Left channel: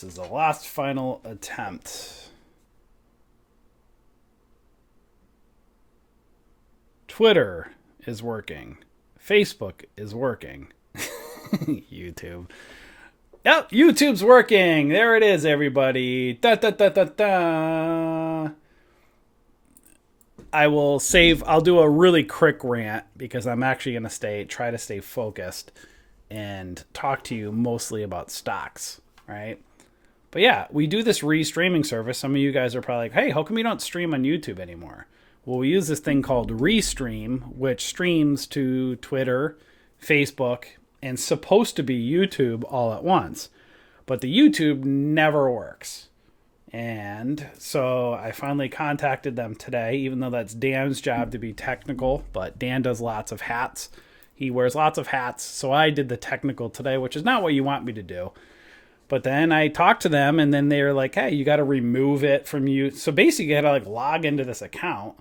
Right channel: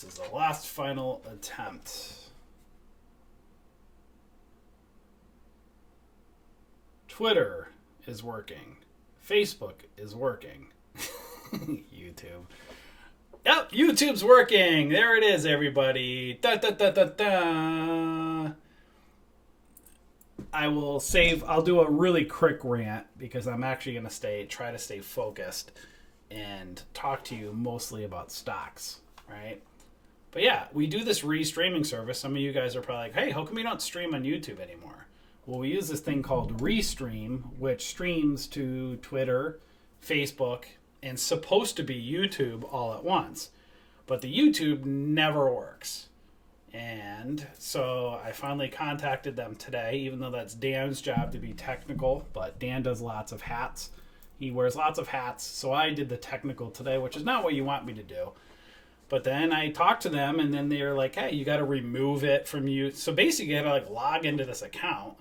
This is the last final attempt. Twitter is working. Facebook is working. YouTube. Yep, YouTube's working. There it is, everybody. Da da da da da. I'll do a really quick rant because I'm actually going to try to stay focused and talk to you mostly about stocks, right? But yeah, we do this re-streaming service. Some of you guys are probably like, hey, how come you don't stream on YouTube anymore? Well, we use this thing called Restream, which streams to Twitter, Facebook, and supposed to be YouTube all at once. But the YouTube never works. And so I finally contacted them today, even though that's Dan's job to be technical, but Dan does lots of hats. He wears lots of hats. So I did the technical today, which is not what you want me to do. But then I talked to them, and then they were like, hey, you got to remove it from you. So basically, you got to log into this account,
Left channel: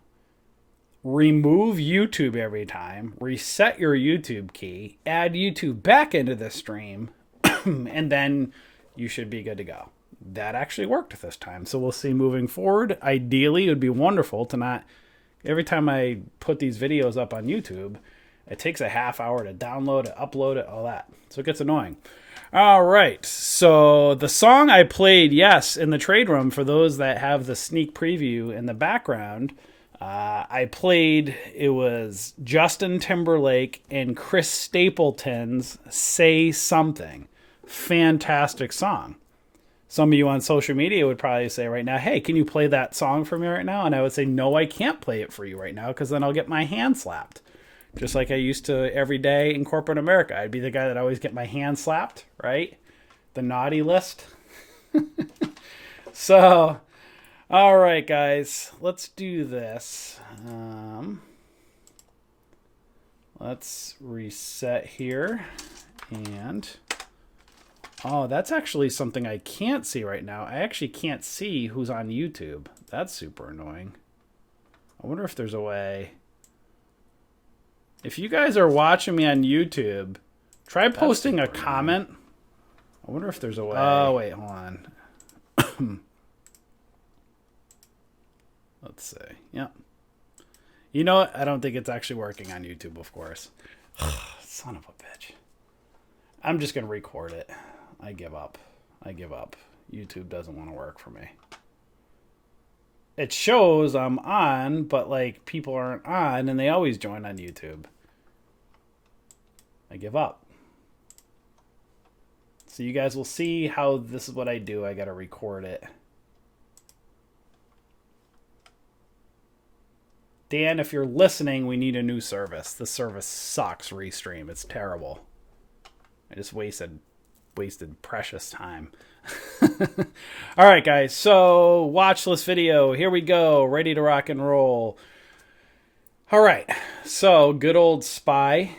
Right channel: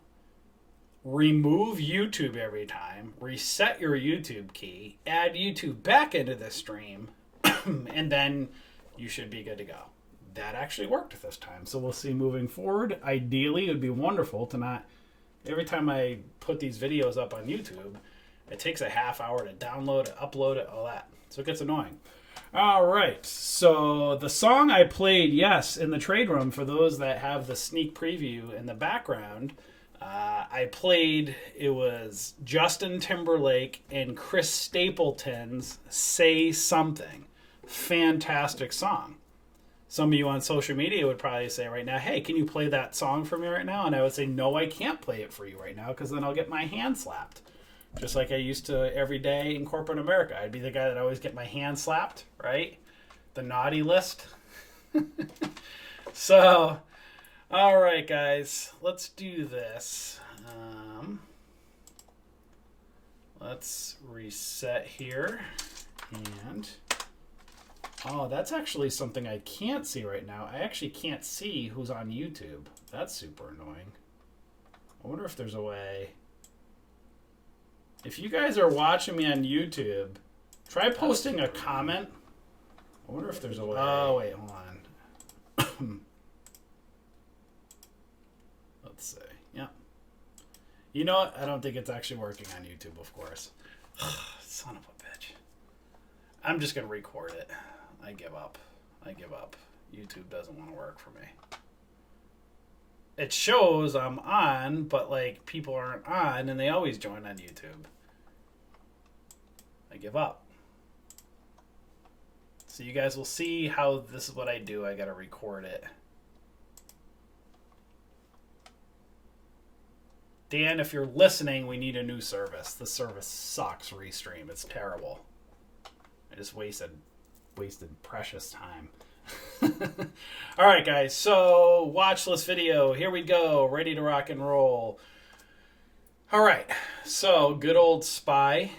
remove YouTube every time, reset your YouTube key, add YouTube back into the stream, and then you should be good to go. That actually worked this time. So we'll see moving forward. Ideally, it would be wonderful to not, every time I put these videos up on YouTube, it takes a half hour to download it, upload it, all that. So it gets annoying. All right, so the song I played, yes, in the trade room, for those that have the sneak preview in the background, it was Justin Timberlake and Chris Stapleton's Say Something. Fantastic song. Some of you on social media would probably say right now, hey, can you play that song for me right now? And I would say, no, I can't play it for you right now because then I'll get my hand slapped. Just like I used to every day in corporate America. I'd be the guy that always get my hand slapped, right? The naughty list. So, all right, guys, let's do this. Let's reset here. And, oh, that's actually something I can't see right now. I actually can't see who's on YouTube. That's super annoying. I wonder if there's a way. If you guys are watching me on YouTube, try posting a comment. I wonder if there's a way. Oh, wait, hold on. Let's see. Yep. You know what? I don't think it's actually working on YouTube, of course. Son of a bitch. I'm just going to record it. I give up. YouTube doesn't want to work for me. It shows I'm on, but like people aren't on, and they always join on YouTube. I give up. So you guys will see how this is what I do. I gotta record it. Dan, if you're listening, we need a new service. This service sucks, Restream. It's terrible. I just wasted precious time. All right, guys, so watch this video. Here we go. Ready to rock and roll. All right, so good old SPY.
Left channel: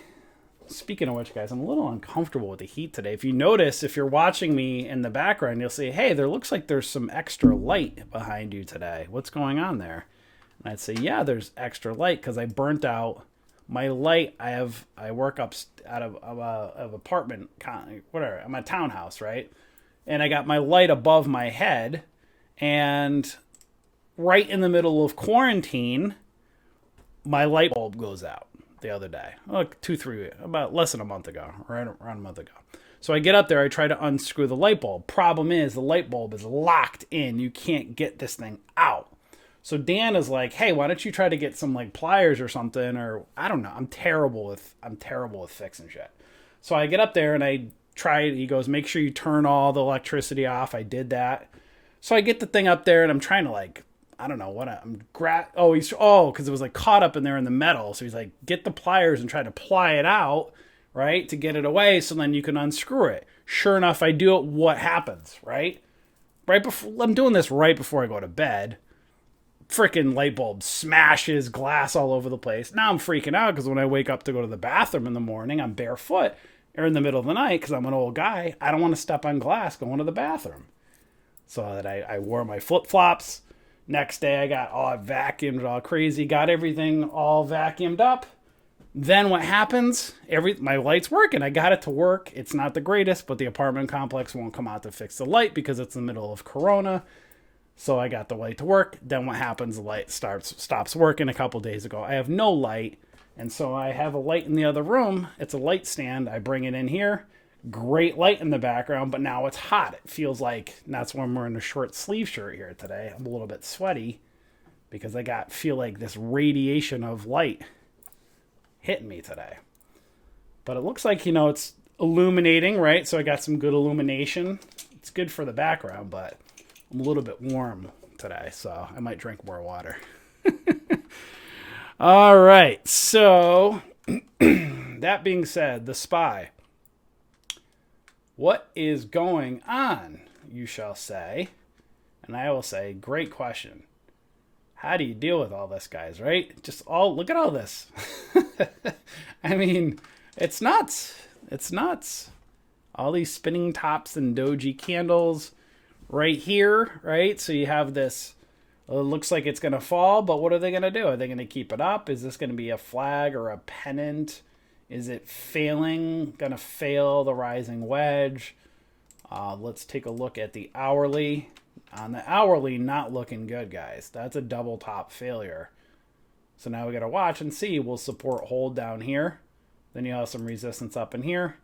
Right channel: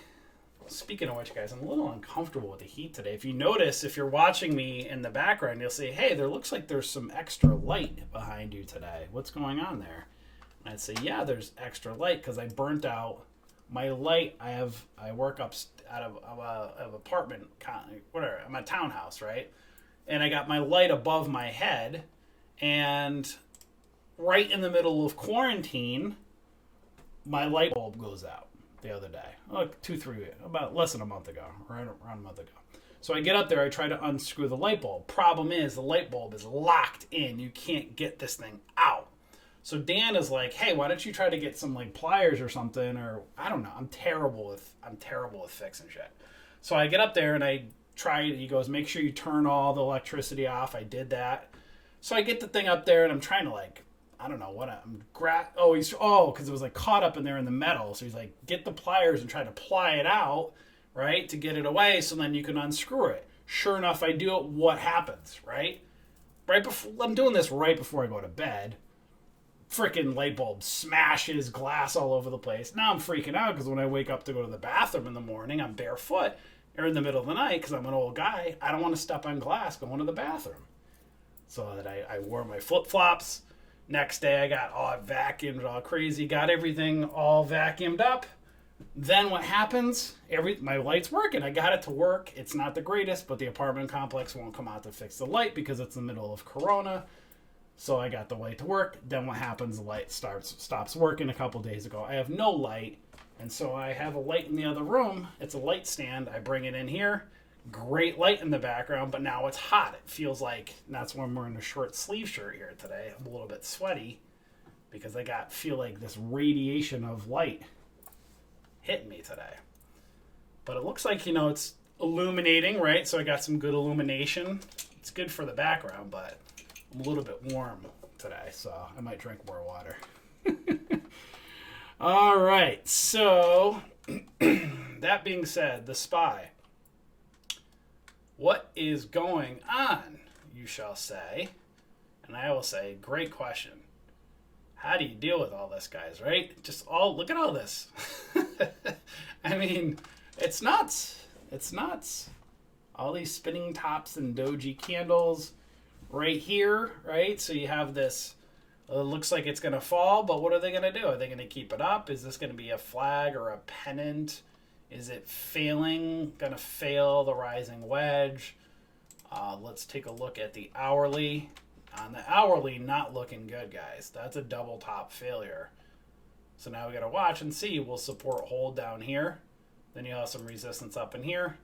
Speaking of which, guys, I'm a little uncomfortable with the heat today. If you notice, if you're watching me in the background, you'll see, hey, there looks like there's some extra light behind you today. What's going on there? And I'd say, yeah, there's extra light because I burnt out my light. I work up out of apartment, whatever. I'm a townhouse, right? And I got my light above my head, and right in the middle of quarantine, my light bulb goes out the other day. About less than a month ago, right around a month ago. So I get up there, I try to unscrew the light bulb. Problem is, the light bulb is locked in. You can't get this thing out. So Dan is like, hey, why don't you try to get some like pliers or something, or I don't know. I'm terrible with fixing shit. So I get up there and I try. He goes, make sure you turn all the electricity off. I did that. So I get the thing up there and I'm trying to like, I don't know what because it was like caught up in there in the metal. So he's like, get the pliers and try to ply it out, right, to get it away. So then you can unscrew it. Sure enough, I do it. What happens, right? I'm doing this right before I go to bed. Freaking light bulb smashes, glass all over the place. Now I'm freaking out because when I wake up to go to the bathroom in the morning, I'm barefoot or in the middle of the night because I'm an old guy. I don't want to step on glass going to the bathroom. So that I wore my flip-flops. Next day I got all vacuumed all crazy, got everything all vacuumed up, Then what happens? My light's working. I got it to work. It's not the greatest, but the apartment complex won't come out to fix the light because it's the middle of Corona. So I got the light to work. Then what happens? The light stops working a couple days ago. I have no light, and so I have a light in the other room. It's a light stand. I bring it in here. Great light in the background, but now it's hot. It feels like, and that's when we're in a short sleeve shirt here today. I'm a little bit sweaty because I feel like this radiation of light hitting me today. But it looks like, it's illuminating, right? So I got some good illumination. It's good for the background, but I'm a little bit warm today, so I might drink more water. All right, so that being said, The Spy. What is going on, you shall say? And I will say, great question. How do you deal with all this, guys, right? Look at all this. I mean, it's nuts. It's nuts. All these spinning tops and doji candles right here, right? So you have this, it looks like it's going to fall, but what are they going to do? Are they going to keep it up? Is this going to be a flag or a pennant? Is it going to fail the rising wedge? Let's take a look at the hourly. On the hourly, not looking good, guys. That's a double top failure. So now we got to watch and see. We'll support hold down here. Then you have some resistance up in here.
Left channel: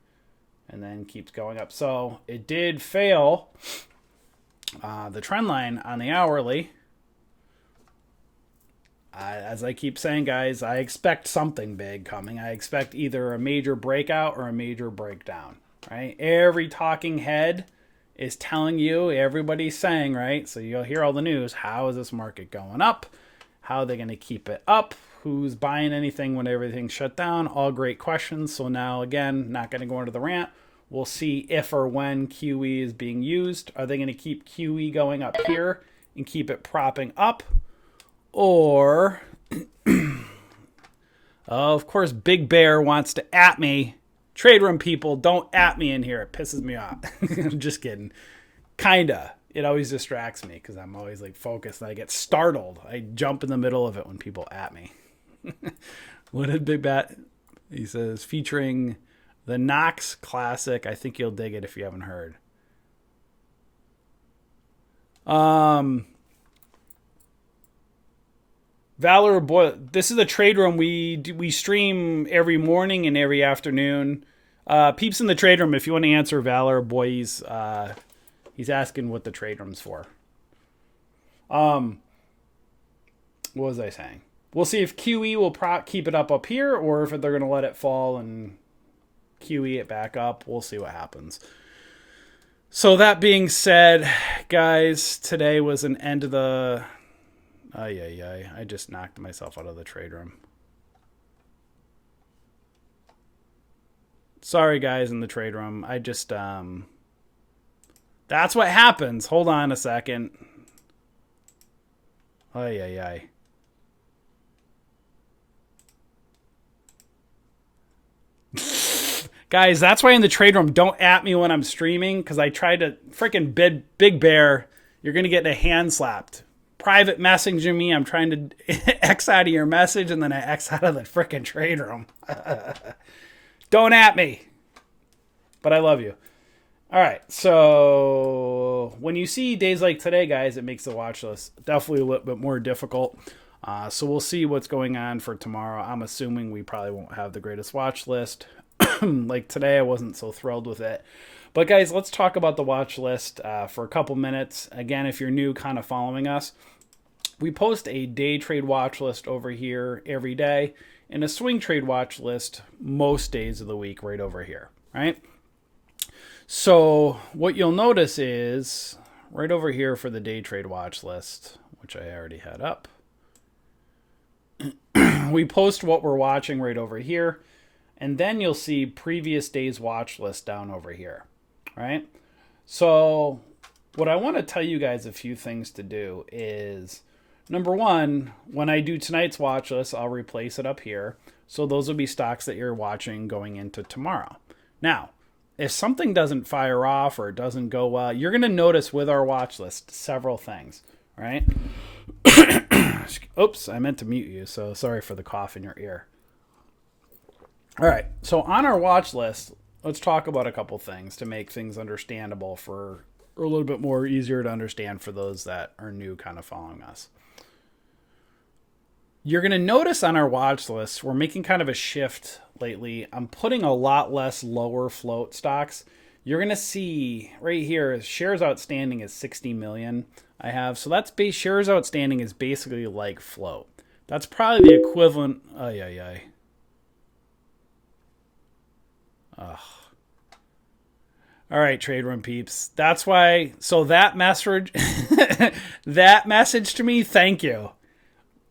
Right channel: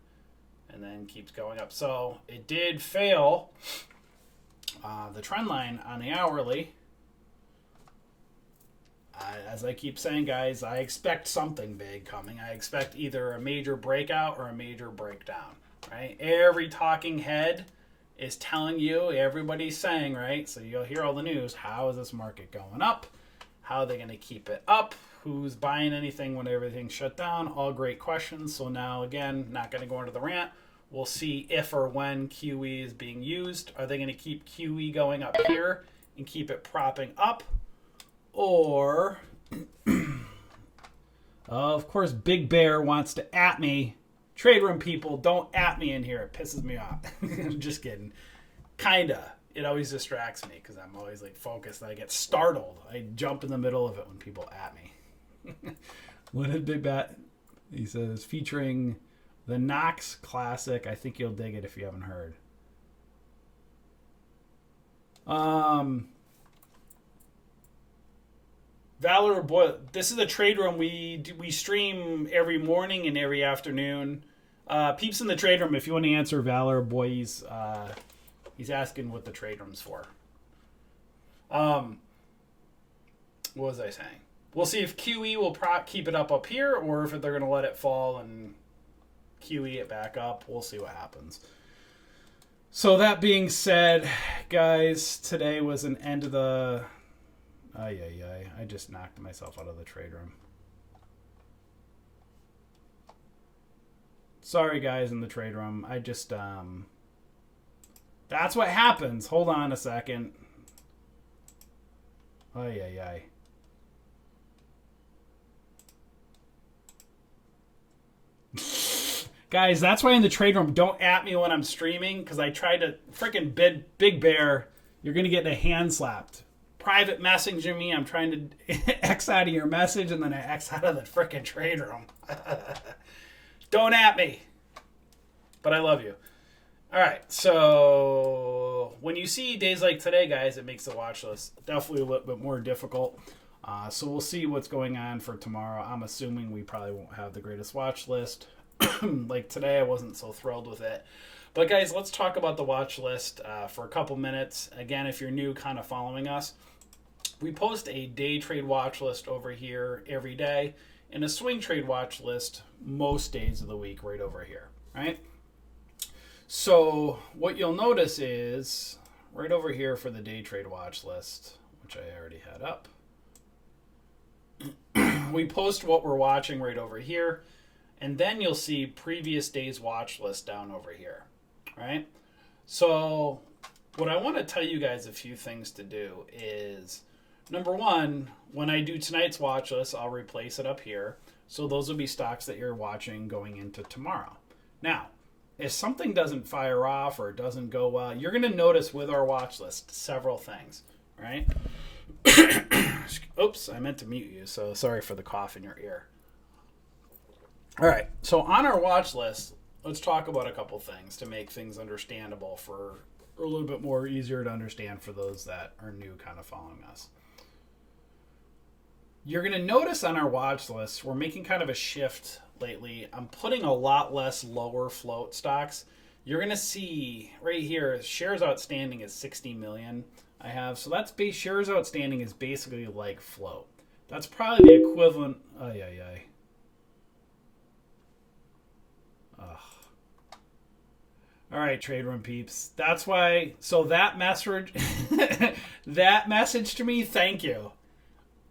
And then keeps going up. So it did fail the trend line on the hourly. As I keep saying, guys, I expect something big coming. I expect either a major breakout or a major breakdown, right? Every talking head is telling you, everybody's saying, right? So you'll hear all the news. How is this market going up? How are they going to keep it up? Who's buying anything when everything's shut down? All great questions. So now, again, not going to go into the rant. We'll see if or when QE is being used. Are they going to keep QE going up here and keep it propping up? Or, of course, Big Bear wants to at me. Trade room people, don't at me in here. It pisses me off. I'm just kidding. Kinda. It always distracts me because I'm always like focused. And I get startled. I jump in the middle of it when people at me. What did Big Bat? He says, featuring the Knox Classic. I think you'll dig it if you haven't heard. Valor Boy, this is a trade room we stream every morning and every afternoon. Peeps in the trade room, if you want to answer Valor Boy's, he's asking what the trade room's for. What was I saying? We'll see if QE will keep it up here, or if they're going to let it fall and QE it back up. We'll see what happens. So that being said, guys, today was an end of the... I just knocked myself out of the trade room. Sorry, guys, in the trade room. I just, that's what happens. Hold on a second. Guys, that's why in the trade room, don't at me when I'm streaming, because I tried to freaking Big Bear. You're going to get a hand slapped. Private messaging me. I'm trying to X out of your message, and then I X out of the freaking trade room. Don't at me. But I love you. All right. So when you see days like today, guys, it makes the watch list definitely a little bit more difficult. So we'll see what's going on for tomorrow. I'm assuming we probably won't have the greatest watch list. Like today, I wasn't so thrilled with it. But guys, let's talk about the watch list for a couple minutes. Again, if you're new, kind of following us, we post a day trade watch list over here every day and a swing trade watch list most days of the week right over here, right? So what you'll notice is right over here for the day trade watch list, which I already had up, we post what we're watching right over here, and then you'll see previous day's watch list down over here, right? So what I want to tell you guys a few things to do is, number one, when I do tonight's watch list, I'll replace it up here. So those will be stocks that you're watching going into tomorrow. Now, if something doesn't fire off or it doesn't go well, you're going to notice with our watch list several things, right? Oops, I meant to mute you, so sorry for the cough in your ear. All right. So on our watch list, let's talk about a couple things to make things understandable for or a little bit more easier to understand for those that are new kind of following us. You're going to notice on our watch list, we're making kind of a shift lately. I'm putting a lot less lower float stocks. You're going to see right here, shares outstanding is 60 million I have. So that's base shares outstanding is basically like float. That's probably the equivalent. Ugh. All right, trade room peeps. That's why. So that message, that message to me, thank you.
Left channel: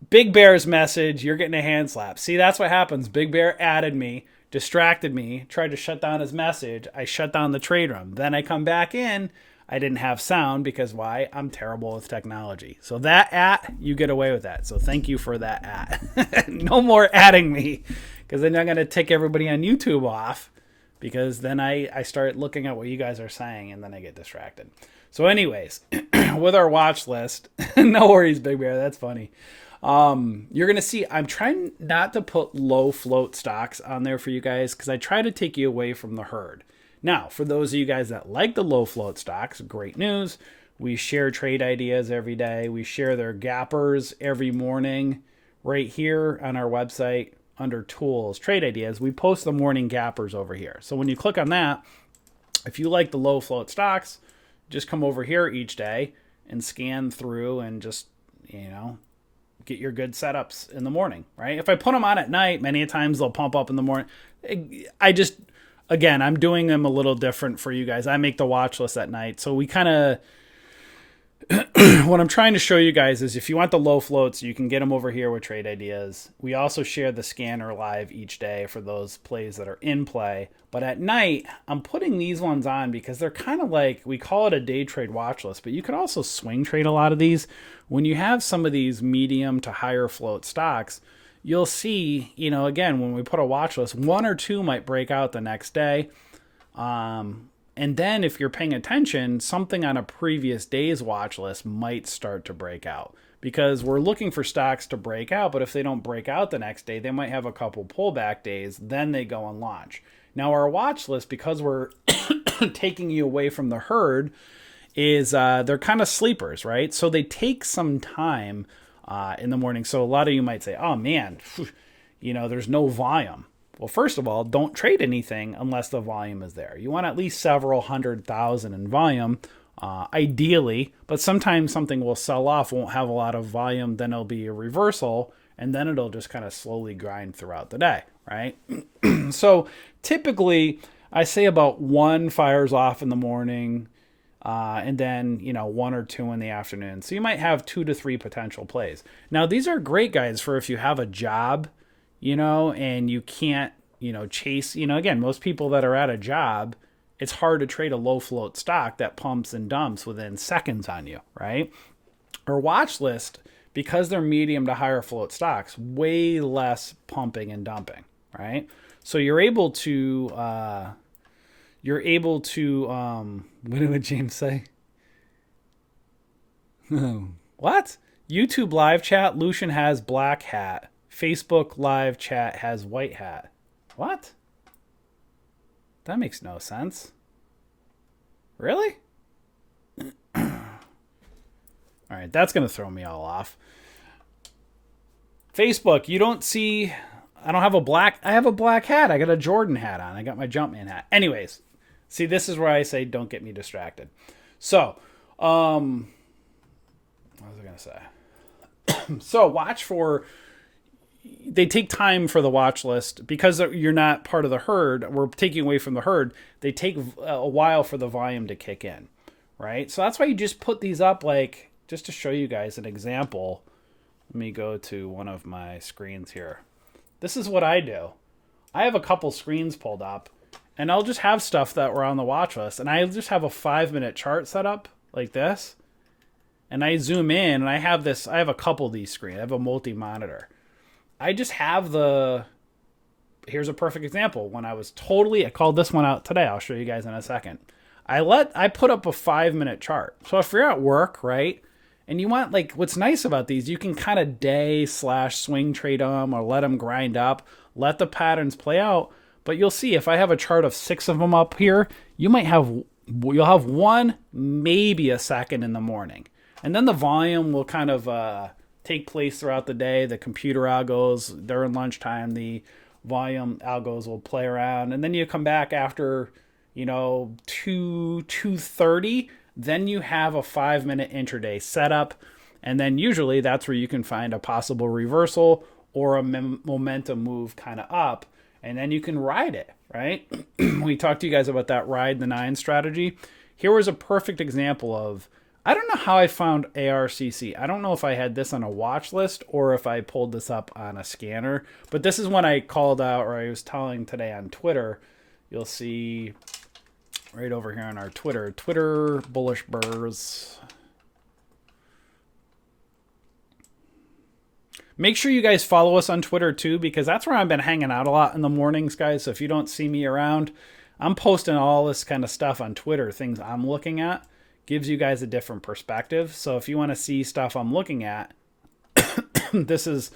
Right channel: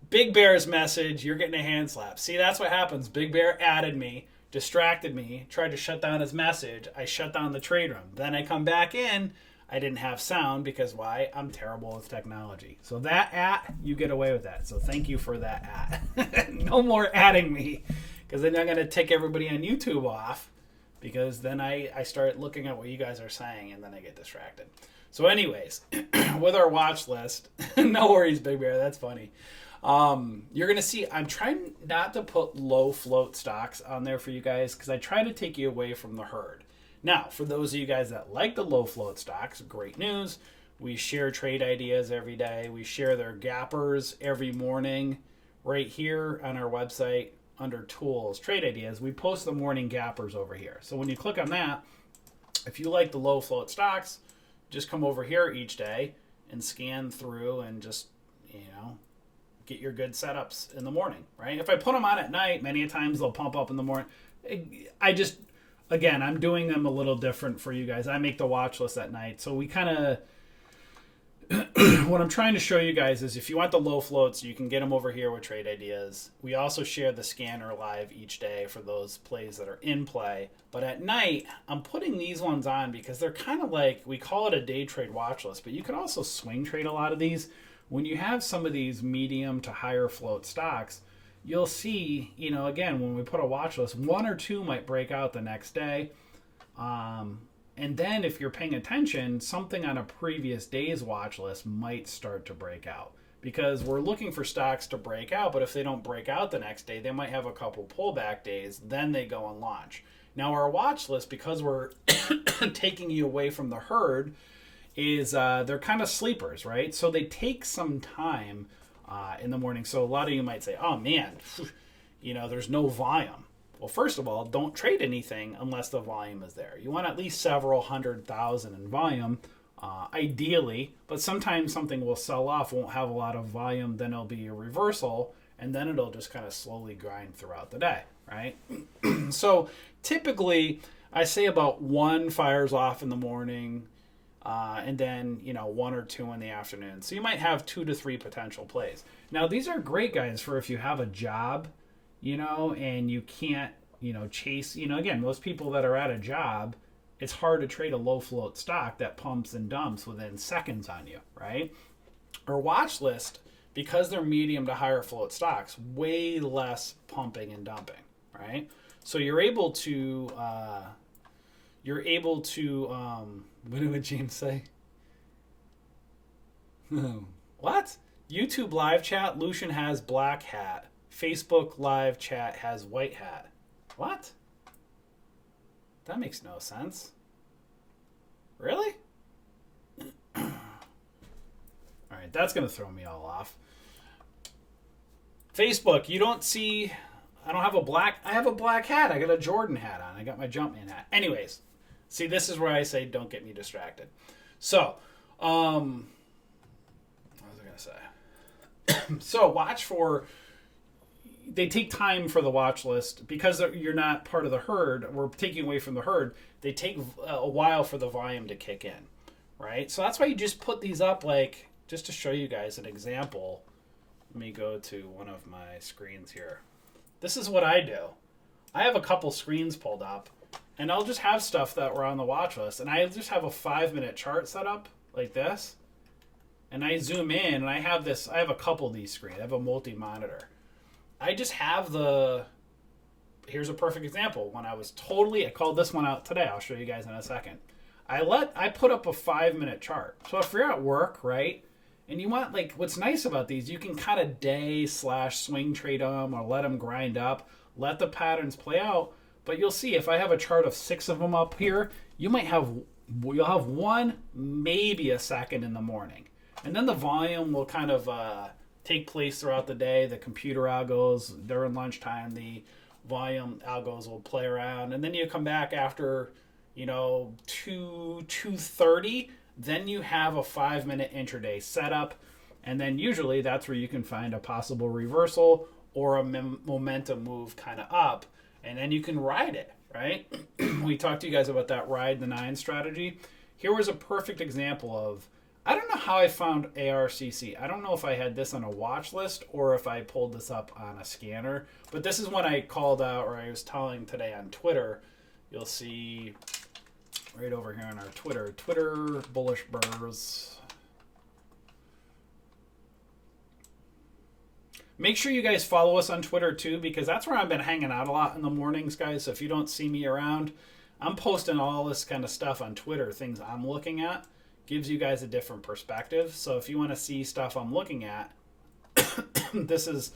Big Bear's message, you're getting a hand slap. See, that's what happens. Big Bear added me, distracted me, tried to shut down his message. I shut down the trade room. Then I come back in. I didn't have sound because why? I'm terrible with technology. So that you get away with that. So thank you for that No more adding me because then I'm going to tick everybody on YouTube off because then I start looking at what you guys are saying and then I get distracted. So anyways, with our watch list, no worries, Big Bear. That's funny. You're going to see, I'm trying not to put low float stocks on there for you guys because I try to take you away from the herd. Now, for those of you guys that like the low float stocks, great news. We share trade ideas every day. We share their gappers every morning right here on our website under tools, trade ideas. We post the morning gappers over here. So when you click on that, if you like the low float stocks, just come over here each day and scan through and just, get your good setups in the morning, right? If I put them on at night, many times they'll pump up in the morning. Again, I'm doing them a little different for you guys. I make the watch list at night. So we kind of, what I'm trying to show you guys is if you want the low floats, you can get them over here with trade ideas. We also share the scanner live each day for those plays that are in play. But at night, I'm putting these ones on because they're kind of like, we call it a day trade watch list, but you could also swing trade a lot of these. When you have some of these medium to higher float stocks, you'll see, again, when we put a watch list, one or two might break out the next day. And then if you're paying attention, something on a previous day's watch list might start to break out because we're looking for stocks to break out. But if they don't break out the next day, they might have a couple pullback days. Then they go and launch. Now our watch list, because we're taking you away from the herd, is they're kind of sleepers, right? So they take some time in the morning. So a lot of you might say, oh man, there's no volume. Well, first of all, don't trade anything unless the volume is there. You want at least several 100,000 in volume, ideally, but sometimes something will sell off, won't have a lot of volume, then it'll be a reversal, and then it'll just kind of slowly grind throughout the day, right? So typically, I say about one fires off in the morning, and then, one or two in the afternoon. So you might have 2 to 3 potential plays. Now, these are great guys for if you have a job, and you can't, chase, again, most people that are at a job, it's hard to trade a low float stock that pumps and dumps within seconds on you, right? Our watch list, because they're medium to higher float stocks, way less pumping and dumping, right? So you're able to, what did James say? What? YouTube live chat, Lucian has black hat. Facebook live chat has white hat. What? That makes no sense. Really? All right, that's going to throw me all off. Facebook, you don't see, I have a black hat. I got a Jordan hat on. I got my Jumpman hat. Anyways, see, this is where I say don't get me distracted. So, what was I going to say? So watch for, they take time for the watch list because you're not part of the herd. We're taking away from the herd. They take a while for the volume to kick in, right? So that's why you just put these up, like, just to show you guys an example. Let me go to one of my screens here. This is what I do. I have a couple screens pulled up, and I'll just have stuff that were on the watch list, and I just have a 5-minute chart set up like this, and I zoom in, and I have a couple of these screens. I have a multi-monitor. I just have here's a perfect example. When I called this one out today. I'll show you guys in a second. I put up a 5-minute chart. So if you're at work, right, and you want, what's nice about these, you can kind of day/swing trade them or let them grind up. let the patterns play out. But you'll see if I have a chart of 6 of them up here, you'll have one, maybe a second in the morning. And then the volume will kind of take place throughout the day. The computer algos, during lunchtime, the volume algos will play around. And then you come back after, 2:30, then you have a 5-minute intraday setup. And then usually that's where you can find a possible reversal or a momentum move kind of up. And then you can ride it, right? We talked to you guys about that ride the 9 strategy. Here was a perfect example of, I don't know how I found ARCC. I don't know if I had this on a watch list or if I pulled this up on a scanner. But this is when I called out, or I was telling today on Twitter. You'll see right over here on our Twitter Bullish Burrs. Make sure you guys follow us on Twitter too, because that's where I've been hanging out a lot in the mornings, guys. So if you don't see me around, I'm posting all this kind of stuff on Twitter, things I'm looking at. Gives you guys a different perspective. So if you want to see stuff I'm looking at, this is,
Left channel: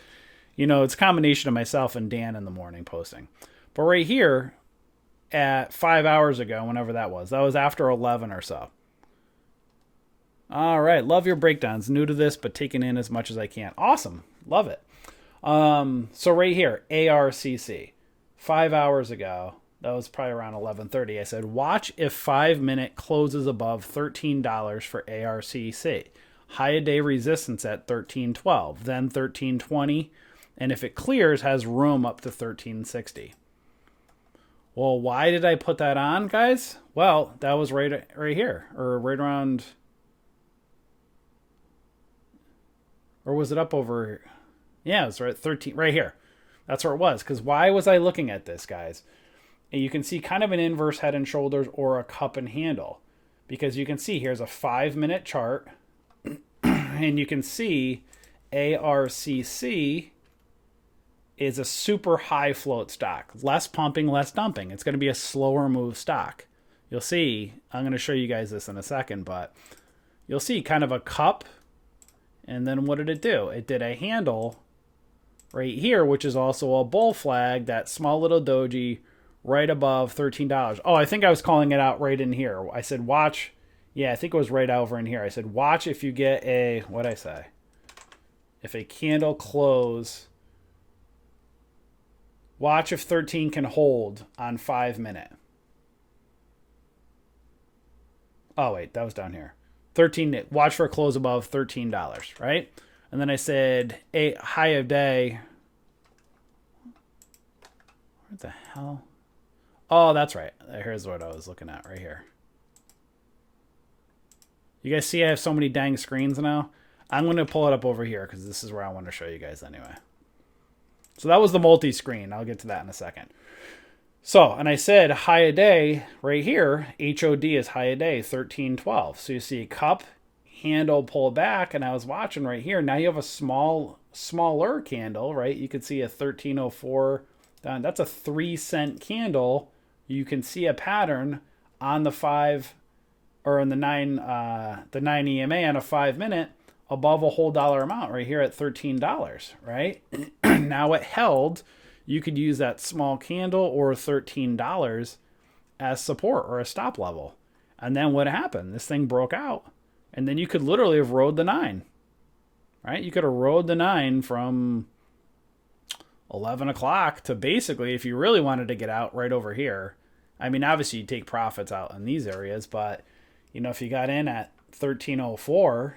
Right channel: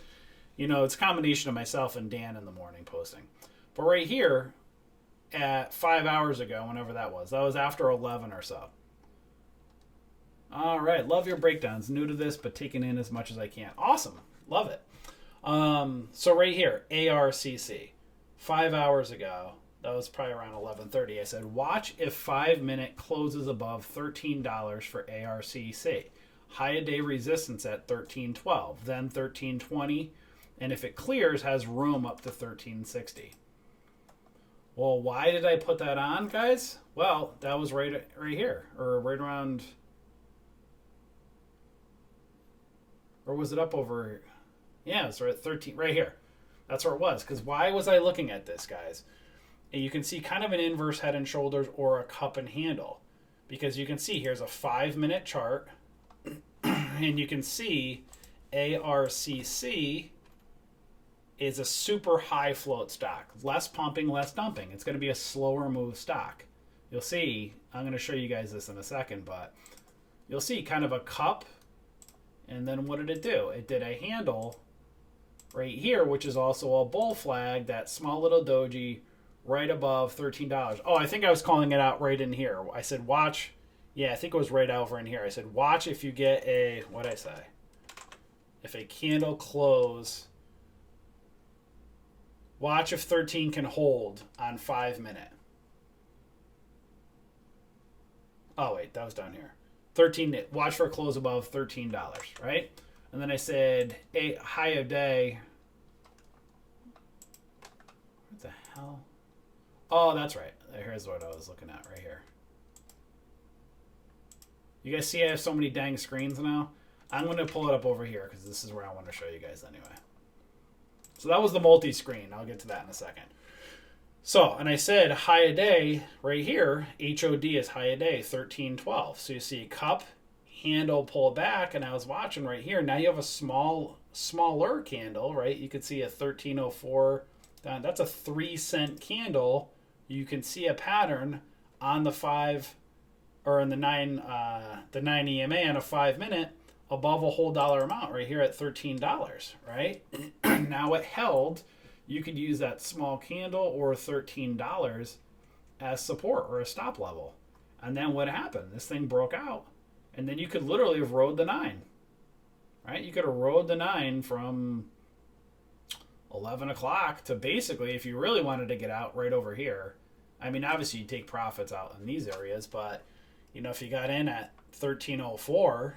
it's a combination of myself and Dan in the morning posting. But right here at 5 hours ago, whenever that was after 11 or so. All right. Love your breakdowns. New to this, but taking in as much as I can. Awesome. Love it. So right here, ARCC, 5 hours ago, that was probably around 11:30. I said, watch if 5-minute closes above $13 for ARCC. High a day resistance at 13.12, then 13.20, and if it clears, has room up to 13.60. Well, why did I put that on, guys? Well, that was right here, or right around, or was it up over? Yeah, it's right 13 right here. That's where it was. Because why was I looking at this, guys? And you can see kind of an inverse head and shoulders or a cup and handle. Because you can see here's a 5-minute chart. And you can see ARCC is a super high float stock. Less pumping, less dumping. It's going to be a slower move stock. You'll see, I'm going to show you guys this in a second, but you'll see kind of a cup. And then what did it do? It did a handle right here, which is also a bull flag, that small little doji right above $13. Oh, I think I was calling it out right in here. I said, watch. Yeah, I think it was right over in here. I said, watch if you get a, what'd I say? If a candle close, watch if 13 can hold on 5-minute. Oh, wait, that was down here. 13, watch for a close above $13, right? And then I said, a high of day. What the hell? Oh, that's right. Here's what I was looking at right here. You guys see I have so many dang screens now? I'm going to pull it up over here because this is where I want to show you guys anyway. So that was the multi-screen. I'll get to that in a second. So, and I said high a day right here. HOD is high a day, 13.12. So you see cup, handle, pull back, and I was watching right here. Now you have a smaller candle, right? You could see a 13.04. That's a 3-cent candle. You can see a pattern on the 5 or in the 9 EMA on a 5-minute above a whole dollar amount right here at $13, right? Now it held. You could use that small candle or $13 as support or a stop level. And then what happened? This thing broke out. And then you could literally have rode the 9. Right? You could have rode the 9 from 11 o'clock to basically, if you really wanted to get out, right over here. I mean, obviously you take profits out in these areas, but if you got in at 13.04,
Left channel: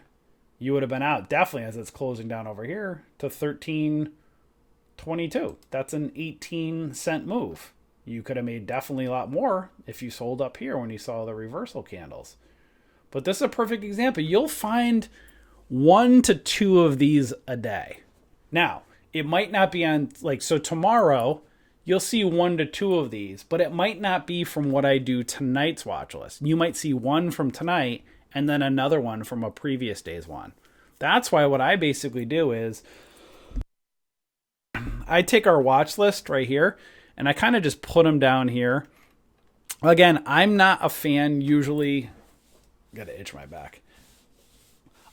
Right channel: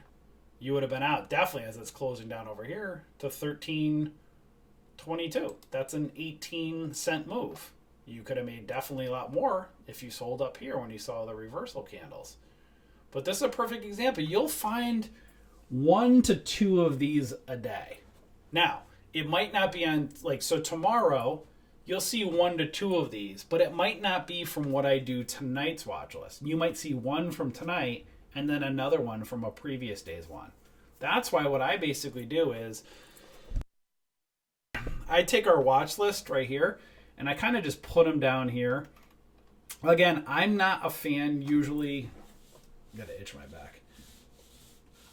you would have been out definitely as it's closing down over here to 13.22. That's an 18-cent move. You could have made definitely a lot more if you sold up here when you saw the reversal candles. But this is a perfect example. You'll find 1 to 2 of these a day. Now, it might not be on, so tomorrow you'll see 1 to 2 of these, but it might not be from what I do tonight's watch list. You might see 1 from tonight and then another one from a previous day's one. That's why what I basically do is I take our watch list right here and I kind of just put them down here. Again, I'm not a fan usually. Gotta itch my back.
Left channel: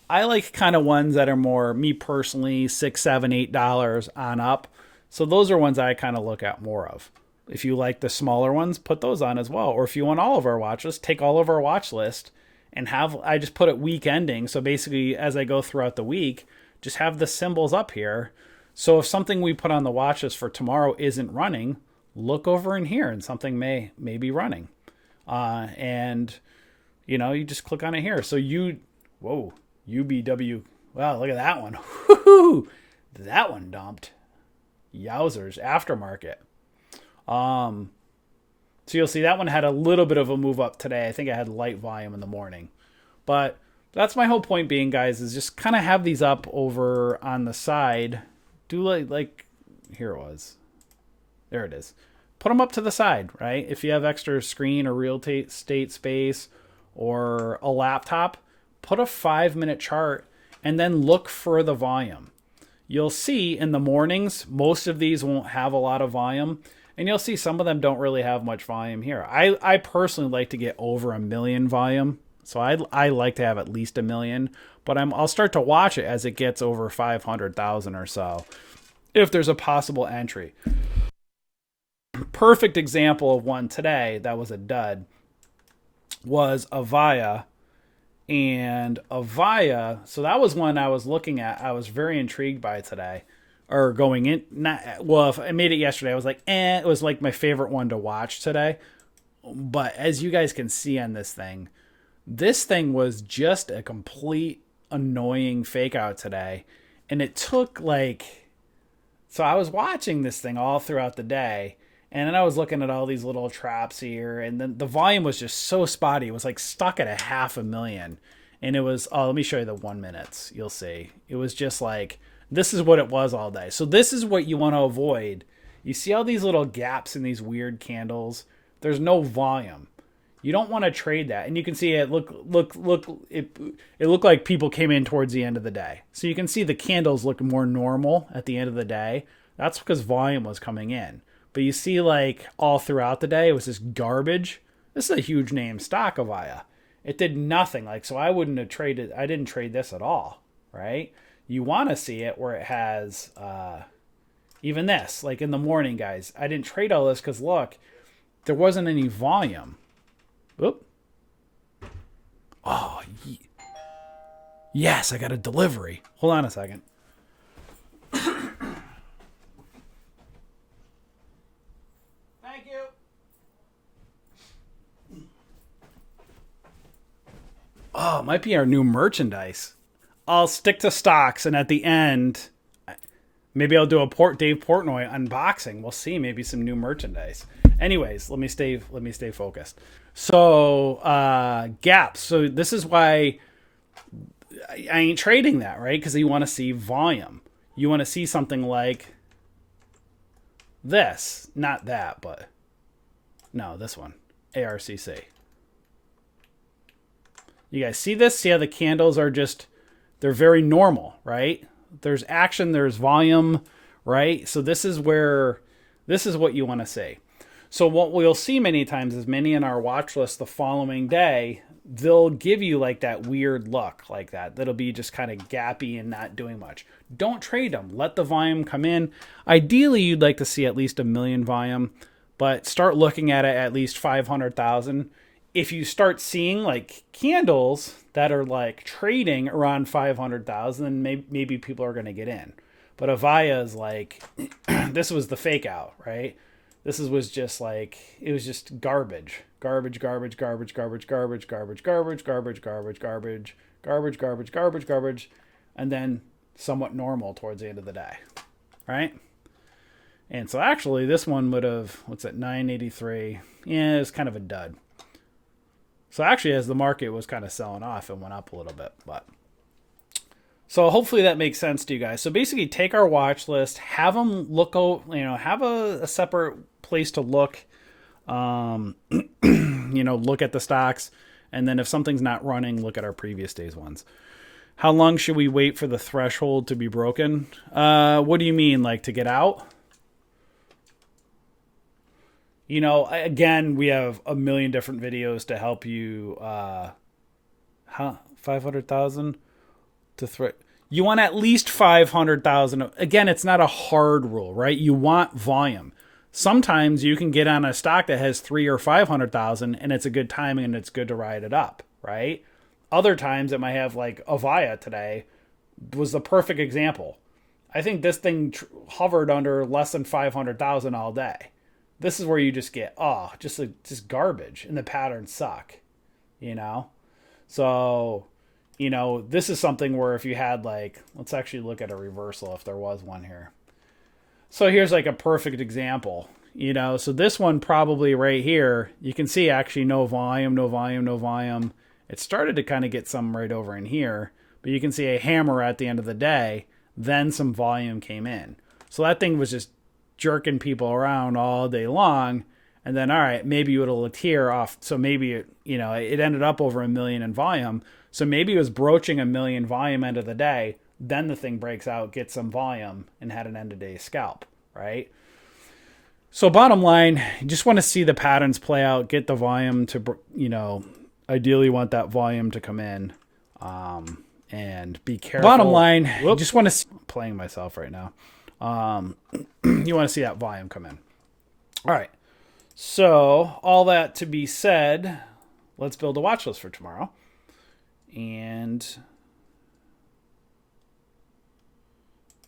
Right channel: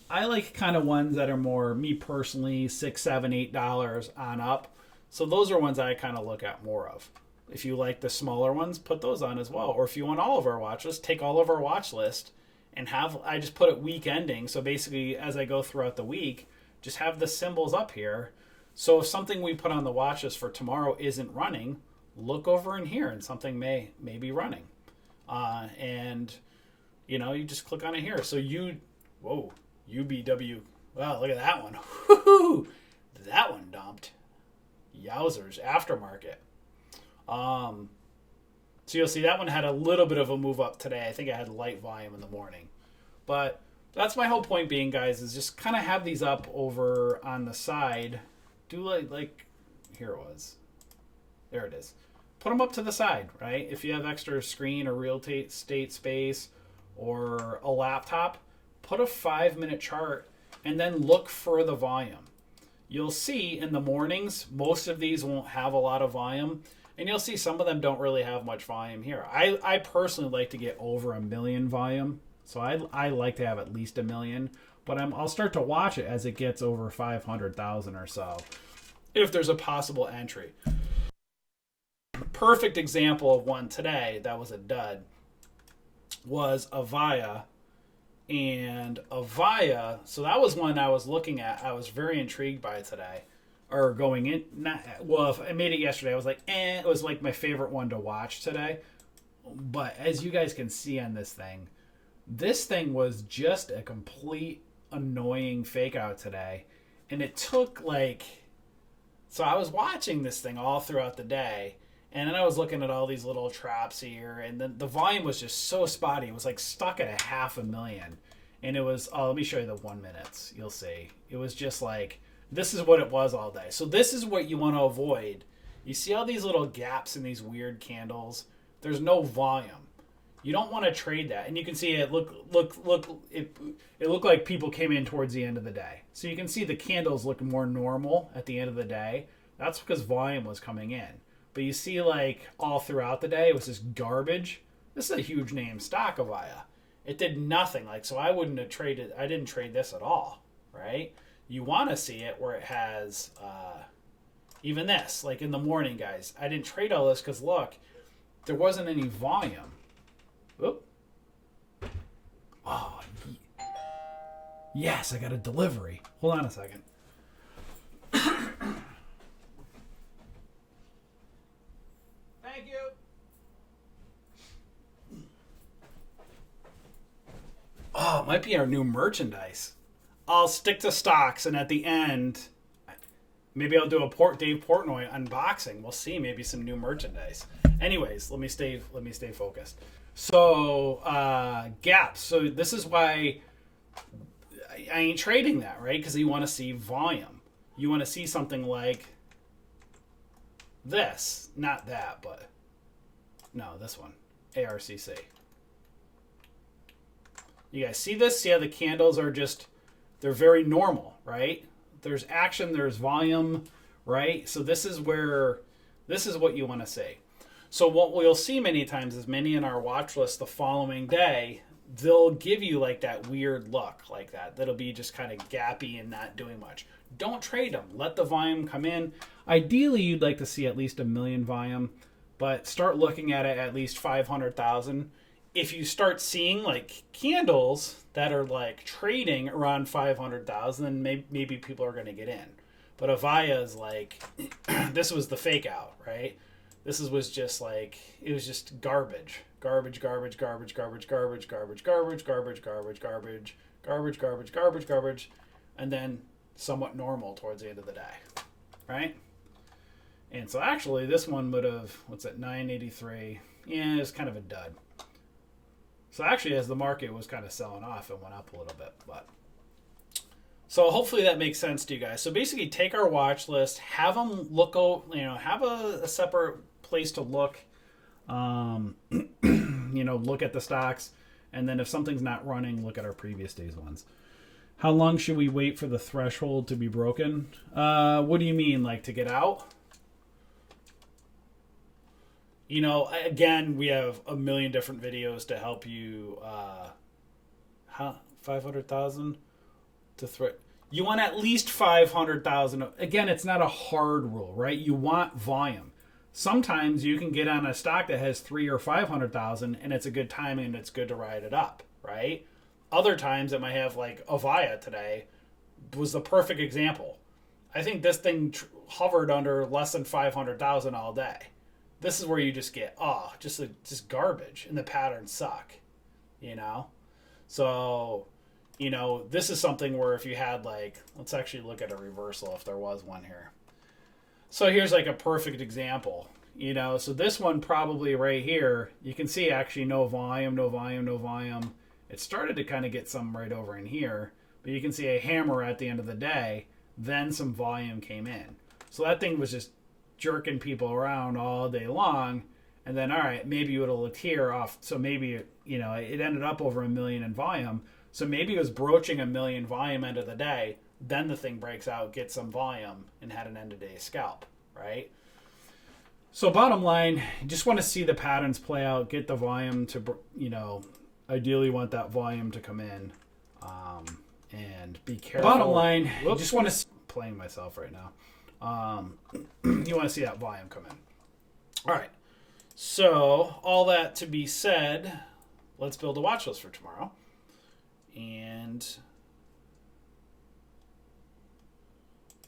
I like kind of ones that are more, me personally, $6, $7, $8 on up. So those are ones I kind of look at more of. If you like the smaller ones, put those on as well. Or if you want all of our watch list, take all of our watch list and I just put it week ending. So basically, as I go throughout the week, just have the symbols up here. So if something we put on the watch list for tomorrow isn't running, look over in here and something may be running. And you just click on it here. So UBW. Wow, look at that one. Woo-hoo! That one dumped. Yowzers, aftermarket. So you'll see that one had a little bit of a move up today. I think I had light volume in the morning. But that's my whole point being, guys, is just kind of have these up over on the side. Do like here it was. There it is. Put them up to the side, right? If you have extra screen or real estate space or a laptop, put a 5-minute chart and then look for the volume. You'll see in the mornings, most of these won't have a lot of volume. And you'll see some of them don't really have much volume here. I personally like to get over 1 million volume. So I like to have at least 1 million. But I'll start to watch it as it gets over 500,000 or so, if there's a possible entry. Perfect example of one today that was a dud was Avaya. And Avaya, so that was one I was looking at. I was very intrigued by today. Or going in, if I made it yesterday, I was like, it was like my favorite one to watch today. But as you guys can see on this thing was just a complete annoying fake out today. And it took so I was watching this thing all throughout the day. And then I was looking at all these little traps here. And then the volume was just so spotty. It was stuck at 500,000. And it was, let me show you the 1 minutes. You'll see. It was just this is what it was all day. So this is what you want to avoid. You see all these little gaps in these weird candles? There's no volume. You don't want to trade that. And you can see it look it looked like people came in towards the end of the day. So you can see the candles look more normal at the end of the day. That's because volume was coming in. But you see all throughout the day it was just garbage. This is a huge name stock, Avaya. It did nothing. So I wouldn't have traded. I didn't trade this at all, right? You want to see it where it has even this, in the morning, guys. I didn't trade all this because, look, there wasn't any volume. Oop. Oh, yes, I got a delivery. Hold on a second. Thank you. Oh, it might be our new merchandise. I'll stick to stocks, and at the end, maybe I'll do a Dave Portnoy unboxing. We'll see, maybe some new merchandise. Anyways, let me stay focused. So, gaps. So this is why I ain't trading that, right? Because you want to see volume. You want to see something like this, not that, but no, this one, ARCC. You guys see this? See how the candles are they're very normal, right? There's action, there's volume, right? So this is what you want to see. So what we'll see many times is many in our watch list the following day, they'll give you that weird look like that. That'll be just kind of gappy and not doing much. Don't trade them. Let the volume come in. Ideally, you'd like to see at least 1 million volume, but start looking at it at least 500,000. If you start seeing candles that are trading around 500,000, then maybe people are going to get in. But Avaya is this was the fake out, right? This was just it was just garbage, garbage, garbage, garbage, garbage, garbage, garbage, garbage, garbage, garbage, garbage, garbage, garbage, garbage, garbage, and then somewhat normal towards the end of the day, right? And so actually this one would have, 983? Yeah, it was kind of a dud. So actually, as the market was kind of selling off, it went up a little bit. But so hopefully that makes sense to you guys. So basically, take our watch list, have them look, have a separate place to look, look at the stocks, and then if something's not running, look at our previous day's ones. How long should we wait for the threshold to be broken? What do you mean, to get out? Again, we have a million different videos to help you. 500,000 to You want at least 500,000. Again, it's not a hard rule, right? You want volume. Sometimes you can get on a stock that has 3 or 500,000 and it's a good timing and it's good to ride it up, right? Other times it might have, like Avaya today was the perfect example. I think this thing hovered under less than 500,000 all day. This is where you just get, just garbage, and the patterns suck, you know? So, this is something where if you had, like, let's actually look at a reversal if there was one here. So here's like a perfect example, so this one probably right here, you can see actually no volume, no volume, no volume. It started to kind of get some right over in here, but you can see a hammer at the end of the day, then some volume came in. So that thing was just jerking people around all day long. And then, all right, maybe it'll tear off. So maybe, it ended up over 1 million in volume. So maybe it was broaching 1 million volume end of the day. Then the thing breaks out, gets some volume, and had an end of day scalp, right? So bottom line, you just want to see the patterns play out, get the volume to, ideally want that volume to come in, and be careful. Bottom line, you just want to see, playing myself right now. You want to see that volume come in. All right. So all that to be said, let's build a watch list for tomorrow. And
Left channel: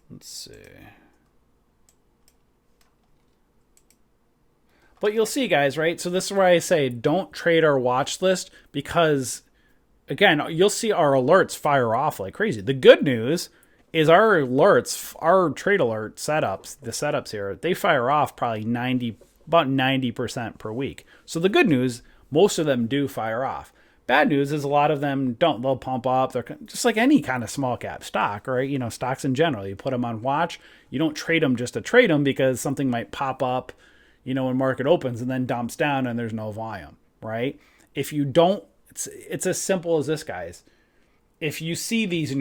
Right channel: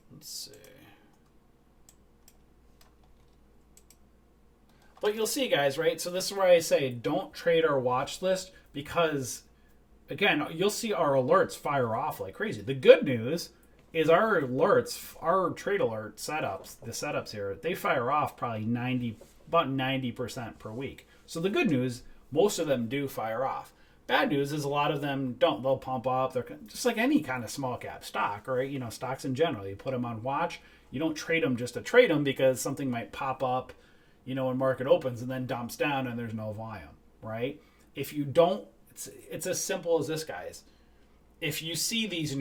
let's see. But you'll see, guys, right? So this is where I say don't trade our watch list because, again, you'll see our alerts fire off like crazy. The good news is our alerts, our trade alert setups, the setups here, they fire off probably about 90% per week. So the good news, most of them do fire off. Bad news is a lot of them don't. They'll pump up. They're just like any kind of small cap stock, right? Stocks in general. You put them on watch. You don't trade them just to trade them because something might pop up, when market opens and then dumps down and there's no volume, right? If you don't, it's as simple as this, guys. If you see these and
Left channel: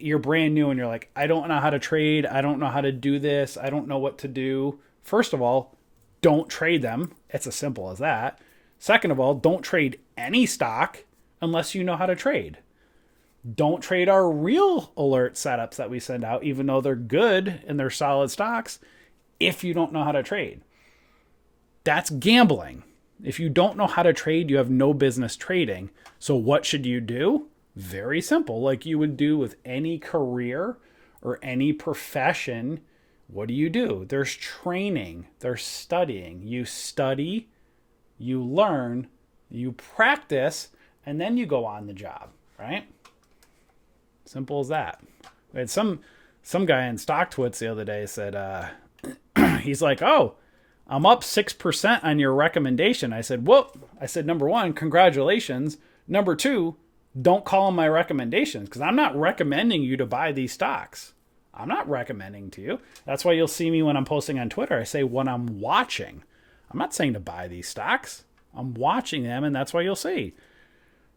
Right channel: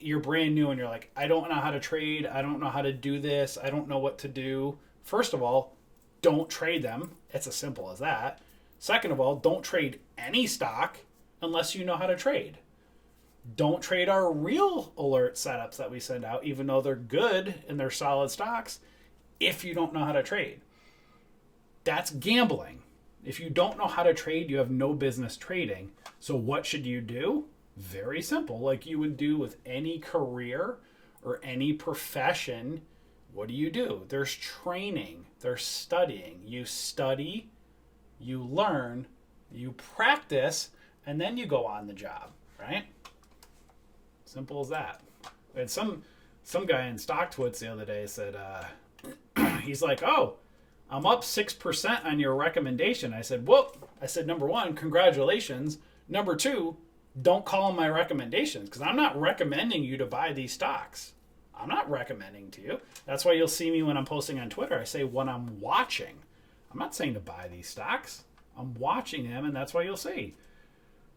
you're brand new and you're like, I don't know how to trade. I don't know how to do this. I don't know what to do. First of all, don't trade them. It's as simple as that. Second of all, don't trade any stock unless you know how to trade. Don't trade our real alert setups that we send out, even though they're good and they're solid stocks, if you don't know how to trade. That's gambling. If you don't know how to trade, you have no business trading. So what should you do? Very simple. Like you would do with any career or any profession. What do? There's training. There's studying. You study, you learn, you practice, and then you go on the job, right? Simple as that. We had some guy in StockTwits the other day said, he's like, oh, I'm up 6% on your recommendation. I said, whoop. I said, number one, congratulations. Number two, don't call them my recommendations because I'm not recommending you to buy these stocks. I'm not recommending to you. That's why you'll see me when I'm posting on Twitter. I say what I'm watching. I'm not saying to buy these stocks. I'm watching them, and that's why you'll see.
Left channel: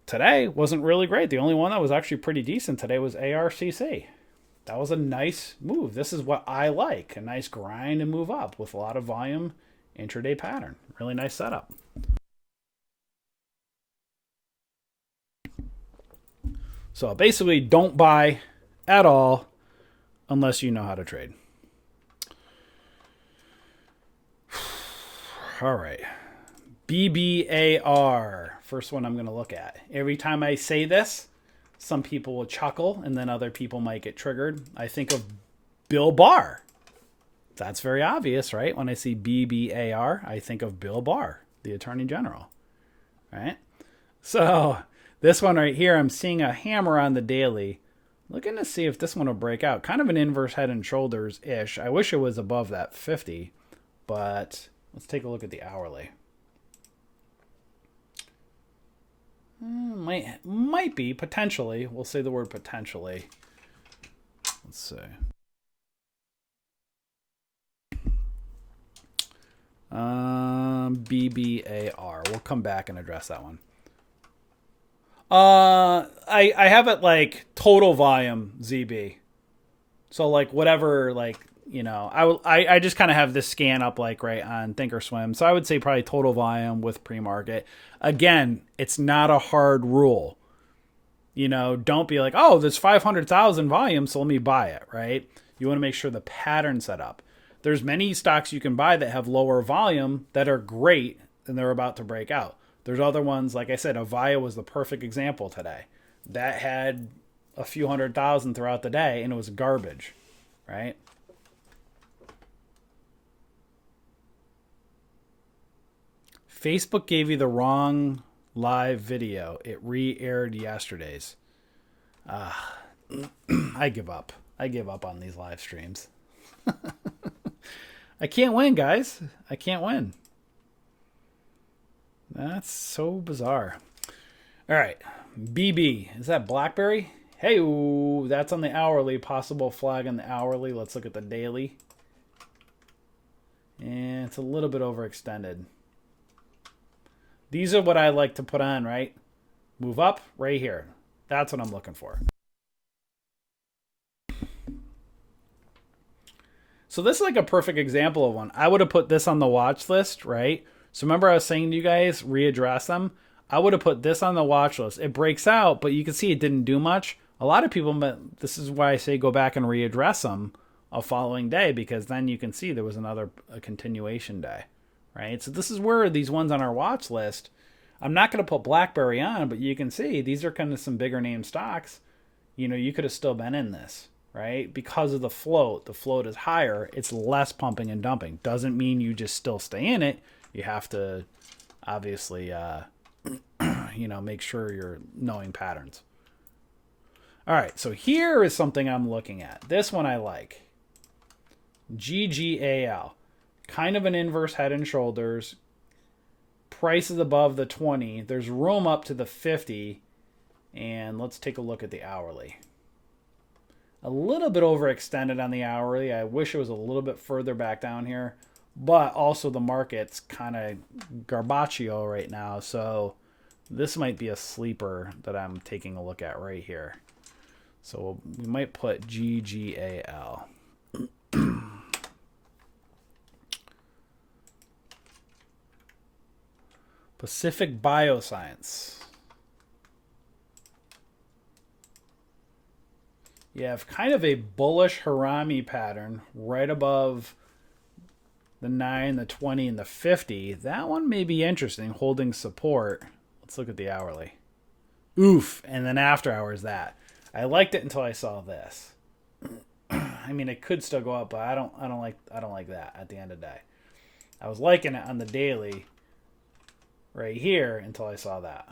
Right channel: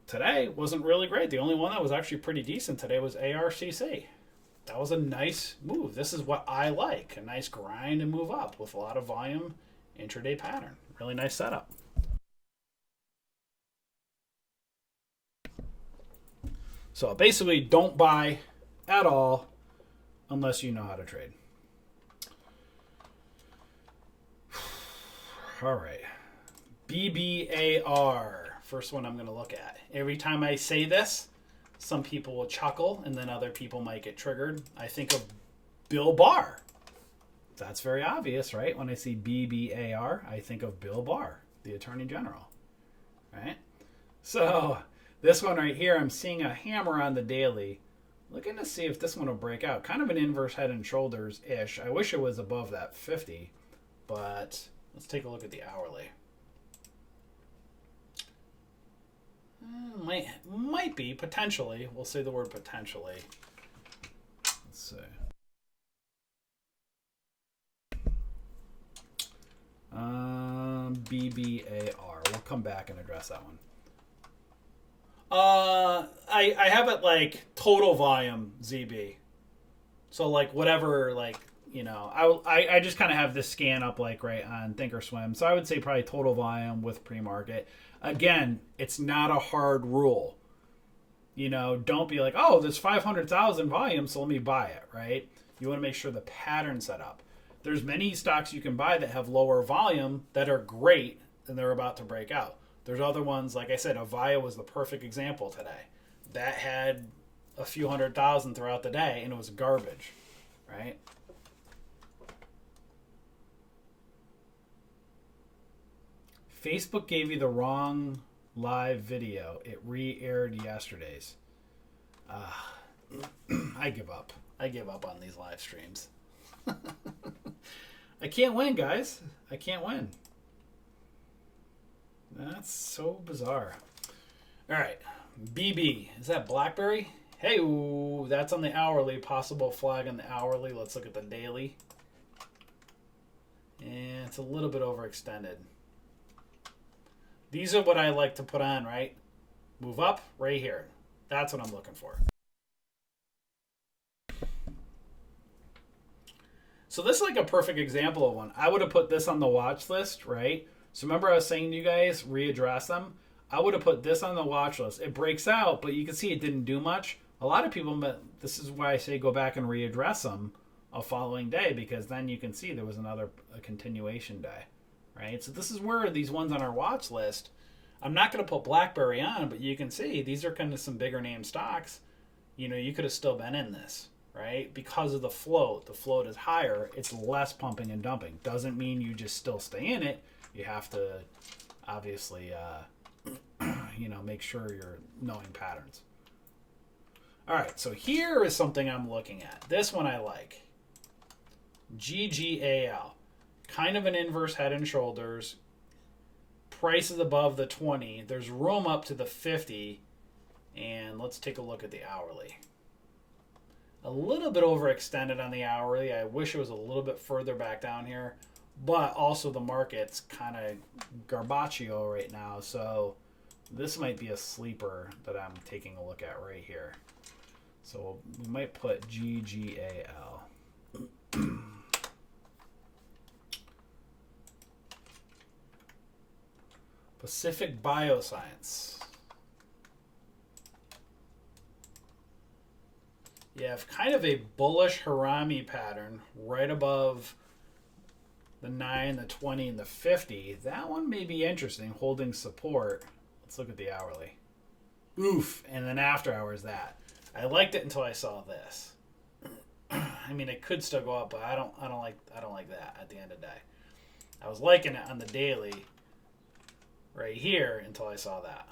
Today wasn't really great. The only one that was actually pretty decent today was ARCC. That was a nice move. This is what I like. A nice grind and move up with a lot of volume, intraday pattern. Really nice setup. So basically, don't buy at all unless you know how to trade. All right. BBAR. First one I'm going to look at. Every time I say this, some people will chuckle and then other people might get triggered. I think of Bill Barr. That's very obvious, right? When I see BBAR, I think of Bill Barr, the Attorney General, right? So this one right here, I'm seeing a hammer on the daily. Looking to see if this one will break out. Kind of an inverse head and shoulders-ish. I wish it was above that 50, but let's take a look at the hourly. Might be, potentially. We'll say the word potentially. Let's see. BBAR. We'll come back and address that one. I have it like total volume ZB. So like whatever, like, I just kind of have this scan up like right on Thinkorswim. So I would say probably total volume with pre-market. Again, it's not a hard rule. You know, don't be like, oh, there's 500,000 volume, so let me buy it, right? You want to make sure the pattern's set up. There's many stocks you can buy that have lower volume that are great and they're about to break out. There's other ones, like I said, Avaya was the perfect example today. That had a few 100,000 throughout the day and it was garbage, right? Facebook gave you the wrong live video. It re-aired yesterday's. I give up. I give up on these live streams. I can't win, guys. I can't win. That's so bizarre. All right. BB. Is that BlackBerry? Hey, ooh, that's on the hourly. Possible flag on the hourly. Let's look at the daily. And it's a little bit overextended. These are what I like to put on, right? Move up right here. That's what I'm looking for. So this is like a perfect example of one. I would have put this on the watch list, right? So remember I was saying to you guys, readdress them. I would have put this on the watch list. It breaks out, but you can see it didn't do much. A lot of people, this is why I say go back and readdress them a following day, because then you can see there was a continuation day, right? So this is where these ones on our watch list, I'm not going to put BlackBerry on, but you can see these are kind of some bigger name stocks. You know, you could have still been in this, right? Because of the float. The float is higher. It's less pumping and dumping. Doesn't mean you just still stay in it. You have to obviously, you know, make sure you're knowing patterns. All right, so here is something I'm looking at. This one I like. GGAL. Kind of an inverse head and shoulders. Price is above the 20. There's room up to the 50. And let's take a look at the hourly. A little bit overextended on the hourly. I wish it was a little bit further back down here. But also the market's kind of garbaccio right now. So this might be a sleeper that I'm taking a look at right here. So we might put GGAL. Pacific Bioscience. You have kind of a bullish Harami pattern right above the 9, the 20, and the 50. That one may be interesting, holding support. Let's look at the hourly. Oof, and then after hours that. I liked it until I saw this. I mean, it could still go up, but I don't like that at the end of the day. I was liking it on the daily right here until I saw that.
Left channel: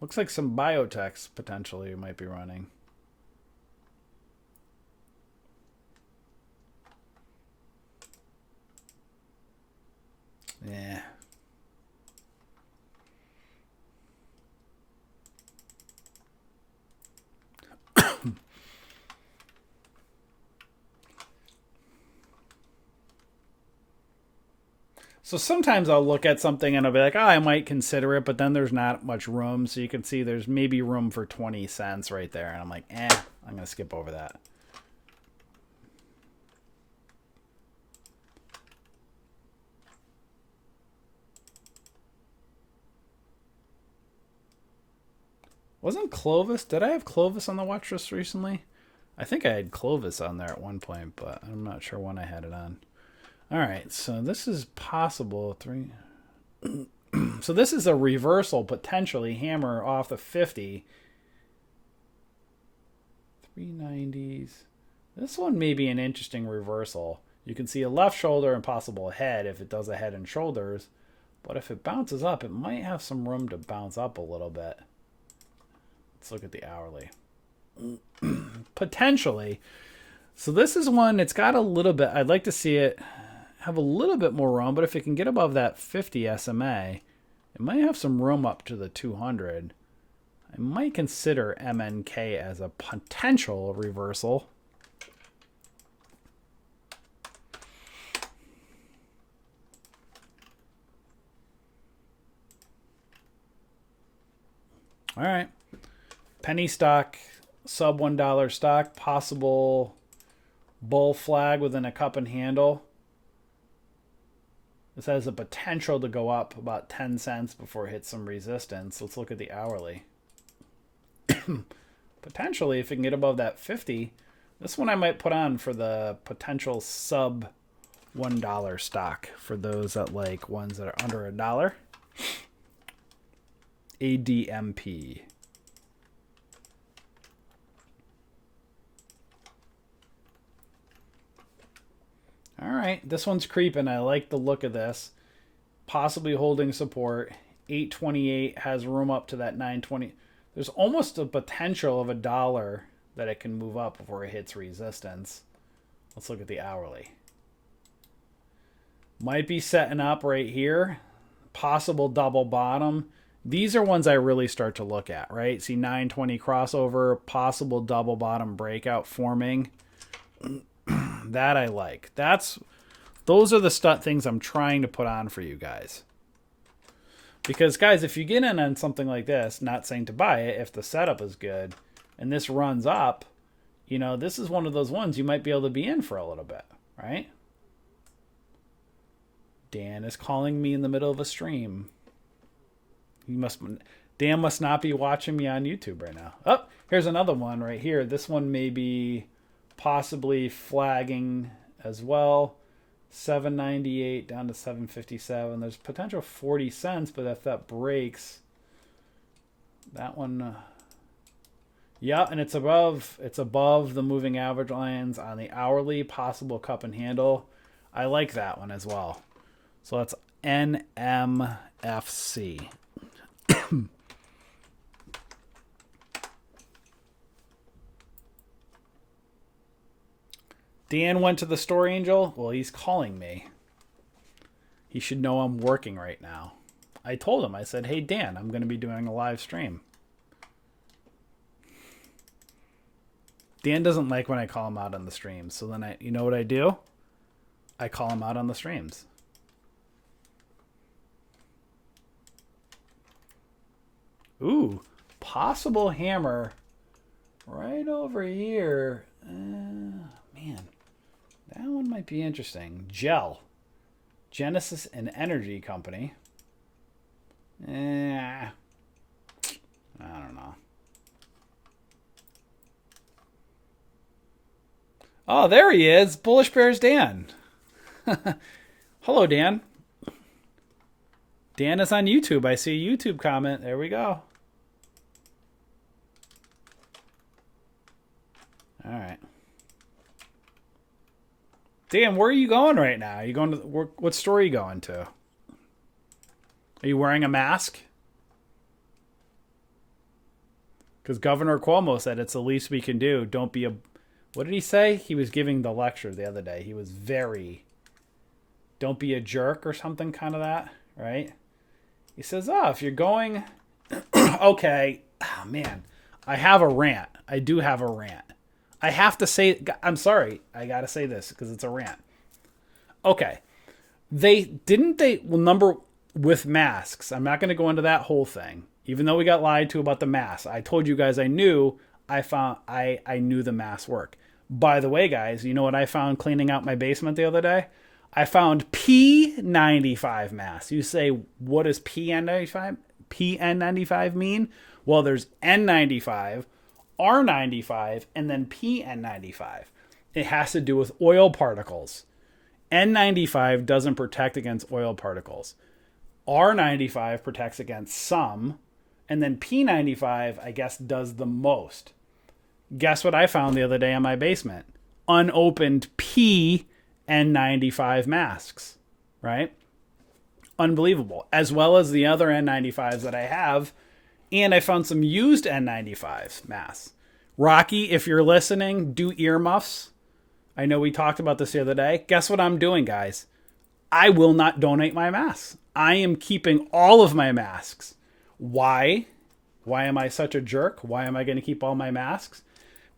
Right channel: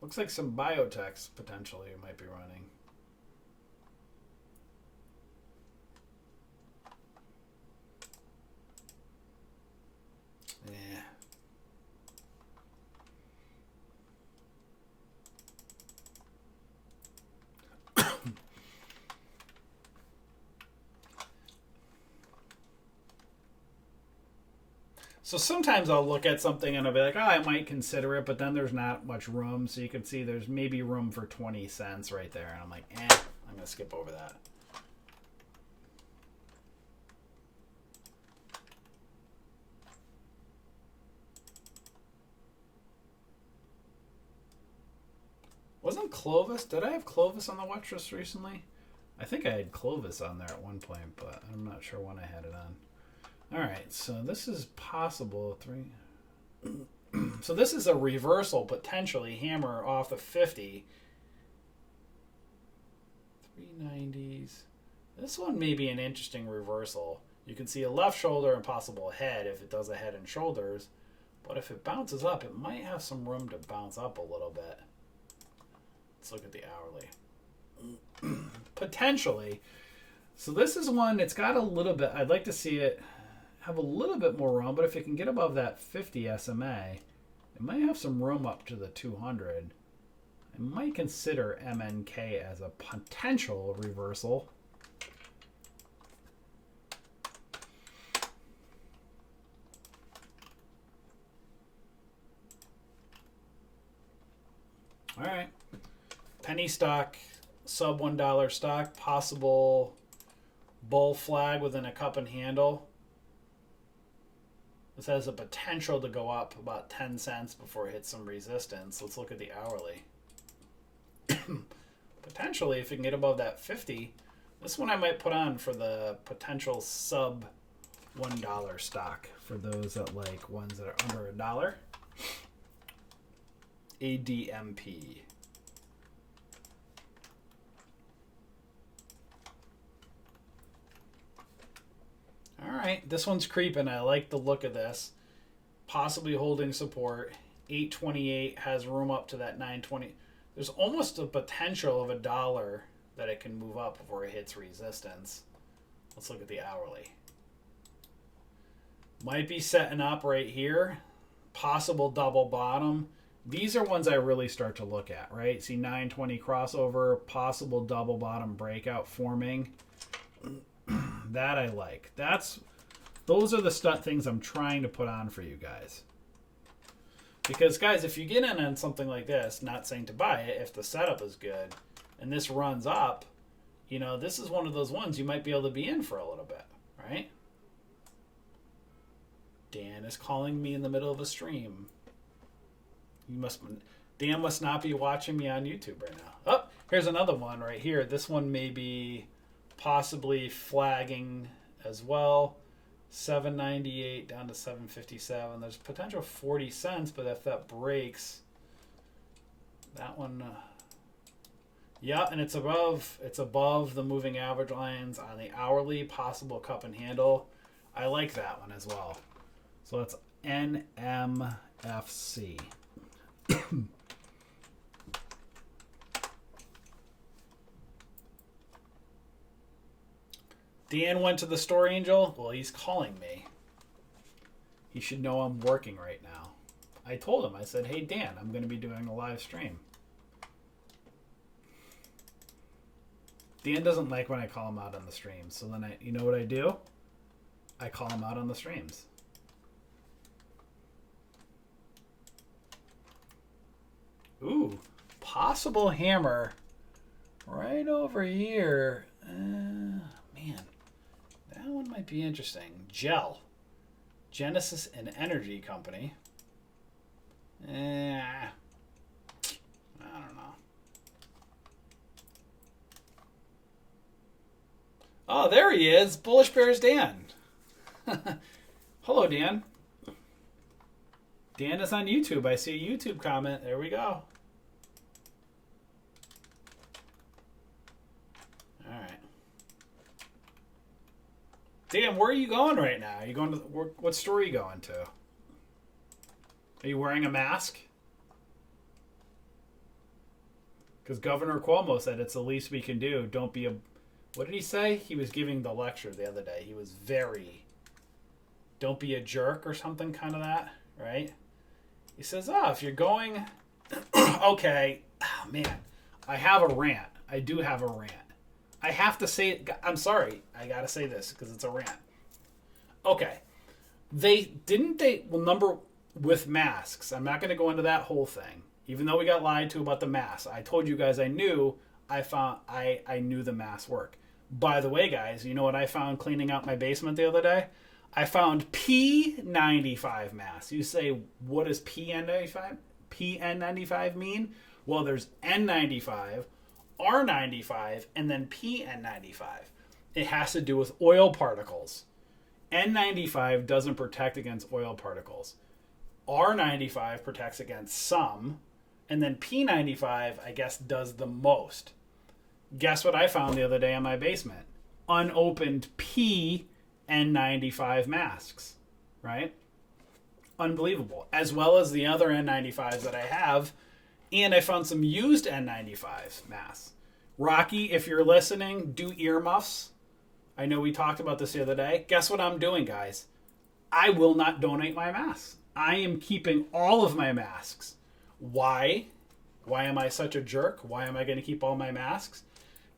Looks like some biotechs potentially might be running. Yeah. So sometimes I'll look at something and I'll be like, oh, I might consider it, but then there's not much room. So you can see there's maybe room for 20 cents right there. And I'm like, I'm going to skip over that. Wasn't Clovis? Did I have Clovis on the watch list recently? I think I had Clovis on there at one point, but I'm not sure when I had it on. All right, so this is possible. So this is a reversal, potentially. Hammer off the 50. 390s. This one may be an interesting reversal. You can see a left shoulder and possible head if it does a head and shoulders. But if it bounces up, it might have some room to bounce up a little bit. Let's look at the hourly. Potentially. So this is one, it's got a little bit, I'd like to see it have a little bit more room, but if it can get above that 50 SMA, it might have some room up to the 200. I might consider MNK as a potential reversal. All right. Penny stock, sub $1 stock, possible bull flag within a cup and handle. This has a potential to go up about 10 cents before it hits some resistance. Let's look at the hourly. Potentially, if it can get above that 50, this one I might put on for the potential sub $1 stock for those that like ones that are under $1. ADMP. All right, this one's creeping. I like the look of this. Possibly holding support. 828 has room up to that 920. There's almost a potential of $1 that it can move up before it hits resistance. Let's look at the hourly. Might be setting up right here. Possible double bottom. These are ones I really start to look at, right? See 920 crossover, possible double bottom breakout forming. That I like. Those are the things I'm trying to put on for you guys. Because guys, if you get in on something like this, not saying to buy it, if the setup is good and this runs up, you know, this is one of those ones you might be able to be in for a little bit, right? Dan is calling me in the middle of a stream. Dan must not be watching me on YouTube right now. Oh, here's another one right here. This one may be possibly flagging as well. 798 down to 757. There's potential 40 cents, but if that breaks, that one, yeah, and it's above the moving average lines on the hourly. Possible cup and handle. I like that one as well. So that's NMFC. Dan went to the store, Angel. Well, he's calling me. He should know I'm working right now. I told him, I said, hey, Dan, I'm going to be doing a live stream. Dan doesn't like when I call him out on the streams. So then you know what I do? I call him out on the streams. Ooh, possible hammer right over here. Man. That one might be interesting. Gel. Genesis and Energy Company. I don't know. Oh, there he is. Bullish Bears Dan. Hello, Dan. Dan is on YouTube. I see a YouTube comment. There we go. All right. Dan, where are you going right now? Are you going to what store are you going to? Are you wearing a mask? Because Governor Cuomo said it's the least we can do. Don't be a... What did he say? He was giving the lecture the other day. He was very... Don't be a jerk or something kind of that, right? He says, if you're going... Okay. Oh, man. I have a rant. I do have a rant. I have to say, I'm sorry, I got to say this because it's a rant. Okay. Number with masks, I'm not going to go into that whole thing, even though we got lied to about the masks. I told you guys I knew the masks work. By the way, guys, you know what I found cleaning out my basement the other day? I found P95 masks. You say, what does PN95 mean? Well, there's N95, R95, and then PN95. It has to do with oil particles. N95 doesn't protect against oil particles. R95 protects against some, and then P95, I guess, does the most. Guess what I found the other day in my basement? Unopened PN95 masks, right? Unbelievable. As well as the other N95s that I have. And I found some used N95 masks. Rocky, if you're listening, do earmuffs. I know we talked about this the other day. Guess what I'm doing, guys? I will not donate my masks. I am keeping all of my masks. Why? Why am I such a jerk? Why am I going to keep all my masks?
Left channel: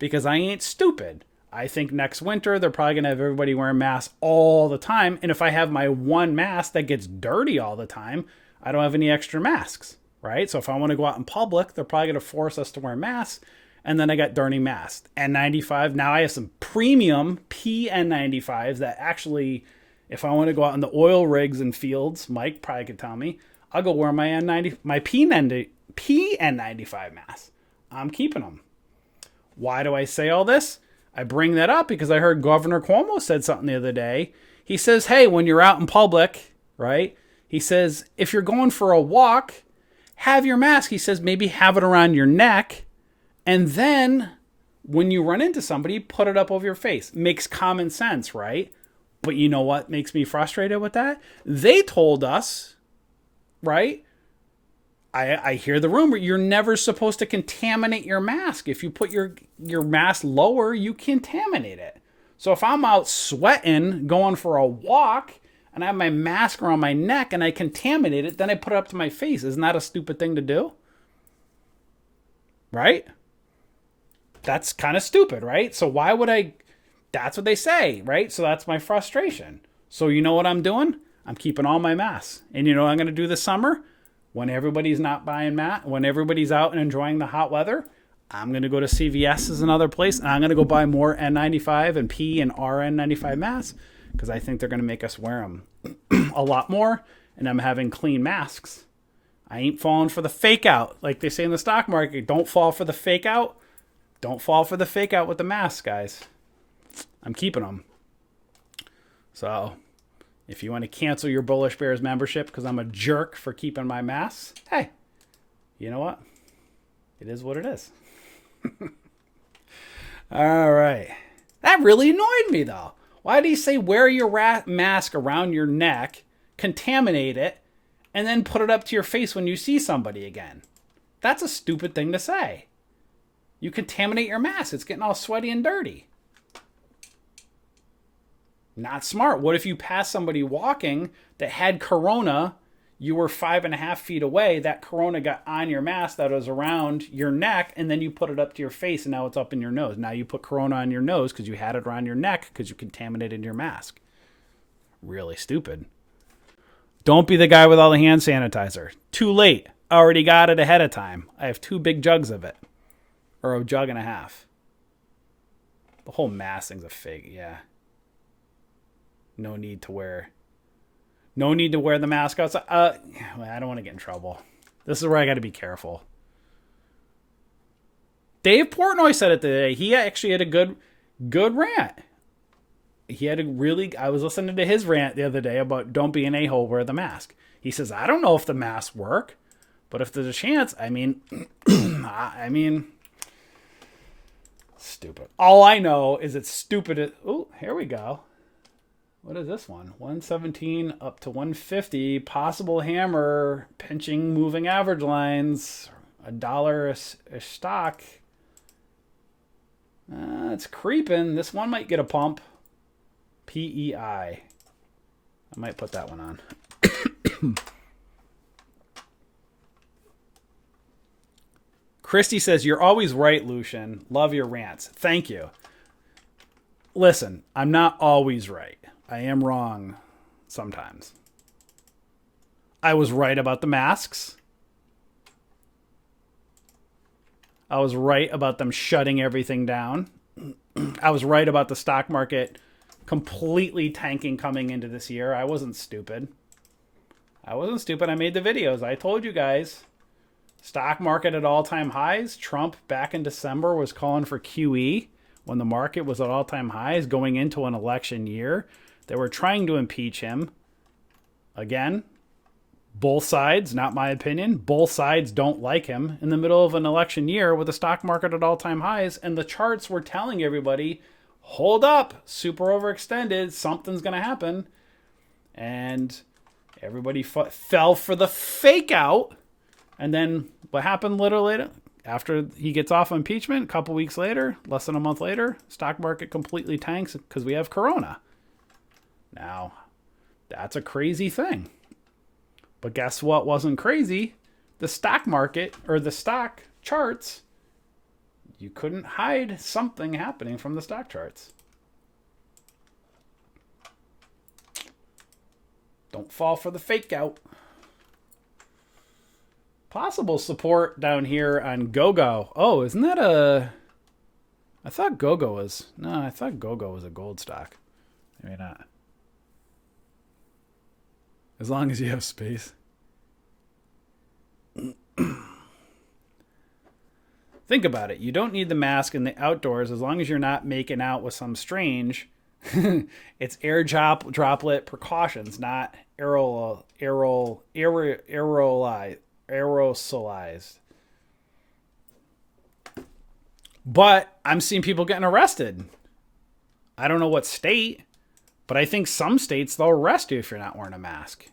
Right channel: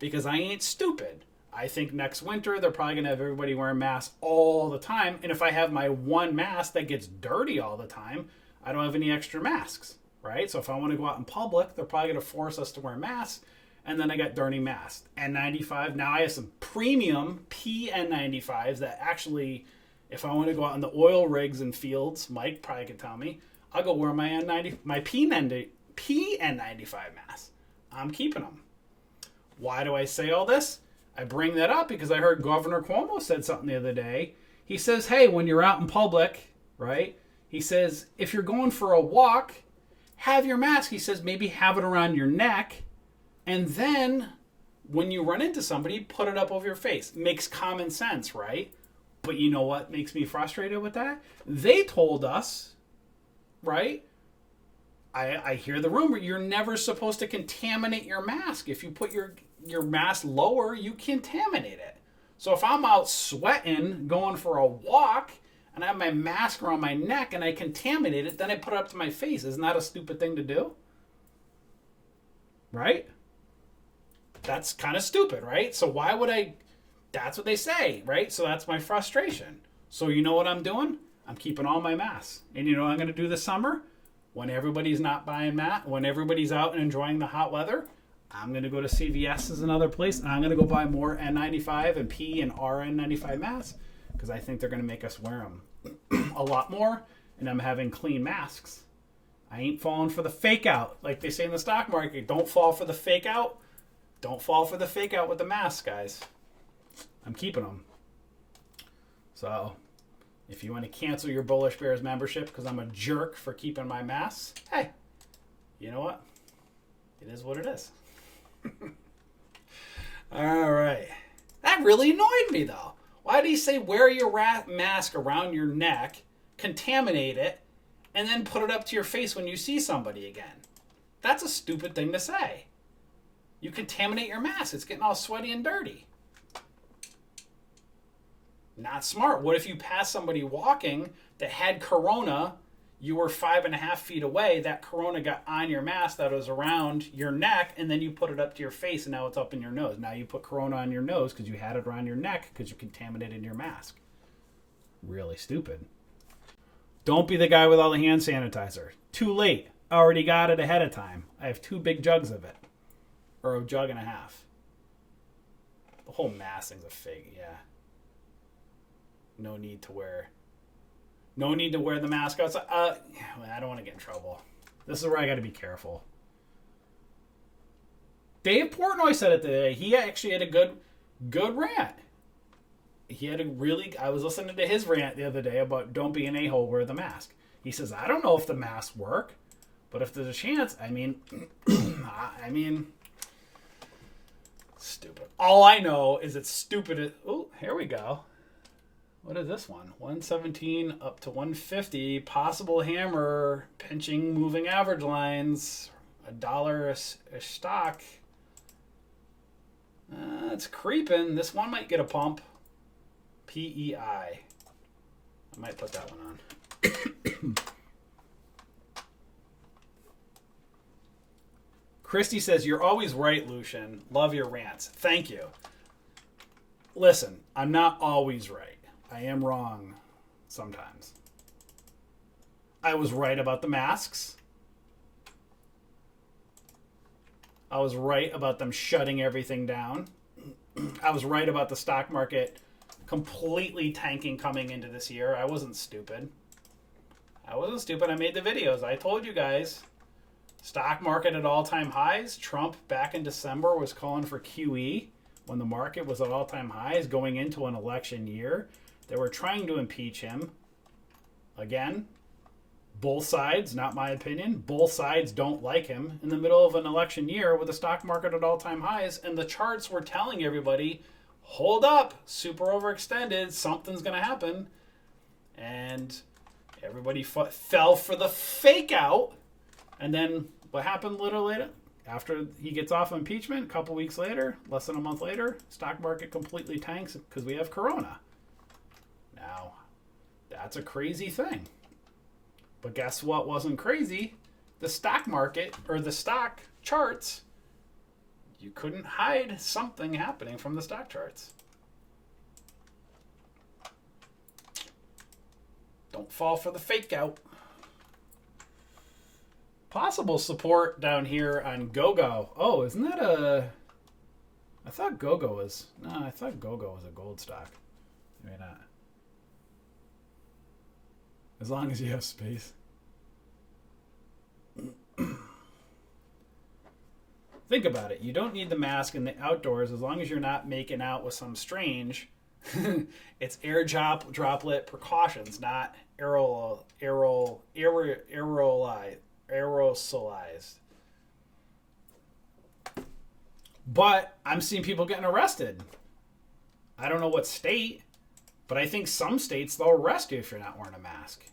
Because I ain't stupid. I think next winter they're probably going to have everybody wearing masks all the time. And if I have my one mask that gets dirty all the time, I don't have any extra masks. Right? So if I want to go out in public, they're probably going to force us to wear masks. And then I got dirty masks. N95. Now I have some premium PN95s that actually If I want to go out in the oil rigs and fields, Mike probably could tell me, I'll go wear my PN95 mask. I'm keeping them. Why do I say all this? I bring that up because I heard Governor Cuomo said something the other day. He says, hey, when you're out in public, right? He says, if you're going for a walk, have your mask. He says, maybe have it around your neck. And then when you run into somebody, put it up over your face. Makes common sense, right? But you know what makes me frustrated with that? They told us, right? I hear the rumor, you're never supposed to contaminate your mask. If you put your mask lower, you contaminate it. So if I'm out sweating, going for a walk, and I have my mask around my neck and I contaminate it, then I put it up to my face. Isn't that a stupid thing to do? Right? That's kind of stupid, right? So why would I... That's what they say, right? So that's my frustration. So you know what I'm doing? I'm keeping all my masks. And you know what I'm going to do this summer? When everybody's not buying when everybody's out and enjoying the hot weather, I'm going to go to CVS as another place, and I'm going to go buy more N95 and P and RN95 masks because I think they're going to make us wear them a lot more, and I'm having clean masks. I ain't falling for the fake out. Like they say in the stock market, don't fall for the fake out. Don't fall for the fake out with the masks, guys. I'm keeping them. So if you want to cancel your Bullish Bears membership because I'm a jerk for keeping my masks, hey, you know what? It is what it is. All right. That really annoyed me, though. Why did he say wear your mask around your neck, contaminate it, and then put it up to your face when you see somebody again? That's a stupid thing to say. You contaminate your mask. It's getting all sweaty and dirty. Not smart. What if you pass somebody walking that had corona, you were 5.5 feet away, that corona got on your mask that was around your neck, and then you put it up to your face and now it's up in your nose. Now you put corona on your nose because you had it around your neck because you contaminated your mask. Really stupid. Don't be the guy with all the hand sanitizer. Too late. Already got it ahead of time. I have 2 big jugs of it. Or a jug and a half. The whole mask thing's a fake, yeah. No need to wear the mask outside. I don't want to get in trouble. This is where I got to be careful. Dave Portnoy said it today. He actually had a good rant. I was listening to his rant the other day about don't be an a-hole, wear the mask. He says, I don't know if the masks work, but if there's a chance, I mean, stupid. All I know is it's stupid. Oh, here we go. What is this one? 117 up to 150. Possible hammer. Pinching moving average lines. $1 a stock. It's creeping. This one might get a pump. PEI. I might put that one on. Christy says, you're always right, Lucian. Love your rants. Thank you. Listen, I'm not always right. I am wrong sometimes. I was right about the masks. I was right about them shutting everything down. I was right about the stock market completely tanking coming into this year. I wasn't stupid. I made the videos. I told you guys. Stock market at all-time highs. Trump back in December was calling for QE when the market was at all-time highs going into an election year. They were trying to impeach him. Again, both sides, not my opinion, both sides don't like him in the middle of an election year with the stock market at all-time highs, and the charts were telling everybody, hold up, super overextended, something's going to happen. And everybody fell for the fake out. And then what happened literally later? After he gets off impeachment, a couple weeks later, less than a month later, stock market completely tanks because we have corona. Now, that's a crazy thing. But guess what wasn't crazy? The stock market, or the stock charts. You couldn't hide something happening from the stock charts. Don't fall for the fake out. Possible support down here on GoGo. Oh, isn't that a... I thought GoGo was... No, I thought GoGo was a gold stock. Maybe not. As long as you have space. Think about it. You don't need the mask in the outdoors as long as you're not making out with some strange. It's droplet precautions, not aerosolized. But I'm seeing people getting arrested. I don't know what state, but I think some states they'll arrest you if you're not wearing a mask.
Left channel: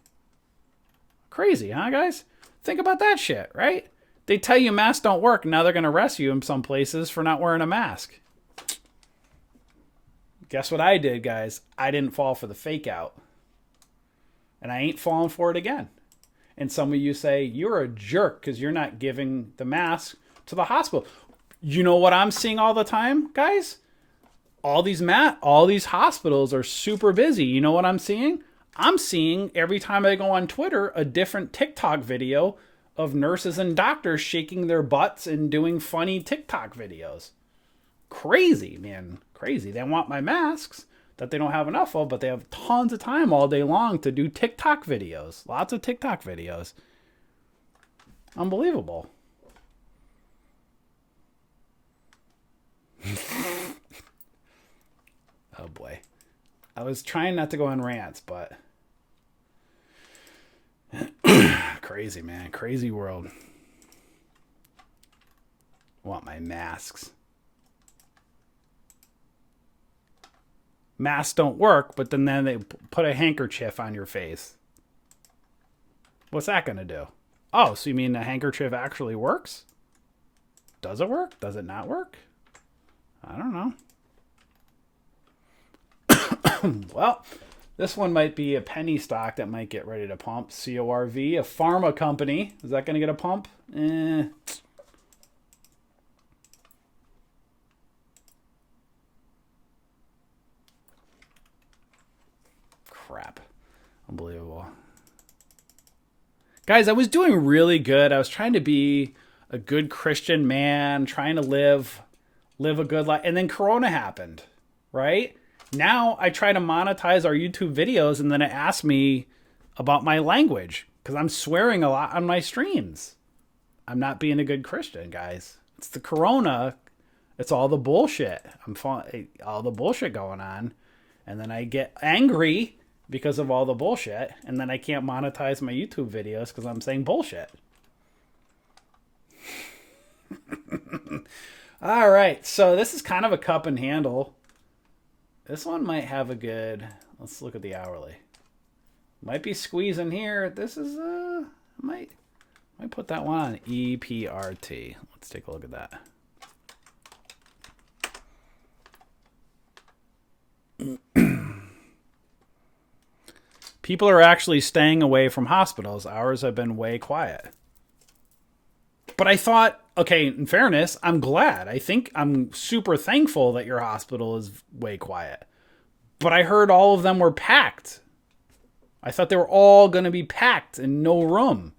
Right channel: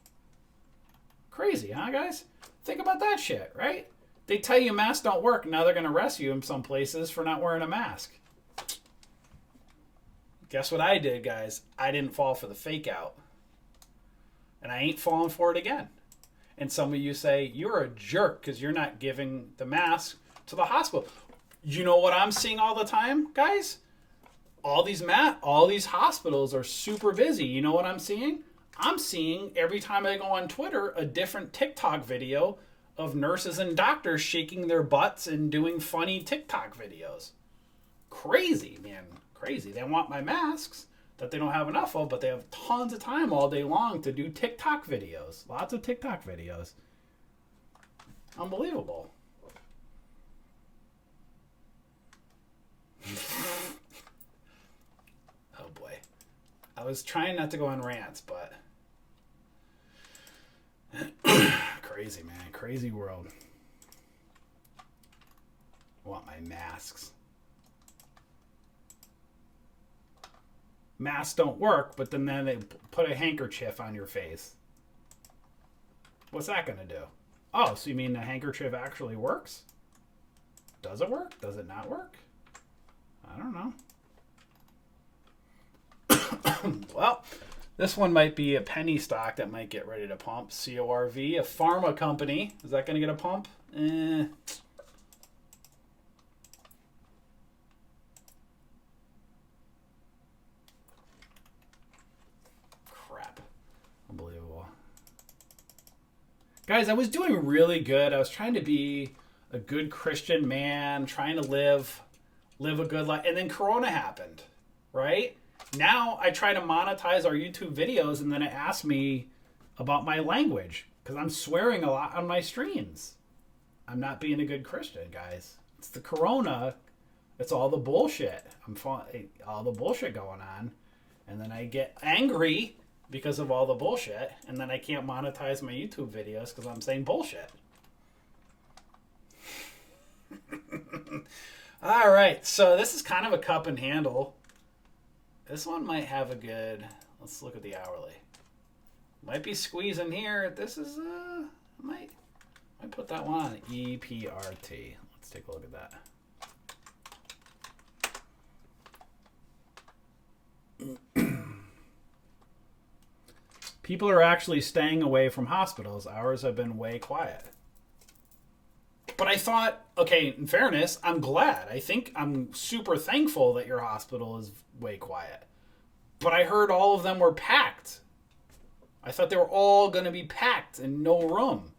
Crazy, huh, guys? Think about that shit, right? They tell you masks don't work, and now they're going to arrest you in some places for not wearing a mask. Guess what I did, guys? I didn't fall for the fake out. And I ain't falling for it again. And some of you say, you're a jerk because you're not giving the mask to the hospital. You know what I'm seeing all the time, guys? All these hospitals are super busy. You know what I'm seeing? I'm seeing every time I go on Twitter a different TikTok video of nurses and doctors shaking their butts and doing funny TikTok videos. Crazy, man. Crazy. They want my masks that they don't have enough of, but they have tons of time all day long to do TikTok videos. Lots of TikTok videos. Unbelievable. Oh boy. I was trying not to go on rants, but crazy, man. Crazy world. Want my masks. Masks don't work, but then they put a handkerchief on your face. What's that going to do? Oh, so you mean the handkerchief actually works? Does it work? Does it not work? I don't know. Well, this one might be a penny stock that might get ready to pump. CORV, a pharma company. Is that going to get a pump? Crap. Unbelievable. Guys, I was doing really good. I was trying to be a good Christian man, trying to live a good life. And then Corona happened, right? Now I try to monetize our YouTube videos, and then it asks me about my language because I'm swearing a lot on my streams. I'm not being a good Christian, guys. It's the Corona. It's all the bullshit. All the bullshit going on. And then I get angry because of all the bullshit. And then I can't monetize my YouTube videos because I'm saying bullshit. All right. So this is kind of a cup and handle. This one might have a good... Let's look at the hourly. Might be squeezing here. This is... Might put that one on EPRT. Let's take a look at that. People are actually staying away from hospitals. Ours have been way quiet. But I thought, okay, in fairness, I'm glad. I think I'm super thankful that your hospital is way quiet. But I heard all of them were packed. I thought they were all going to be packed and no room.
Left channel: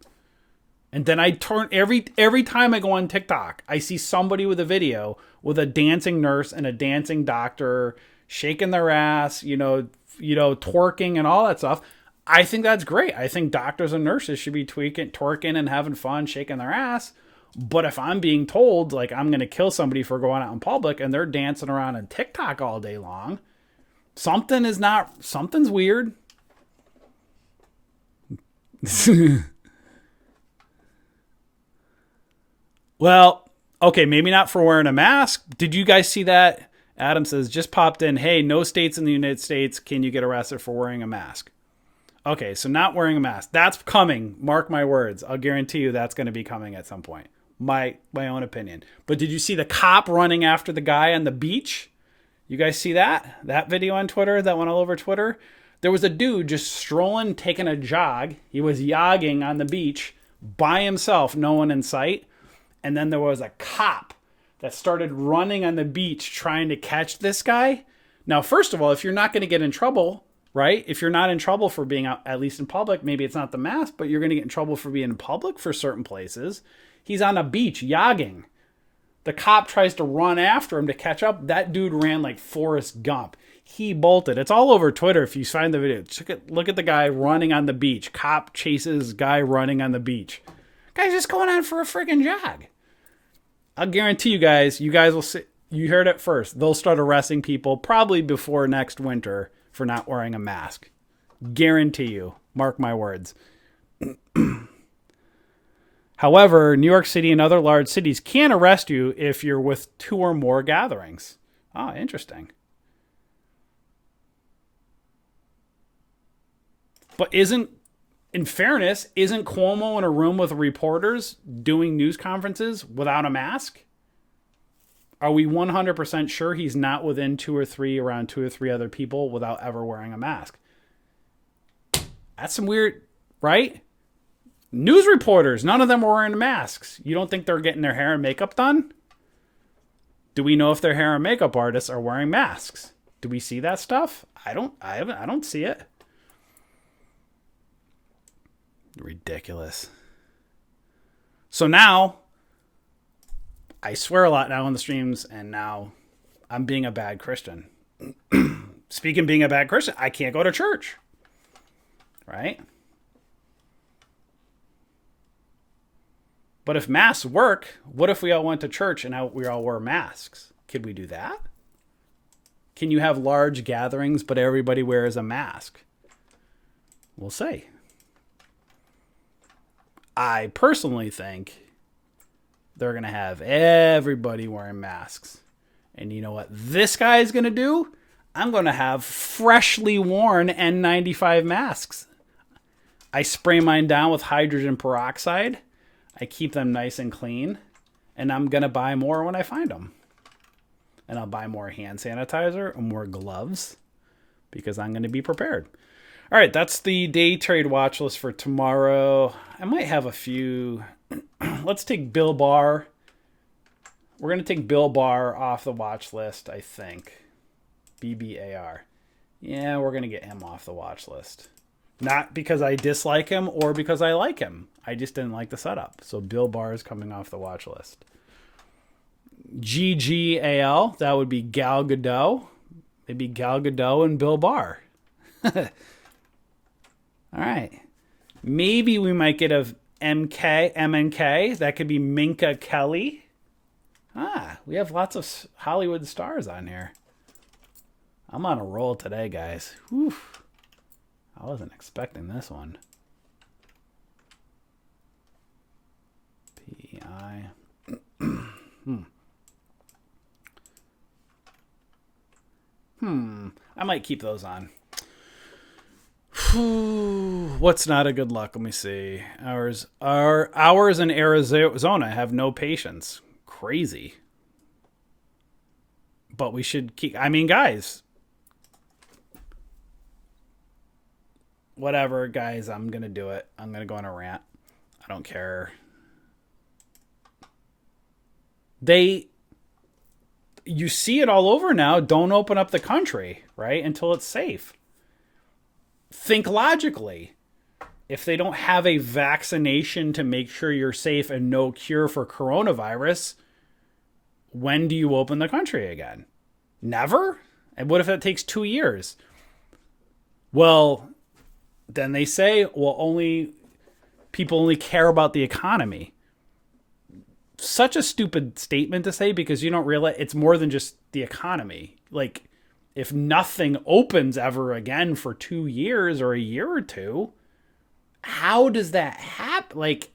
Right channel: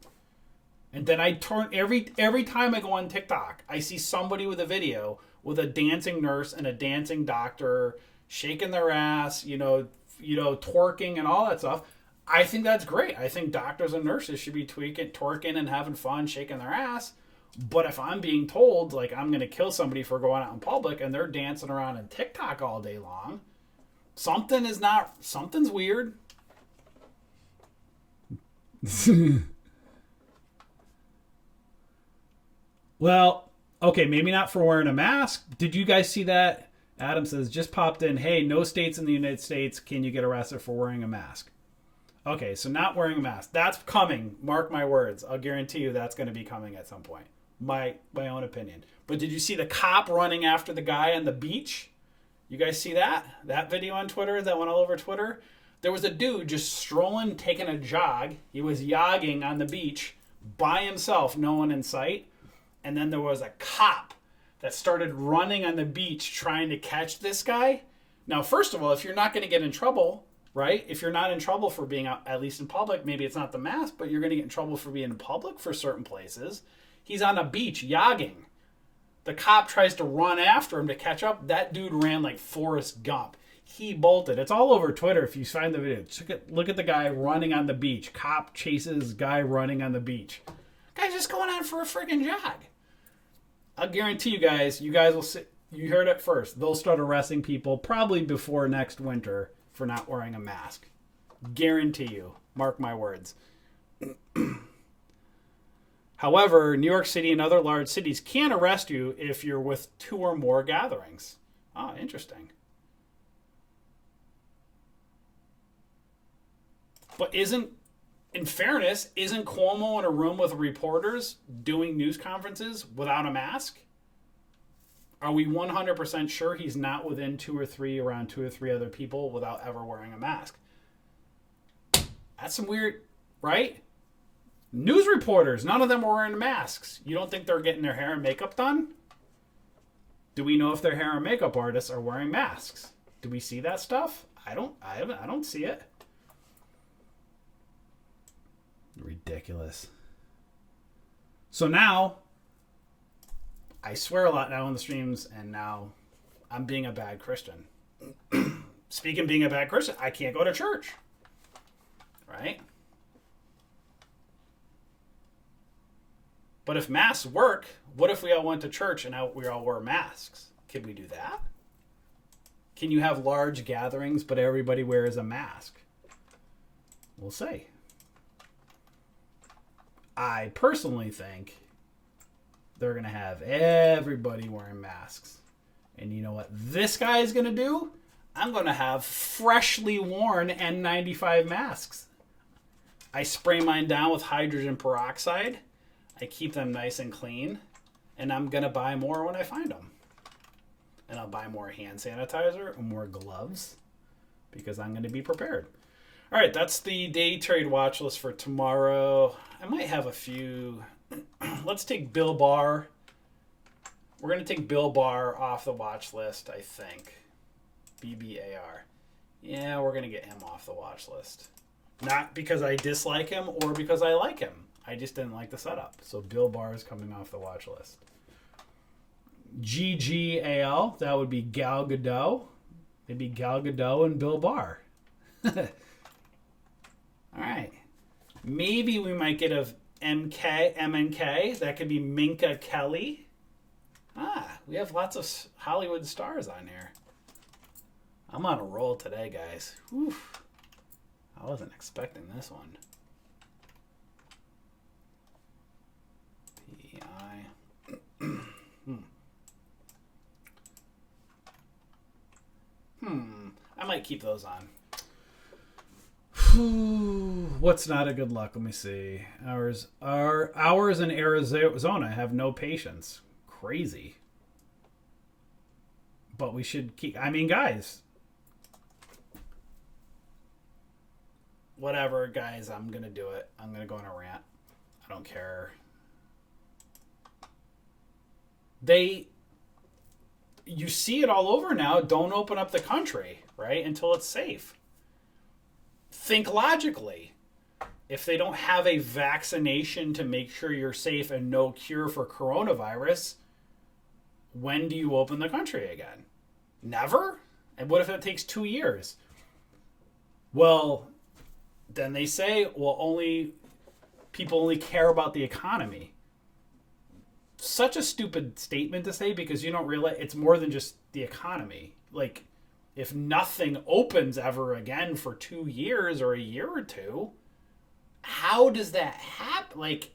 And then I turn every time I go on TikTok, I see somebody with a video with a dancing nurse and a dancing doctor shaking their ass, twerking and all that stuff. I think that's great. I think doctors and nurses should be twerking and having fun, shaking their ass. But if I'm being told, like, I'm going to kill somebody for going out in public and they're dancing around on TikTok all day long, something's weird. Well, okay, maybe not for wearing a mask. Did you guys see that? Adam says, just popped in, hey, no states in the United States can you get arrested for wearing a mask. Okay, so not wearing a mask. That's coming. Mark my words. I'll guarantee you that's going to be coming at some point. My own opinion. But did you see the cop running after the guy on the beach? You guys see that? That video on Twitter that went all over Twitter? There was a dude just strolling, taking a jog. He was yogging on the beach by himself, no one in sight. And then there was a cop that started running on the beach trying to catch this guy. Now, first of all, if you're not going to get in trouble, right? If you're not in trouble for being out, at least in public, maybe it's not the mask, but you're going to get in trouble for being in public for certain places. He's on a beach yogging. The cop tries to run after him to catch up. That dude ran like Forrest Gump. He bolted. It's all over Twitter if you find the video. Look at the guy running on the beach. Cop chases guy running on the beach. Guy's just going on for a friggin' jog. I'll guarantee you guys will see. You heard it first. They'll start arresting people probably before next winter for not wearing a mask. Guarantee you. Mark my words. However, New York City and other large cities can arrest you if you're with 2 or more gatherings. Oh, interesting. But in fairness, isn't Cuomo in a room with reporters doing news conferences without a mask? Are we 100% sure he's not within 2 or 3, around 2 or 3 other people without ever wearing a mask? That's some weird, right? News reporters, none of them were wearing masks. You don't think they're getting their hair and makeup done? Do we know if their hair and makeup artists are wearing masks? Do we see that stuff? I don't see it. Ridiculous. So now, I swear a lot now on the streams, and now I'm being a bad Christian. Speaking of being a bad Christian, I can't go to church. Right? But if masks work, what if we all went to church and we all wore masks? Could we do that? Can you have large gatherings, but everybody wears a mask? We'll see. I personally think they're going to have everybody wearing masks. And you know what this guy is going to do? I'm going to have freshly worn N95 masks. I spray mine down with hydrogen peroxide. I keep them nice and clean. And I'm going to buy more when I find them. And I'll buy more hand sanitizer and more gloves because I'm going to be prepared. All right, that's the day trade watch list for tomorrow. I might have a few. Let's take Bill Barr. We're going to take Bill Barr off the watch list, I think. BBAR. Yeah, we're going to get him off the watch list. Not because I dislike him or because I like him. I just didn't like the setup. So Bill Barr is coming off the watch list. GGAL, that would be Gal Gadot. Maybe Gal Gadot and Bill Barr. All right. Maybe we might get a MNK. That could be Minka Kelly. We have lots of Hollywood stars on here. I'm on a roll today, guys. Whew. I wasn't expecting this one. PI. I might keep those on. What's not a good luck? Let me see. Hours in Arizona have no patience. Crazy. But we should keep. I mean, guys. Whatever, guys. I'm gonna do it. I'm gonna go on a rant. I don't care. You see it all over now. Don't open up the country, right? Until it's safe. Think logically. If they don't have a vaccination to make sure you're safe and no cure for coronavirus, when do you open the country again? Never? And what if it takes 2 years? Well, then they say, well, people only care about the economy. Such a stupid statement to say because you don't realize it's more than just the economy. Like, if nothing opens ever again for 2 years or a year or two, how does that happen? Like,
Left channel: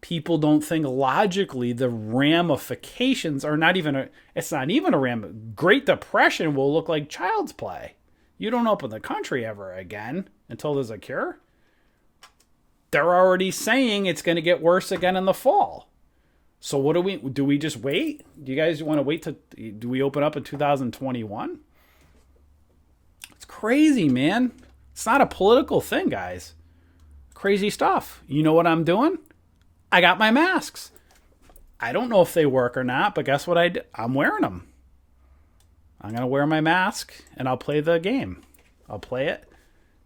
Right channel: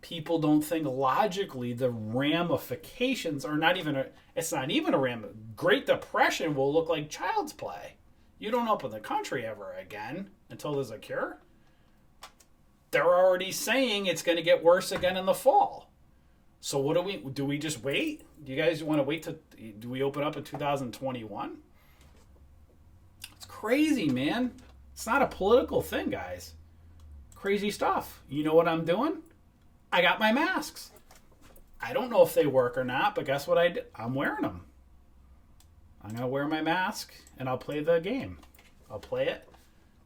people don't think logically the ramifications are not even it's not even a Great Depression will look like child's play. You don't open the country ever again until there's a cure. They're already saying it's going to get worse again in the fall. So what do we just wait? Do you guys want to wait do we open up in 2021? It's crazy, man. It's not a political thing, guys. Crazy stuff. You know what I'm doing? I got my masks. I don't know if they work or not, but guess what I did? I'm wearing them. I'm going to wear my mask and I'll play the game. I'll play it.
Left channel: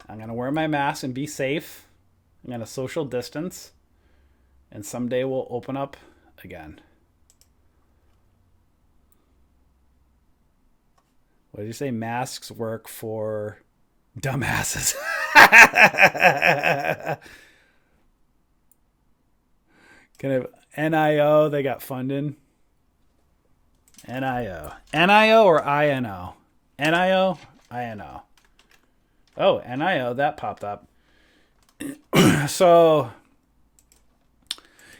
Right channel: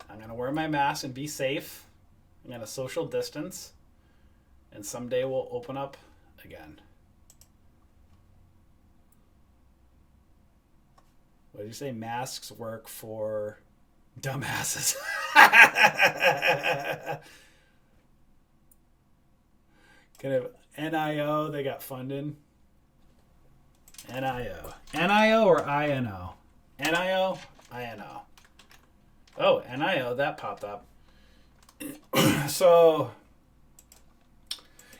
I'm going to wear my mask and be safe. I'm going to social distance. And someday we'll open up again. What did you say? Masks work for dumbasses. Kind of NIO, they got funding. NIO. NIO or INO? NIO? INO. Oh, NIO, that popped up. So,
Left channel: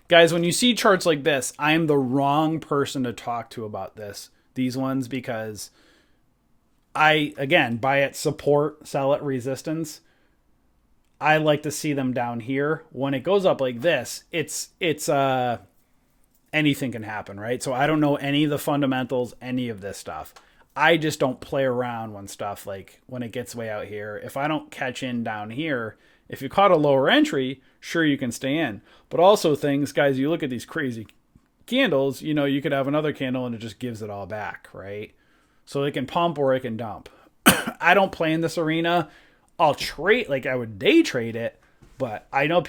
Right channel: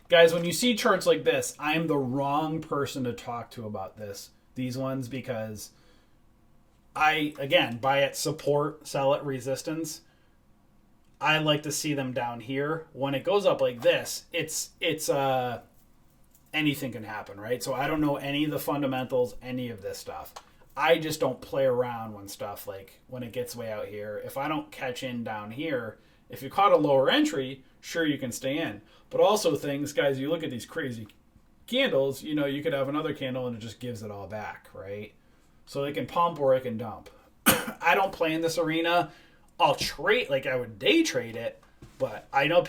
guys, when you see charts like this, I am the wrong person to talk to about these ones, because I, again, buy at support, sell at resistance. I like to see them down here. When it goes up like this, it's anything can happen, right? So I don't know any of the fundamentals, any of this stuff. I just don't play around when stuff, like when it gets way out here. If I don't catch in down here, if you caught a lower entry, sure, you can stay in. But also things, guys, you look at these crazy candles, you know, you could have another candle and it just gives it all back, right? So it can pump or it can dump. I don't play in this arena. I'll trade, like I would day trade it, but I know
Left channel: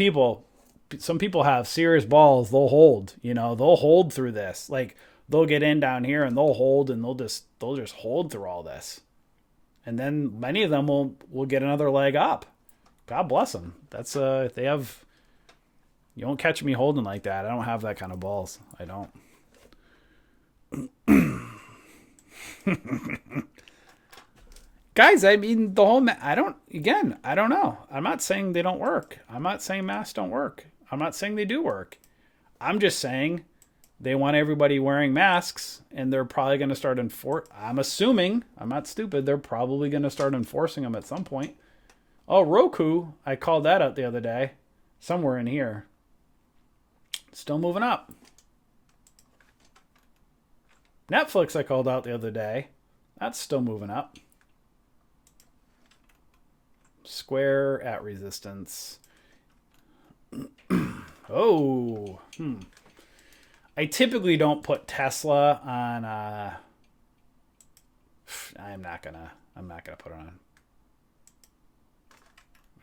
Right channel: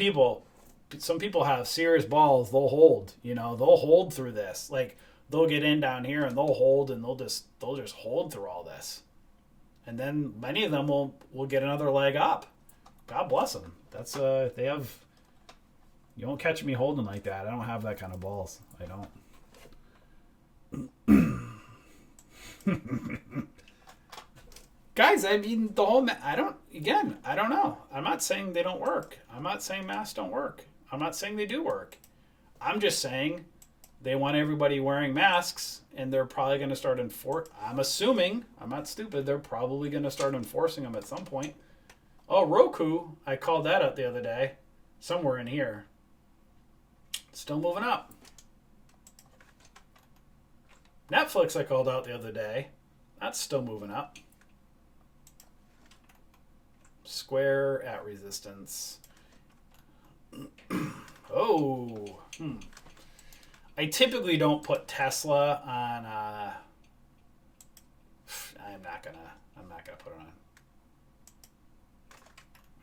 some people have serious balls. They'll hold, they'll hold through this. Like they'll get in down here and they'll hold, and they'll just hold through all this. And then many of them will get another leg up. God bless them. That's you don't catch me holding like that. I don't have that kind of balls. I don't. Guys, I mean, I don't know. I'm not saying they don't work. I'm not saying masks don't work. I'm not saying they do work. I'm just saying they want everybody wearing masks, and they're probably going to start I'm assuming, I'm not stupid, they're probably going to start enforcing them at some point. Oh, Roku, I called that out the other day. Somewhere in here. Still moving up. Netflix, I called out the other day. That's still moving up. Square at resistance. Oh. I typically don't put Tesla on I'm not gonna put it on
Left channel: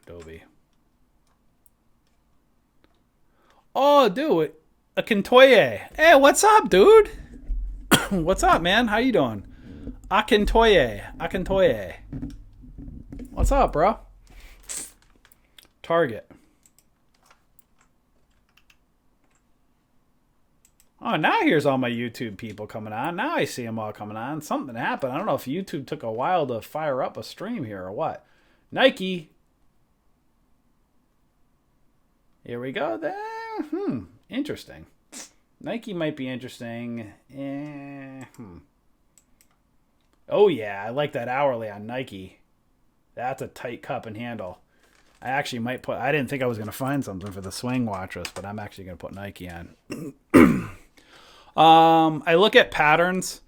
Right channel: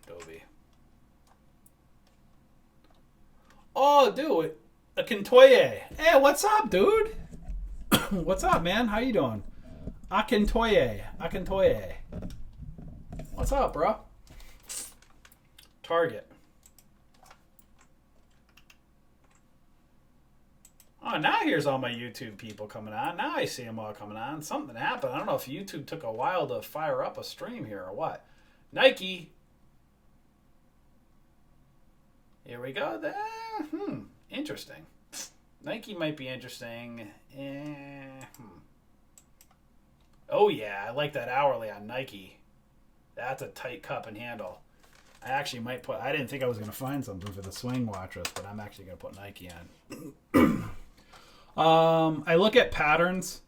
Adobe. Oh, dude, Akintoye. Hey, what's up, dude? What's up, man? How you doing? Akintoye. What's up, bro? Target. Oh, now here's all my YouTube people coming on. Now I see them all coming on. Something happened. I don't know if YouTube took a while to fire up a stream here or what. Nike. Here we go. Interesting. Nike might be interesting. Oh, yeah. I like that hourly on Nike. That's a tight cup and handle. I actually might I didn't think I was going to find something for the swing watchers, but I'm actually going to put Nike on. I look at patterns.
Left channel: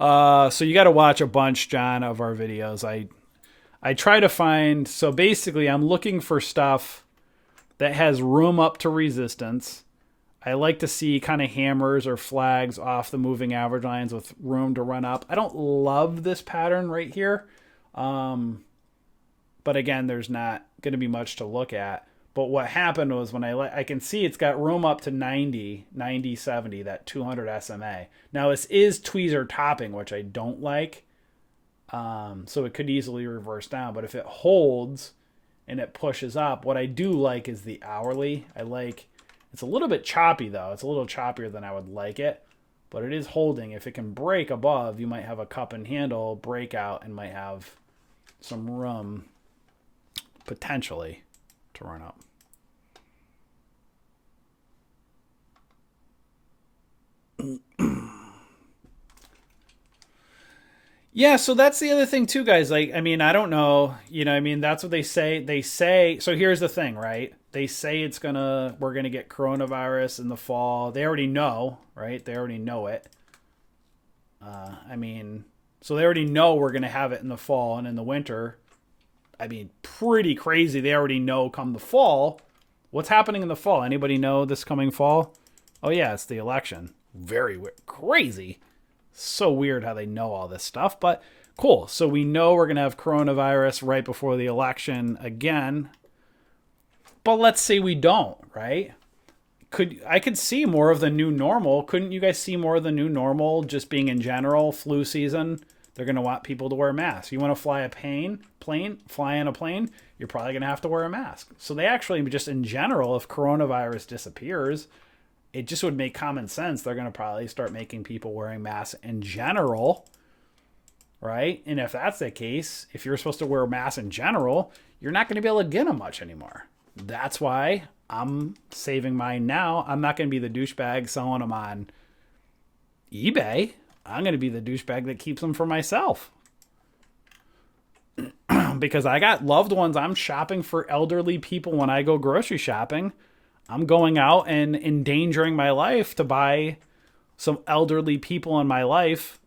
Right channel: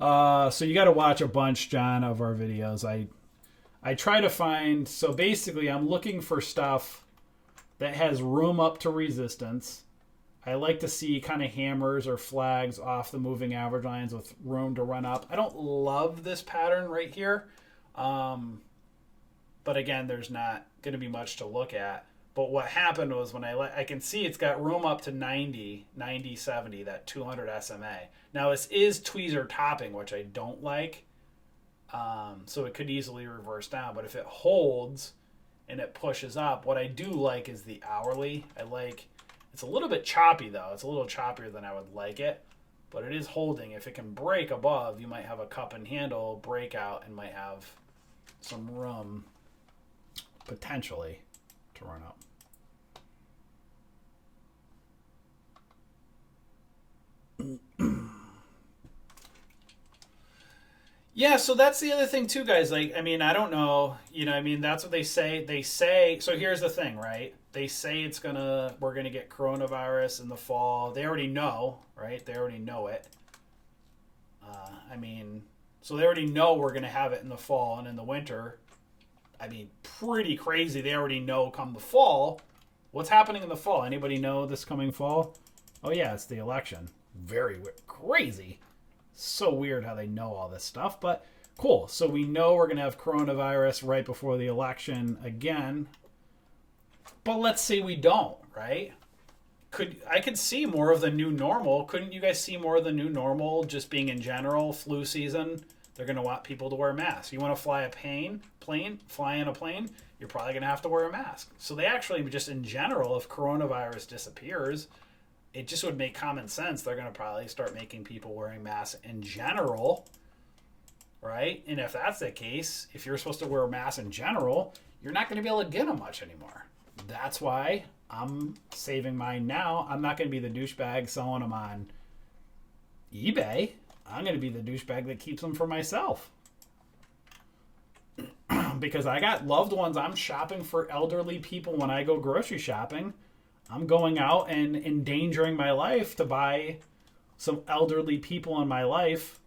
So you got to watch a bunch, John, of our videos. I try to find, so basically I'm looking for stuff that has room up to resistance. I like to see kind of hammers or flags off the moving average lines with room to run up. I don't love this pattern right here. But again, there's not going to be much to look at. But what happened was when I can see it's got room up to 90, 70, that 200 SMA. Now this is tweezer topping, which I don't like. So it could easily reverse down. But if it holds and it pushes up, what I do like is the hourly. It's a little bit choppy though. It's a little choppier than I would like it. But it is holding. If it can break above, you might have a cup and handle breakout and might have some room potentially to run up. Yeah, so that's the other thing too, guys. Like, I mean, I don't know, that's what they say. So here's the thing, right? They say we're gonna get coronavirus in the fall. They already know, right? They already know it. So they already know we're gonna have it in the fall and in the winter. I mean, pretty crazy. They already know come the fall. What's happening in the fall? Anybody know this coming fall? Oh yeah, it's the election. Very crazy. So weird how they know all this stuff, but cool. So we know we're going to have coronavirus right before the election again. But let's say we don't, right? I could see more of the new normal. Couldn't you guys see more of the new normal just being in general flu season? they're going to want people to wear masks. You want to fly fly in a plane, you're probably going to have to wear a mask. So they actually, just in general, if coronavirus disappears, it just would make common sense. They're going to probably start making people wearing masks in general, right? And if that's the case, if you're supposed to wear a mask in general, you're not going to be able to get them much anymore. That's why I'm saving mine now. I'm not going to be the douchebag selling them on eBay. I'm going to be the douchebag that keeps them for myself. Because I got loved ones. I'm shopping for elderly people when I go grocery shopping. I'm going out and endangering my life to buy some elderly people in my life,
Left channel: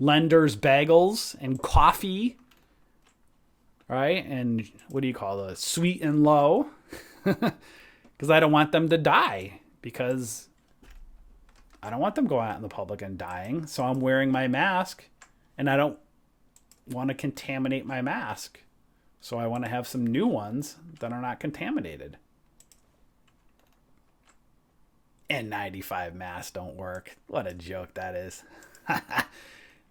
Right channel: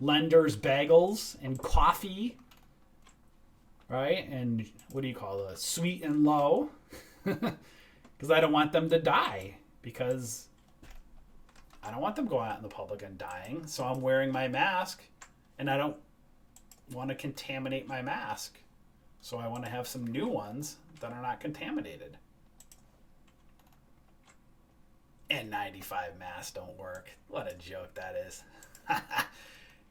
Lender's bagels and coffee, right? And what do you call those? Sweet and low. Because I don't want them to die, because I don't want them going out in the public and dying. So I'm wearing my mask, and I don't want to contaminate my mask. So I want to have some new ones that are not contaminated. N95 masks don't work. What a joke that is.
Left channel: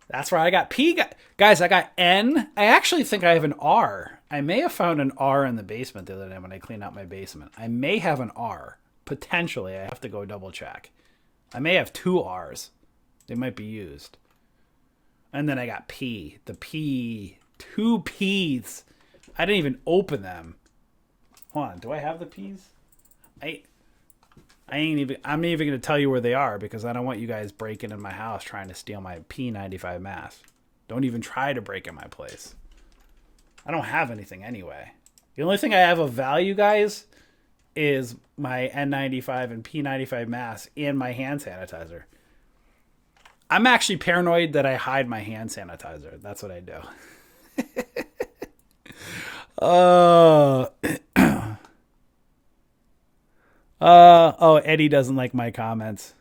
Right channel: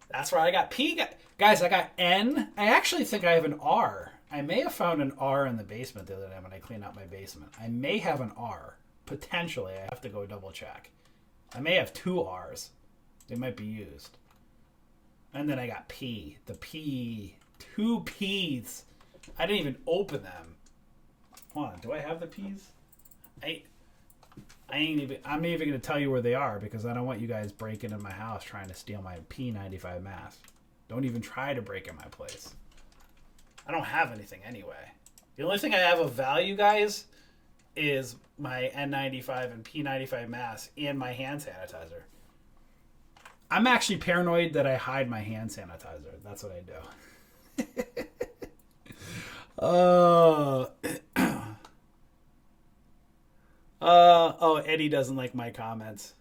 That's where I got P. Guys, I got N. I actually think I have an R. I may have found an R in the basement the other day when I cleaned out my basement. I may have an R. Potentially. I have to go double check. I may have 2 R's. They might be used. And then I got P. The P. 2 P's. I didn't even open them. Hold on. Do I have the P's? I'm not even going to tell you where they are, because I don't want you guys breaking in my house trying to steal my P95 mask. Don't even try to break in my place. I don't have anything anyway. The only thing I have of value, guys, is my N95 and P95 mask and my hand sanitizer. I'm actually paranoid that I hide my hand sanitizer. That's what I do. Eddie doesn't like my comments.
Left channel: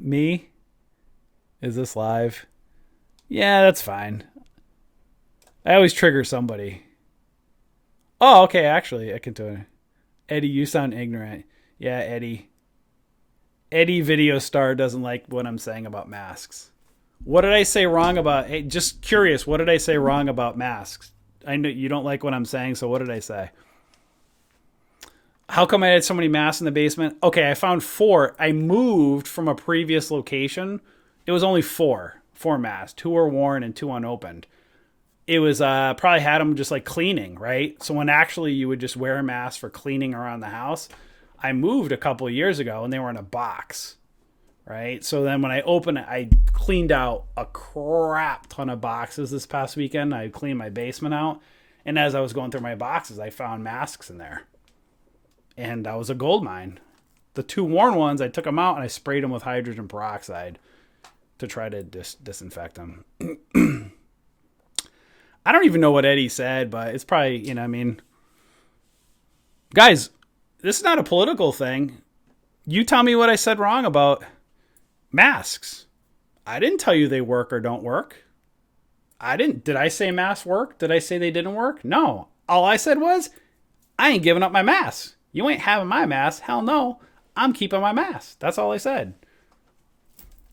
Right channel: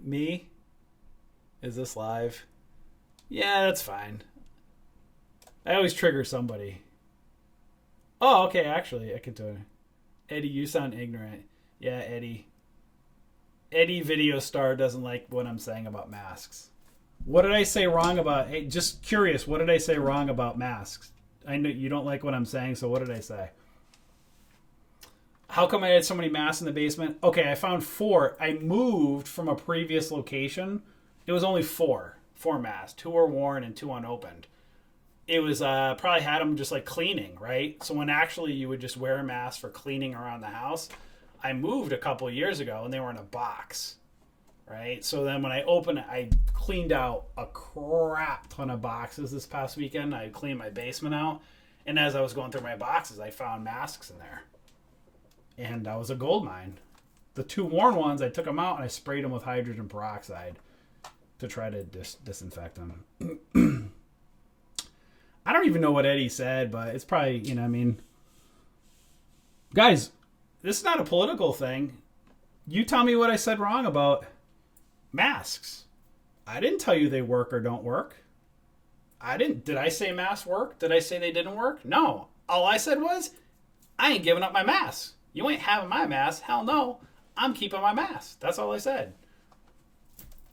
Me? Is this live? Yeah, that's fine. I always trigger somebody. Oh, okay, actually, I can do it. Eddie, you sound ignorant. Yeah, Eddie. Eddie Video Star doesn't like what I'm saying about masks. What did I say wrong about... Hey, just curious, what did I say wrong about masks? I know you don't like what I'm saying, so what did I say? How come I had so many masks in the basement? Okay, I found 4. I moved from a previous location. It was only 4 masks. 2 were worn and 2 unopened. It was probably had them just like cleaning, right? So when actually you would just wear a mask for cleaning around the house, I moved a couple of years ago and they were in a box, right? So then when I opened it, I cleaned out a crap ton of boxes this past weekend. I cleaned my basement out, and as I was going through my boxes, I found masks in there. And that was a gold mine. The 2 worn ones, I took them out and I sprayed them with hydrogen peroxide to try to disinfect them. I don't even know what Eddie said, but it's probably, Guys, this is not a political thing. You tell me what I said wrong about masks. I didn't tell you they work or don't work. Did I say masks work? Did I say they didn't work? No. All I said was, I ain't giving up my mask. You ain't having my mask. Hell no. I'm keeping my mask. That's all I said.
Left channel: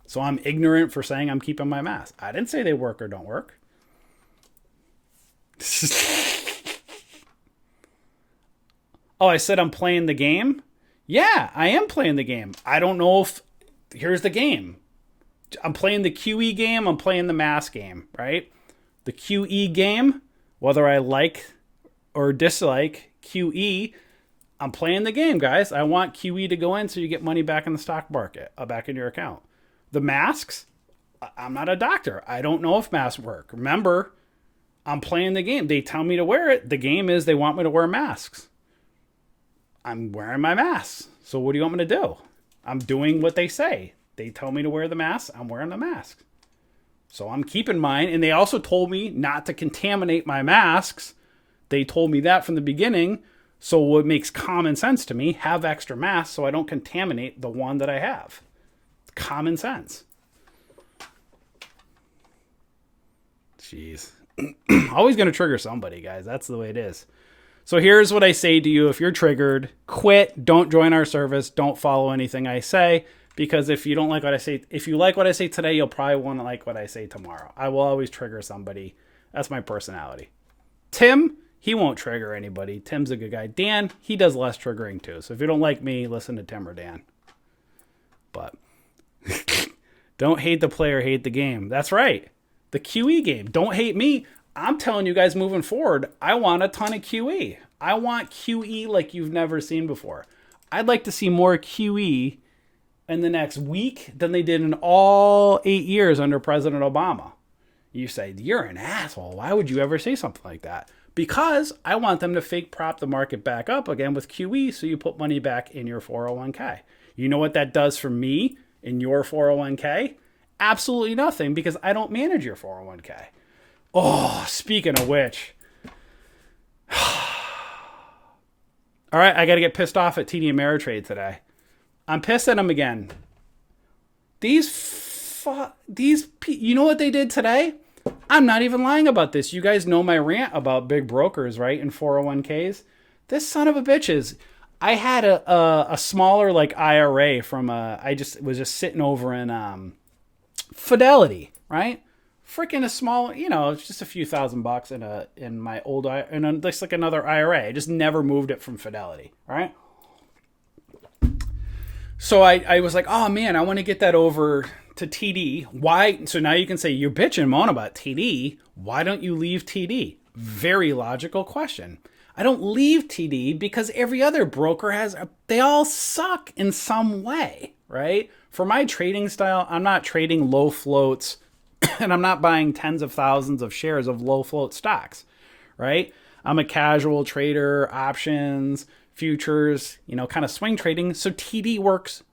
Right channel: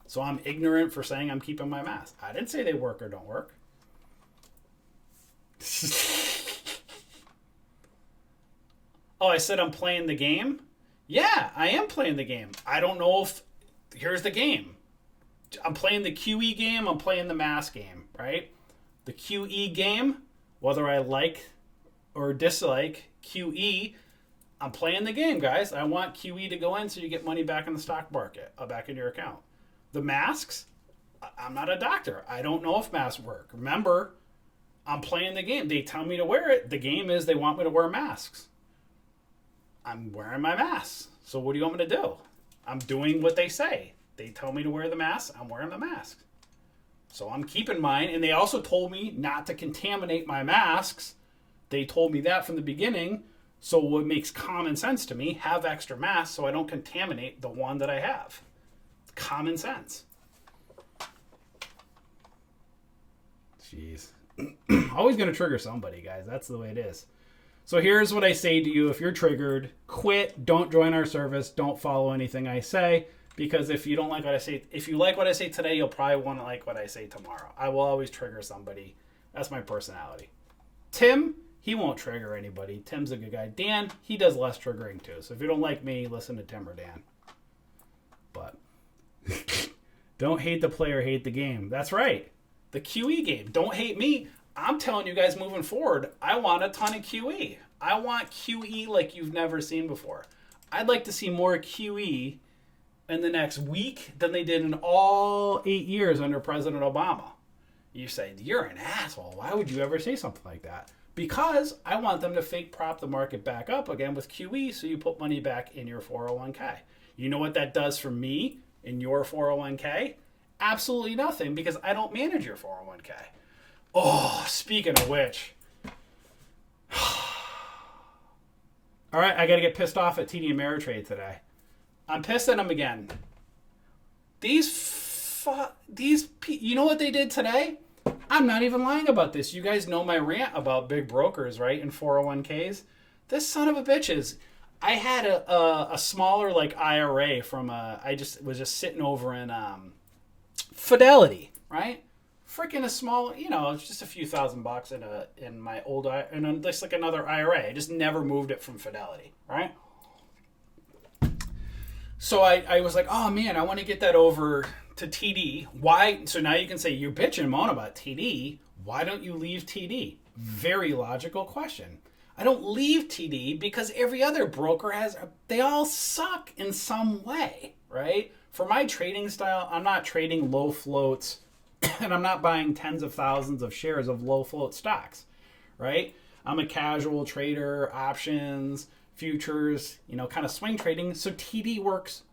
So I'm ignorant for saying I'm keeping my mask. I didn't say they work or don't work. Oh, I said I'm playing the game? Yeah, I am playing the game. I don't know if... Here's the game. I'm playing the QE game. I'm playing the mask game, right? The QE game, whether I like or dislike QE, I'm playing the game, guys. I want QE to go in so you get money back in the stock market, back in your account. The masks, I'm not a doctor. I don't know if masks work. Remember, I'm playing the game. They tell me to wear it. The game is they want me to wear masks. I'm wearing my mask. So what do you want me to do? I'm doing what they say. They tell me to wear the mask. I'm wearing the mask. So I'm keeping mine. And they also told me not to contaminate my masks. They told me that from the beginning. So what makes common sense to me, have extra masks so I don't contaminate the one that I have. Common sense. Jeez. Always going to trigger somebody, guys. That's the way it is. So here's what I say to you. If you're triggered, quit. Don't join our service. Don't follow anything I say. because if you don't like what I say, if you like what I say today, you'll probably want to like what I say tomorrow. I will always trigger somebody. That's my personality. Tim, he won't trigger anybody. Tim's a good guy. Dan, he does less triggering too. So if you don't like me, listen to Tim or Dan. But don't hate the player, hate the game. That's right. The QE game. Don't hate me. I'm telling you guys moving forward, I want a ton of QE. I want QE like you've never seen before. I'd like to see more QE in the next week than they did in all 8 years under President Obama. You say, you're an asshole. Why would you ever say something like that? Because I want them to fake prop the market back up again with QE so you put money back in your 401k. You know what that does for me in your 401k? Absolutely nothing, because I don't manage your 401k. Oh, speaking of which. All right, I got to get pissed off at TD Ameritrade today. I'm pissed at them again. You know what they did today? I'm not even lying about this. You guys know my rant about big brokers, right? And 401ks. This son of a bitches. I had a smaller like IRA from I was just sitting over in Fidelity, right? Freaking a small, it's just a few $1,000 in my old and just like another IRA. I just never moved it from Fidelity, right? So I was like, oh man, I want to get that over to TD. Why? So now you can say you're bitching and moan about TD. Why don't you leave TD? Very logical question. I don't leave TD because every other broker they all suck in some way, right? For my trading style, I'm not trading low floats and I'm not buying tens of thousands of shares of low float stocks, right? I'm a casual trader, options, futures, kind of swing trading. So TD works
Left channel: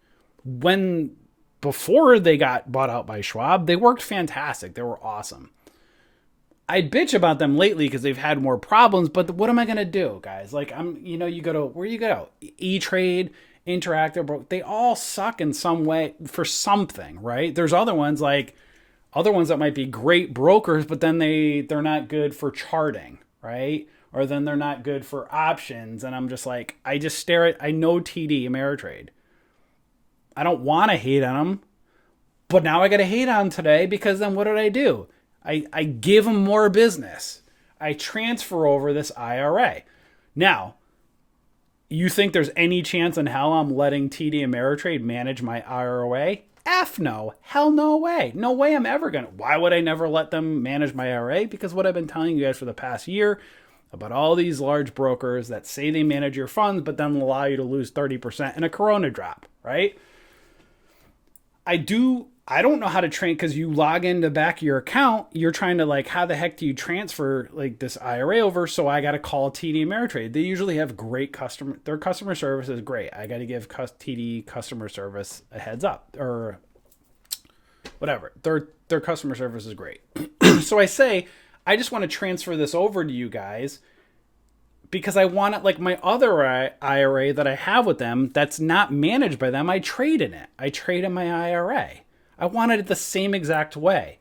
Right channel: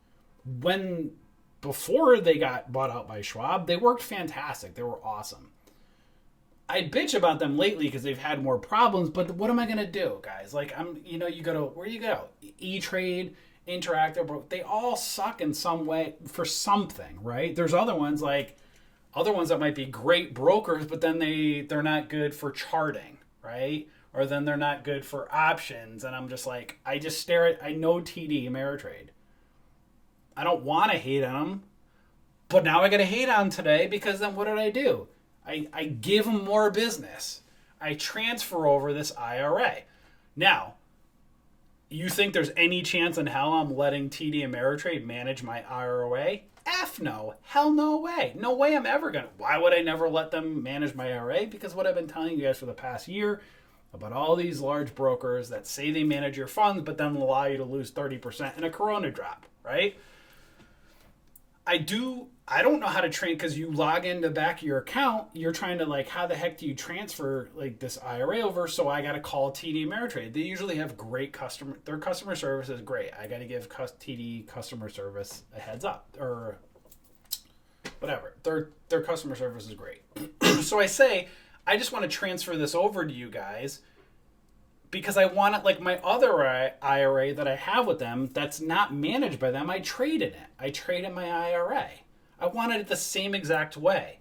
before they got bought out by Schwab, they worked fantastic. They were awesome. I bitch about them lately because they've had more problems, but what am I going to do, guys? Like, you go to, where you go? E-Trade, Interactive, they all suck in some way for something, right? There's other ones that might be great brokers, but then they're not good for charting, right? Or then they're not good for options. And I'm just like, I know TD Ameritrade. I don't want to hate on them, but now I got to hate on them today because then what did I do? I give them more business. I transfer over this IRA. Now, you think there's any chance in hell I'm letting TD Ameritrade manage my IRA? F no. Hell no way. No way I'm ever going to. Why would I never let them manage my IRA? Because what I've been telling you guys for the past year about all these large brokers that say they manage your funds, but then allow you to lose 30% in a Corona drop, right? I don't know how to train because you log in the back of your account. You're trying to how the heck do you transfer this IRA over? So I got to call TD Ameritrade. They usually have great their customer service is great. I got to give TD customer service a heads up or whatever. Their customer service is great. So I say, I just want to transfer this over to you guys because I want it like my other IRA that I have with them that's not managed by them. I trade in it. I trade in my IRA. I wanted it the same exact way.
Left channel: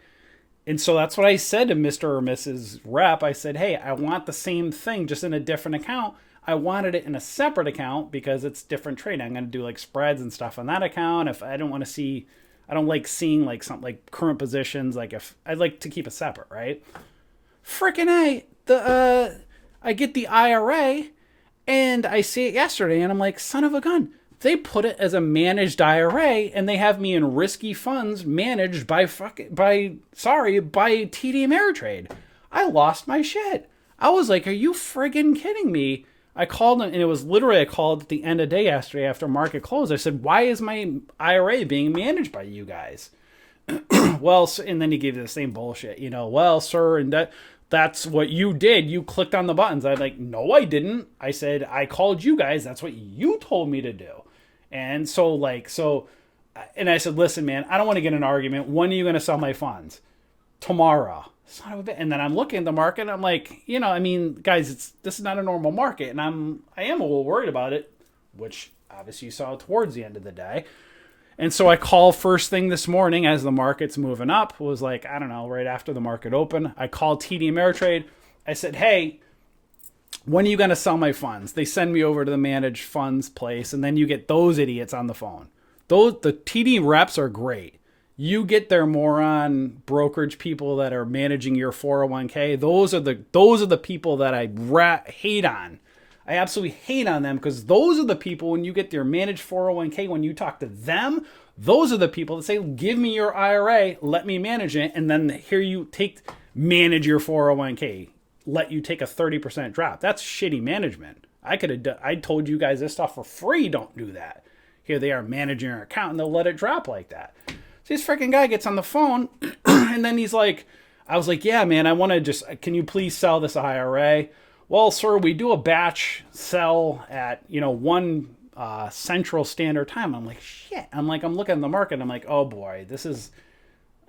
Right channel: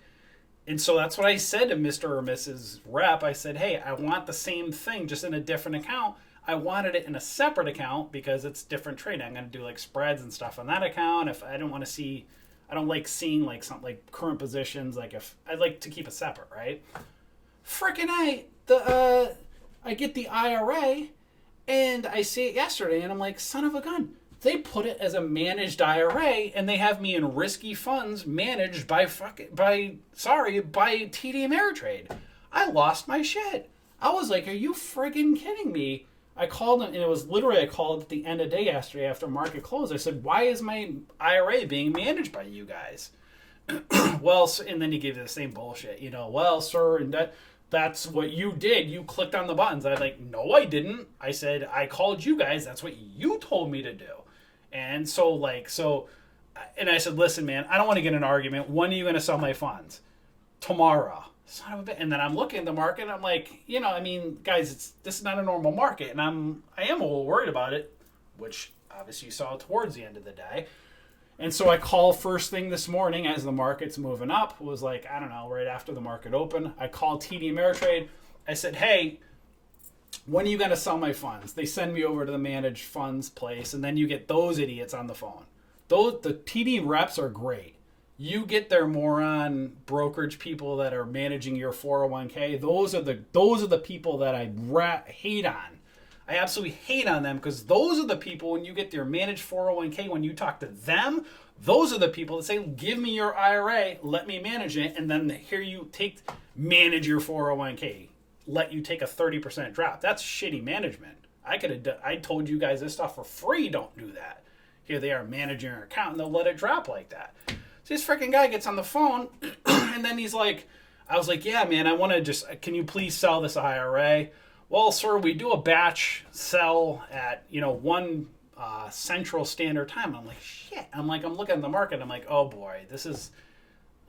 And so that's what I said to Mr. or Mrs. Rep. I said, hey, I want the same thing, just in a different account. I wanted it in a separate account because it's different trading. I'm going to do spreads and stuff on that account. If I don't want to see, I don't like seeing something like current positions. If I'd like to keep it separate, right? Freaking I get the IRA and I see it yesterday and I'm like, son of a gun. They put it as a managed IRA and they have me in risky funds managed by TD Ameritrade. I lost my shit. I was like, are you friggin' kidding me? I called them and it was literally, I called at the end of the day yesterday after market close. I said, why is my IRA being managed by you guys? Well, and then he gave you the same bullshit, well, sir, and that's what you did. You clicked on the buttons. I'm like, no, I didn't. I said, I called you guys. That's what you told me to do. And and I said, listen, man, I don't want to get in an argument. When are you going to sell my funds? Tomorrow. Son of a bitch. And then I'm looking at the market and I'm like, guys, this is not a normal market. And I am a little worried about it, which obviously you saw towards the end of the day. And so I call first thing this morning as the market's moving up. It was right after the market opened. I called TD Ameritrade. I said, hey, when are you going to sell my funds? They send me over to the managed funds place, and then you get those idiots on the phone. The TD reps are great. You get their moron brokerage people that are managing your 401k. Those are the people that I hate on. I absolutely hate on them because those are the people, when you get your managed 401k, when you talk to them, those are the people that say, give me your IRA, let me manage it, and then here you manage your 401k, let you take a 30% drop. That's shitty management. I told you guys this stuff for free. Don't do that. Here they are managing your account and they'll let it drop like that. So this freaking guy gets on the phone and then he's like, I was like, yeah, man, I want to can you please sell this IRA? Well, sir, we do a batch sell at, 1 Central Standard Time. I'm like, shit. I'm looking at the market. I'm like, oh boy, this is,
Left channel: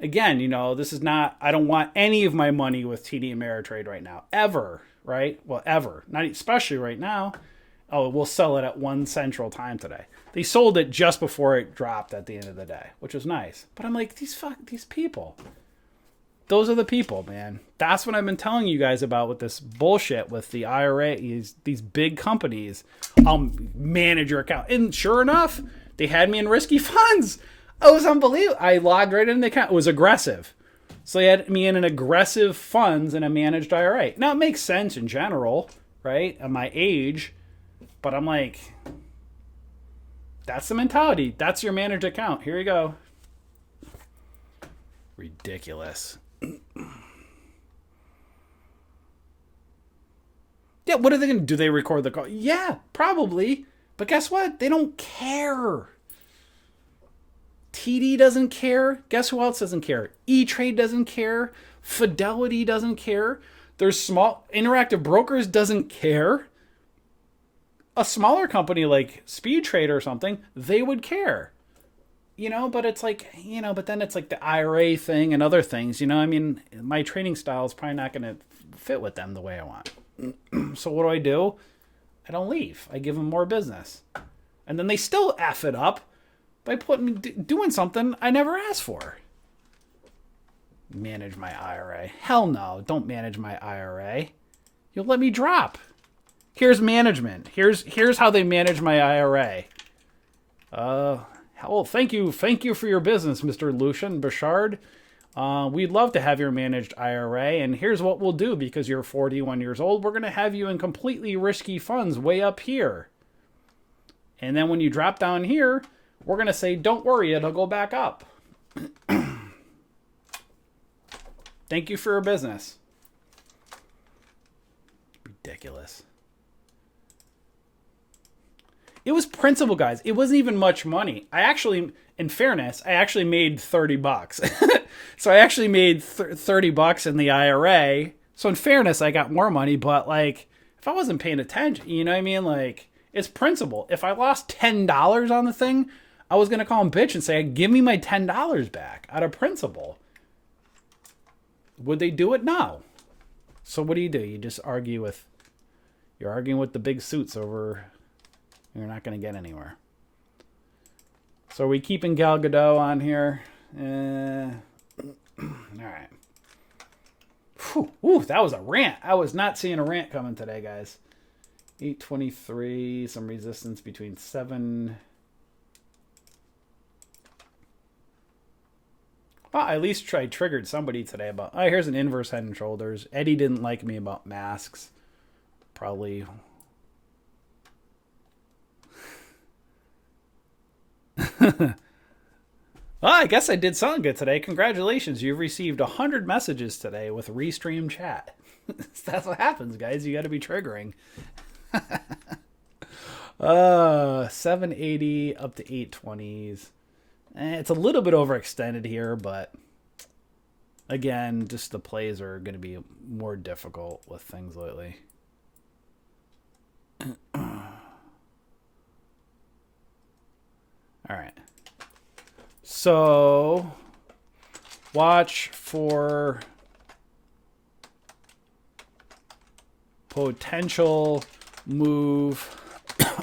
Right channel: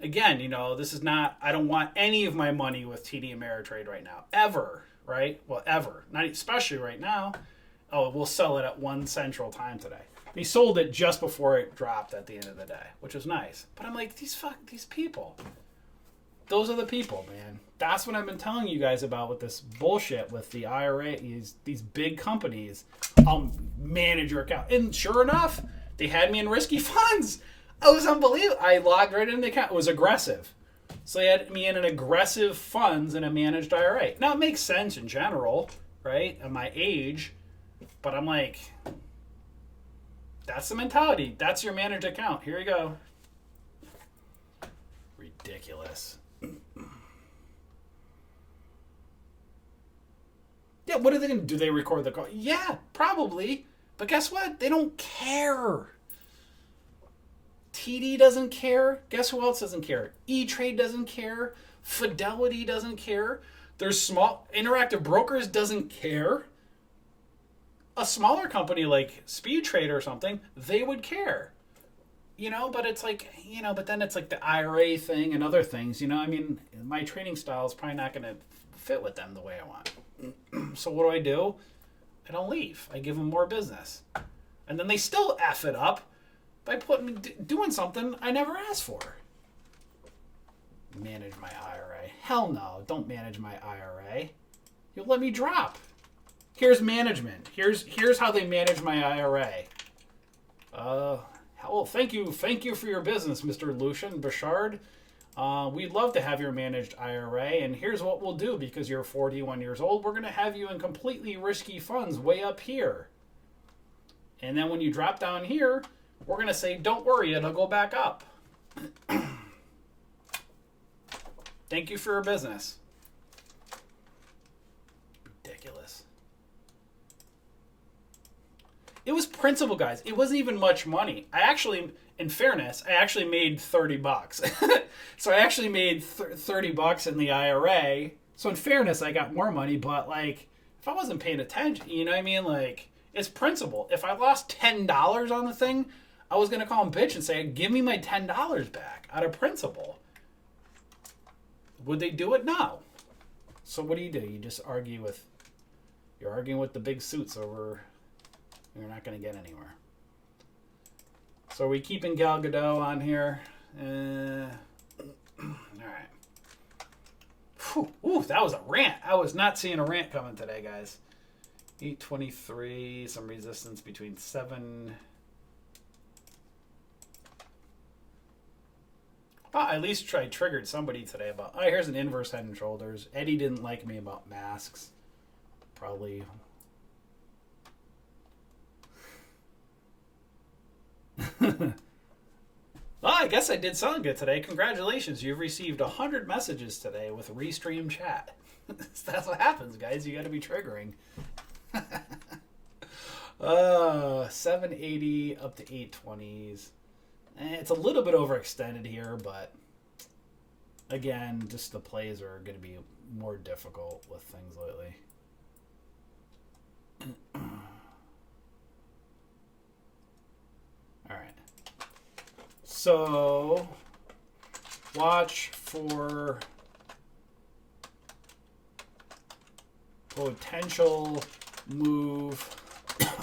again, this is not, I don't want any of my money with TD Ameritrade right now, ever, right? Well, ever, not especially right now. Oh, we'll sell it at 1 Central Time today. They sold it just before it dropped at the end of the day, which was nice. But I'm like, these people. Those are the people, man. That's what I've been telling you guys about with this bullshit with the IRA. These big companies, I'll manage your account. And sure enough, they had me in risky funds. It was unbelievable. I logged right in the account. It was aggressive. So they had me in an aggressive funds and a managed IRA. Now, it makes sense in general, right? At my age. But I'm like, that's the mentality. That's your managed account. Here you go. Ridiculous. Yeah, what are they going to do? Do they record the call? Yeah, probably. But guess what? They don't care. TD doesn't care. Guess who else doesn't care? E-Trade doesn't care. Fidelity doesn't care. There's small Interactive Brokers doesn't care. A smaller company like Speed Trade or something, they would care. But it's like, but then it's like the IRA thing and other things, I mean, my trading style is probably not going to fit with them the way I want. So what do? I don't leave. I give them more business. And then they still F it up by doing something I never asked for. Manage my IRA. Hell no, don't manage my IRA. You'll let me drop. Here's management. Here's how they manage my IRA. Well, thank you for your business, Mr. Lucian Bouchard. We'd love to have your managed IRA, and here's what we'll do because you're 41 years old. We're going to have you in completely risky funds way up here. And then when you drop down here, we're going to say, don't worry, it'll go back up. Thank you for your business. Ridiculous. It was principal, guys. It wasn't even much money. In fairness, I actually made $30. So I actually made $30 in the IRA. So in fairness, I got more money, but if I wasn't paying attention, you know what I mean? It's principal. If I lost $10 on the thing, I was going to call him bitch and say, give me my $10 back out of principal. Would they do it? No. So what do? You just you're arguing with the big suits over. You're not going to get anywhere. So are we keeping Gal Gadot on here? All right. Whew, that was a rant. I was not seeing a rant coming today, guys. 823, some resistance between 7. Well, at least I triggered somebody today about, here's an inverse head and shoulders. Eddie didn't like me about masks. Probably. Well, I guess I did something good today. Congratulations. You've received 100 messages today with Restream Chat. That's what happens, guys. You got to be triggering. 780 up to 820s. It's a little bit overextended here, but again, just the plays are going to be more difficult with things lately. All right. So watch for potential move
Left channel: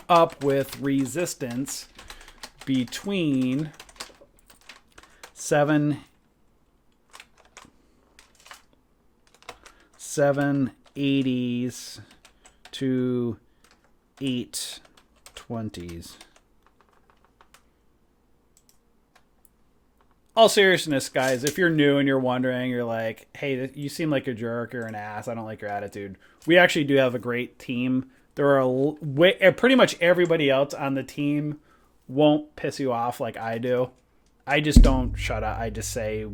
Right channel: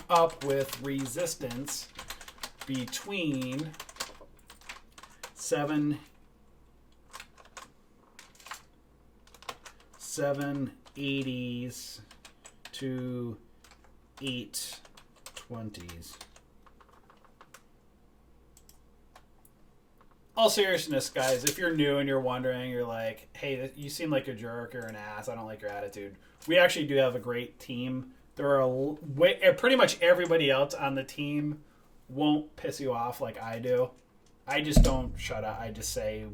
up with resistance between 780s to 820s. all seriousness, guys, if you're new and you're wondering, you're like, hey, you seem like a jerk or an ass. I don't like your attitude. We actually do have a great team. There are pretty much everybody else on the team won't piss you off like I do. I just don't shut up. I just say,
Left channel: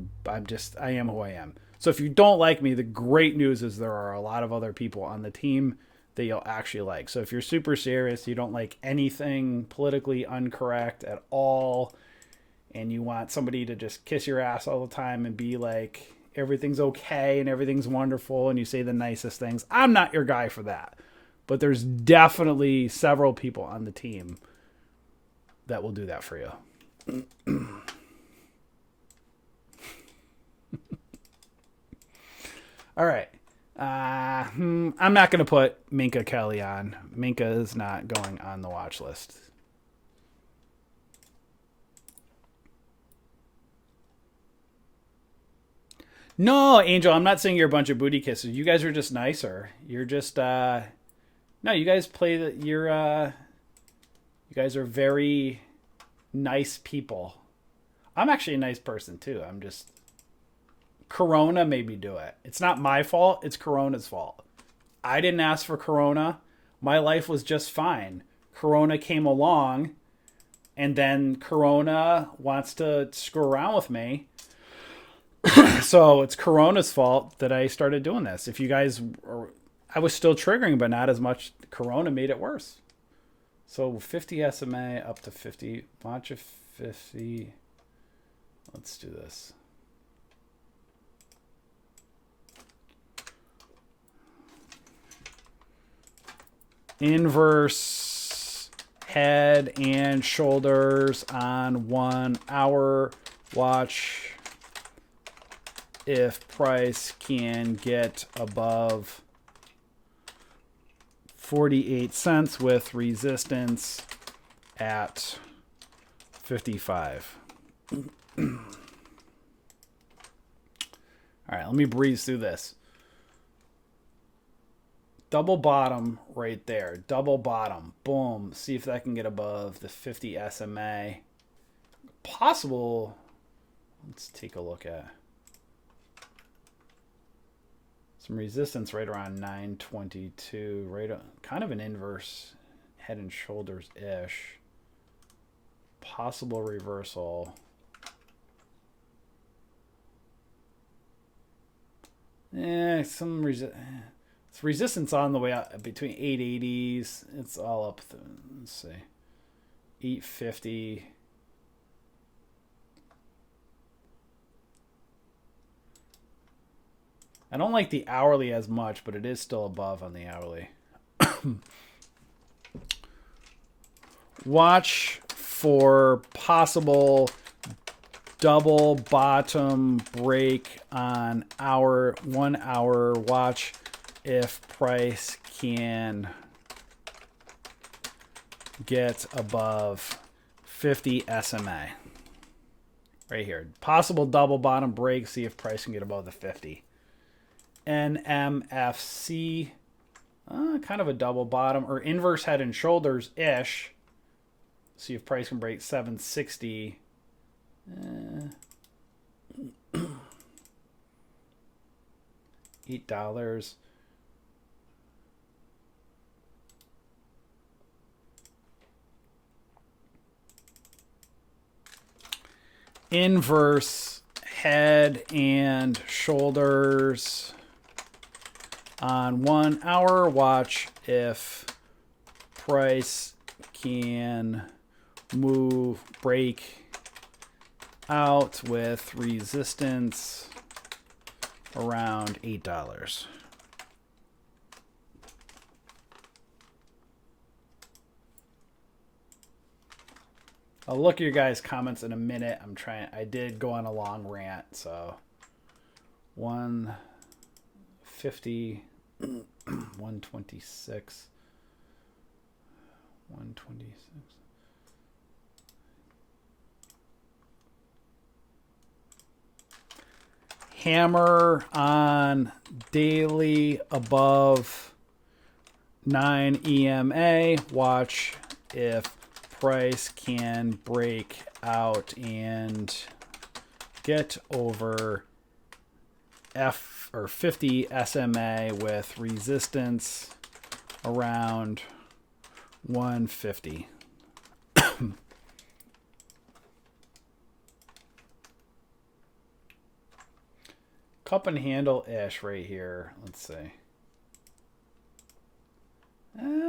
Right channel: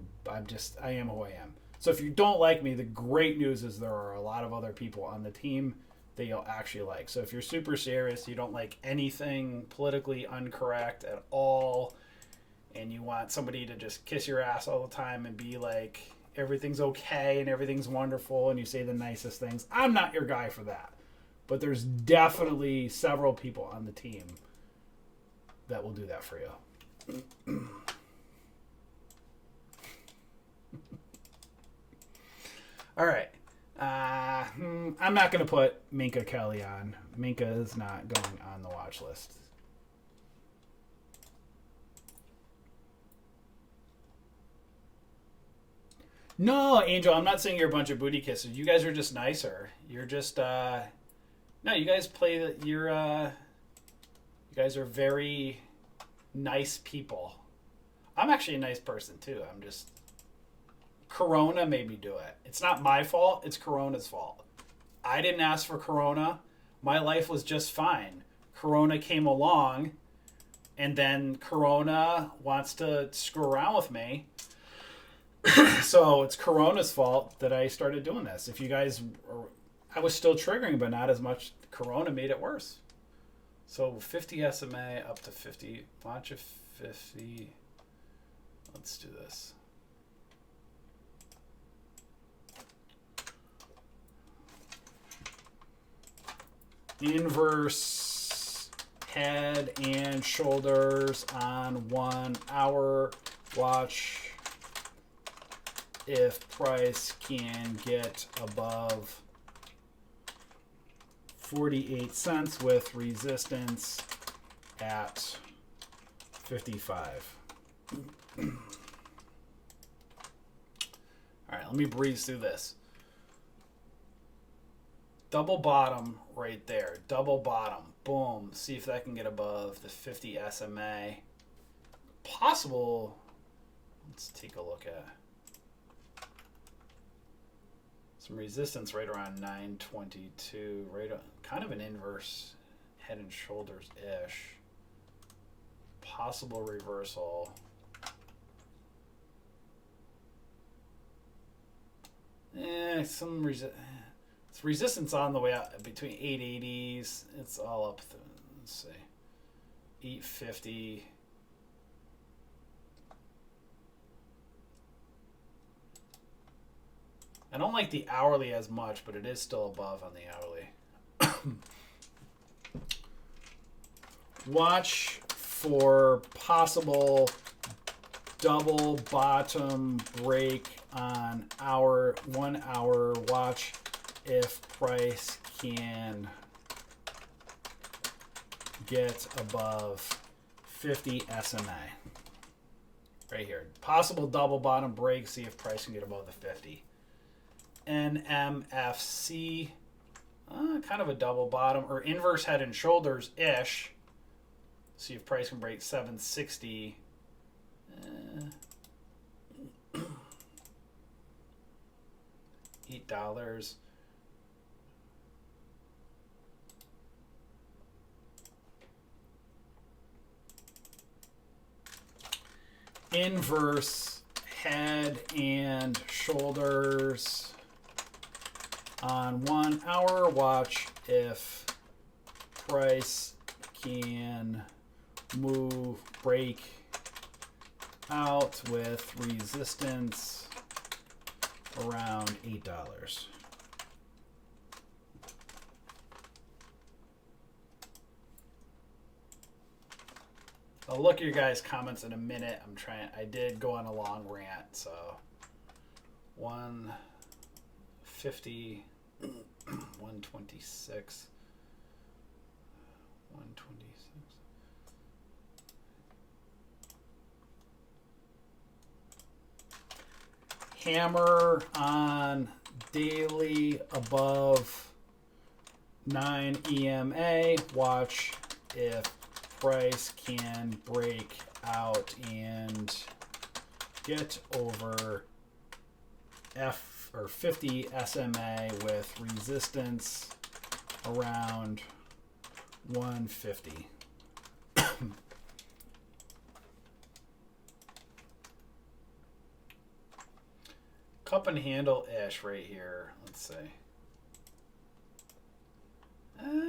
I am who I am. So if you don't like me, the great news is there are a lot of other people on the team that you'll actually like. So if you're super serious, you don't like anything politically incorrect at all, and you want somebody to just kiss your ass all the time and be like, everything's okay and everything's wonderful, and you say the nicest things, I'm not your guy for that. But there's definitely several people on the team that will do that for you. All right. I'm not going to put Minka Kelly on. Minka is not going on the watch list. No, Angel, I'm not saying you're a bunch of booty kisses. You guys are just nicer. You're just no, you guys play the you guys are very nice people. I'm actually a nice person too. I'm just Corona made me do it. It's not my fault. It's Corona's fault. I didn't ask for Corona. My life was just fine. Corona came along, and then Corona wants to screw around with me. So it's Corona's fault that I started doing this. If you guys, I was still triggering, but not as much. Corona made it worse. So 50 SMA up to 50. Watch a 50. Let's do this. Inverse head and shoulders on 1 hour. Watch if price can get above 48 cents with resistance at 55. All right, let me breeze through this. Double bottom right there. Double bottom. Boom. See if that can get above the 50 SMA. Possible. Let's take a look at some resistance right around 922. Right, kind of an inverse head and shoulders ish. Possible reversal. It's resistance on the way out between 880s. It's all up. Let's see. 850. I don't like the hourly as much, but it is still above on the hourly. Watch for possible double bottom break on 1 hour. Watch if price can get above 50 SMA. Right here. Possible double bottom break. See if price can get above the 50. NMFC. Kind of a double bottom or inverse head and shoulders ish. See if price can break 760. $8. Inverse head and shoulders on 1 hour. Watch if price can break out with resistance around $8. I'll look at your guys' comments in a minute. I did go on a long rant, so 150, 126, 126. Hammer on daily above 9 EMA. Watch if price can break out and get over F or 50 SMA with resistance around 150. Cup and handle ish right here. Let's see.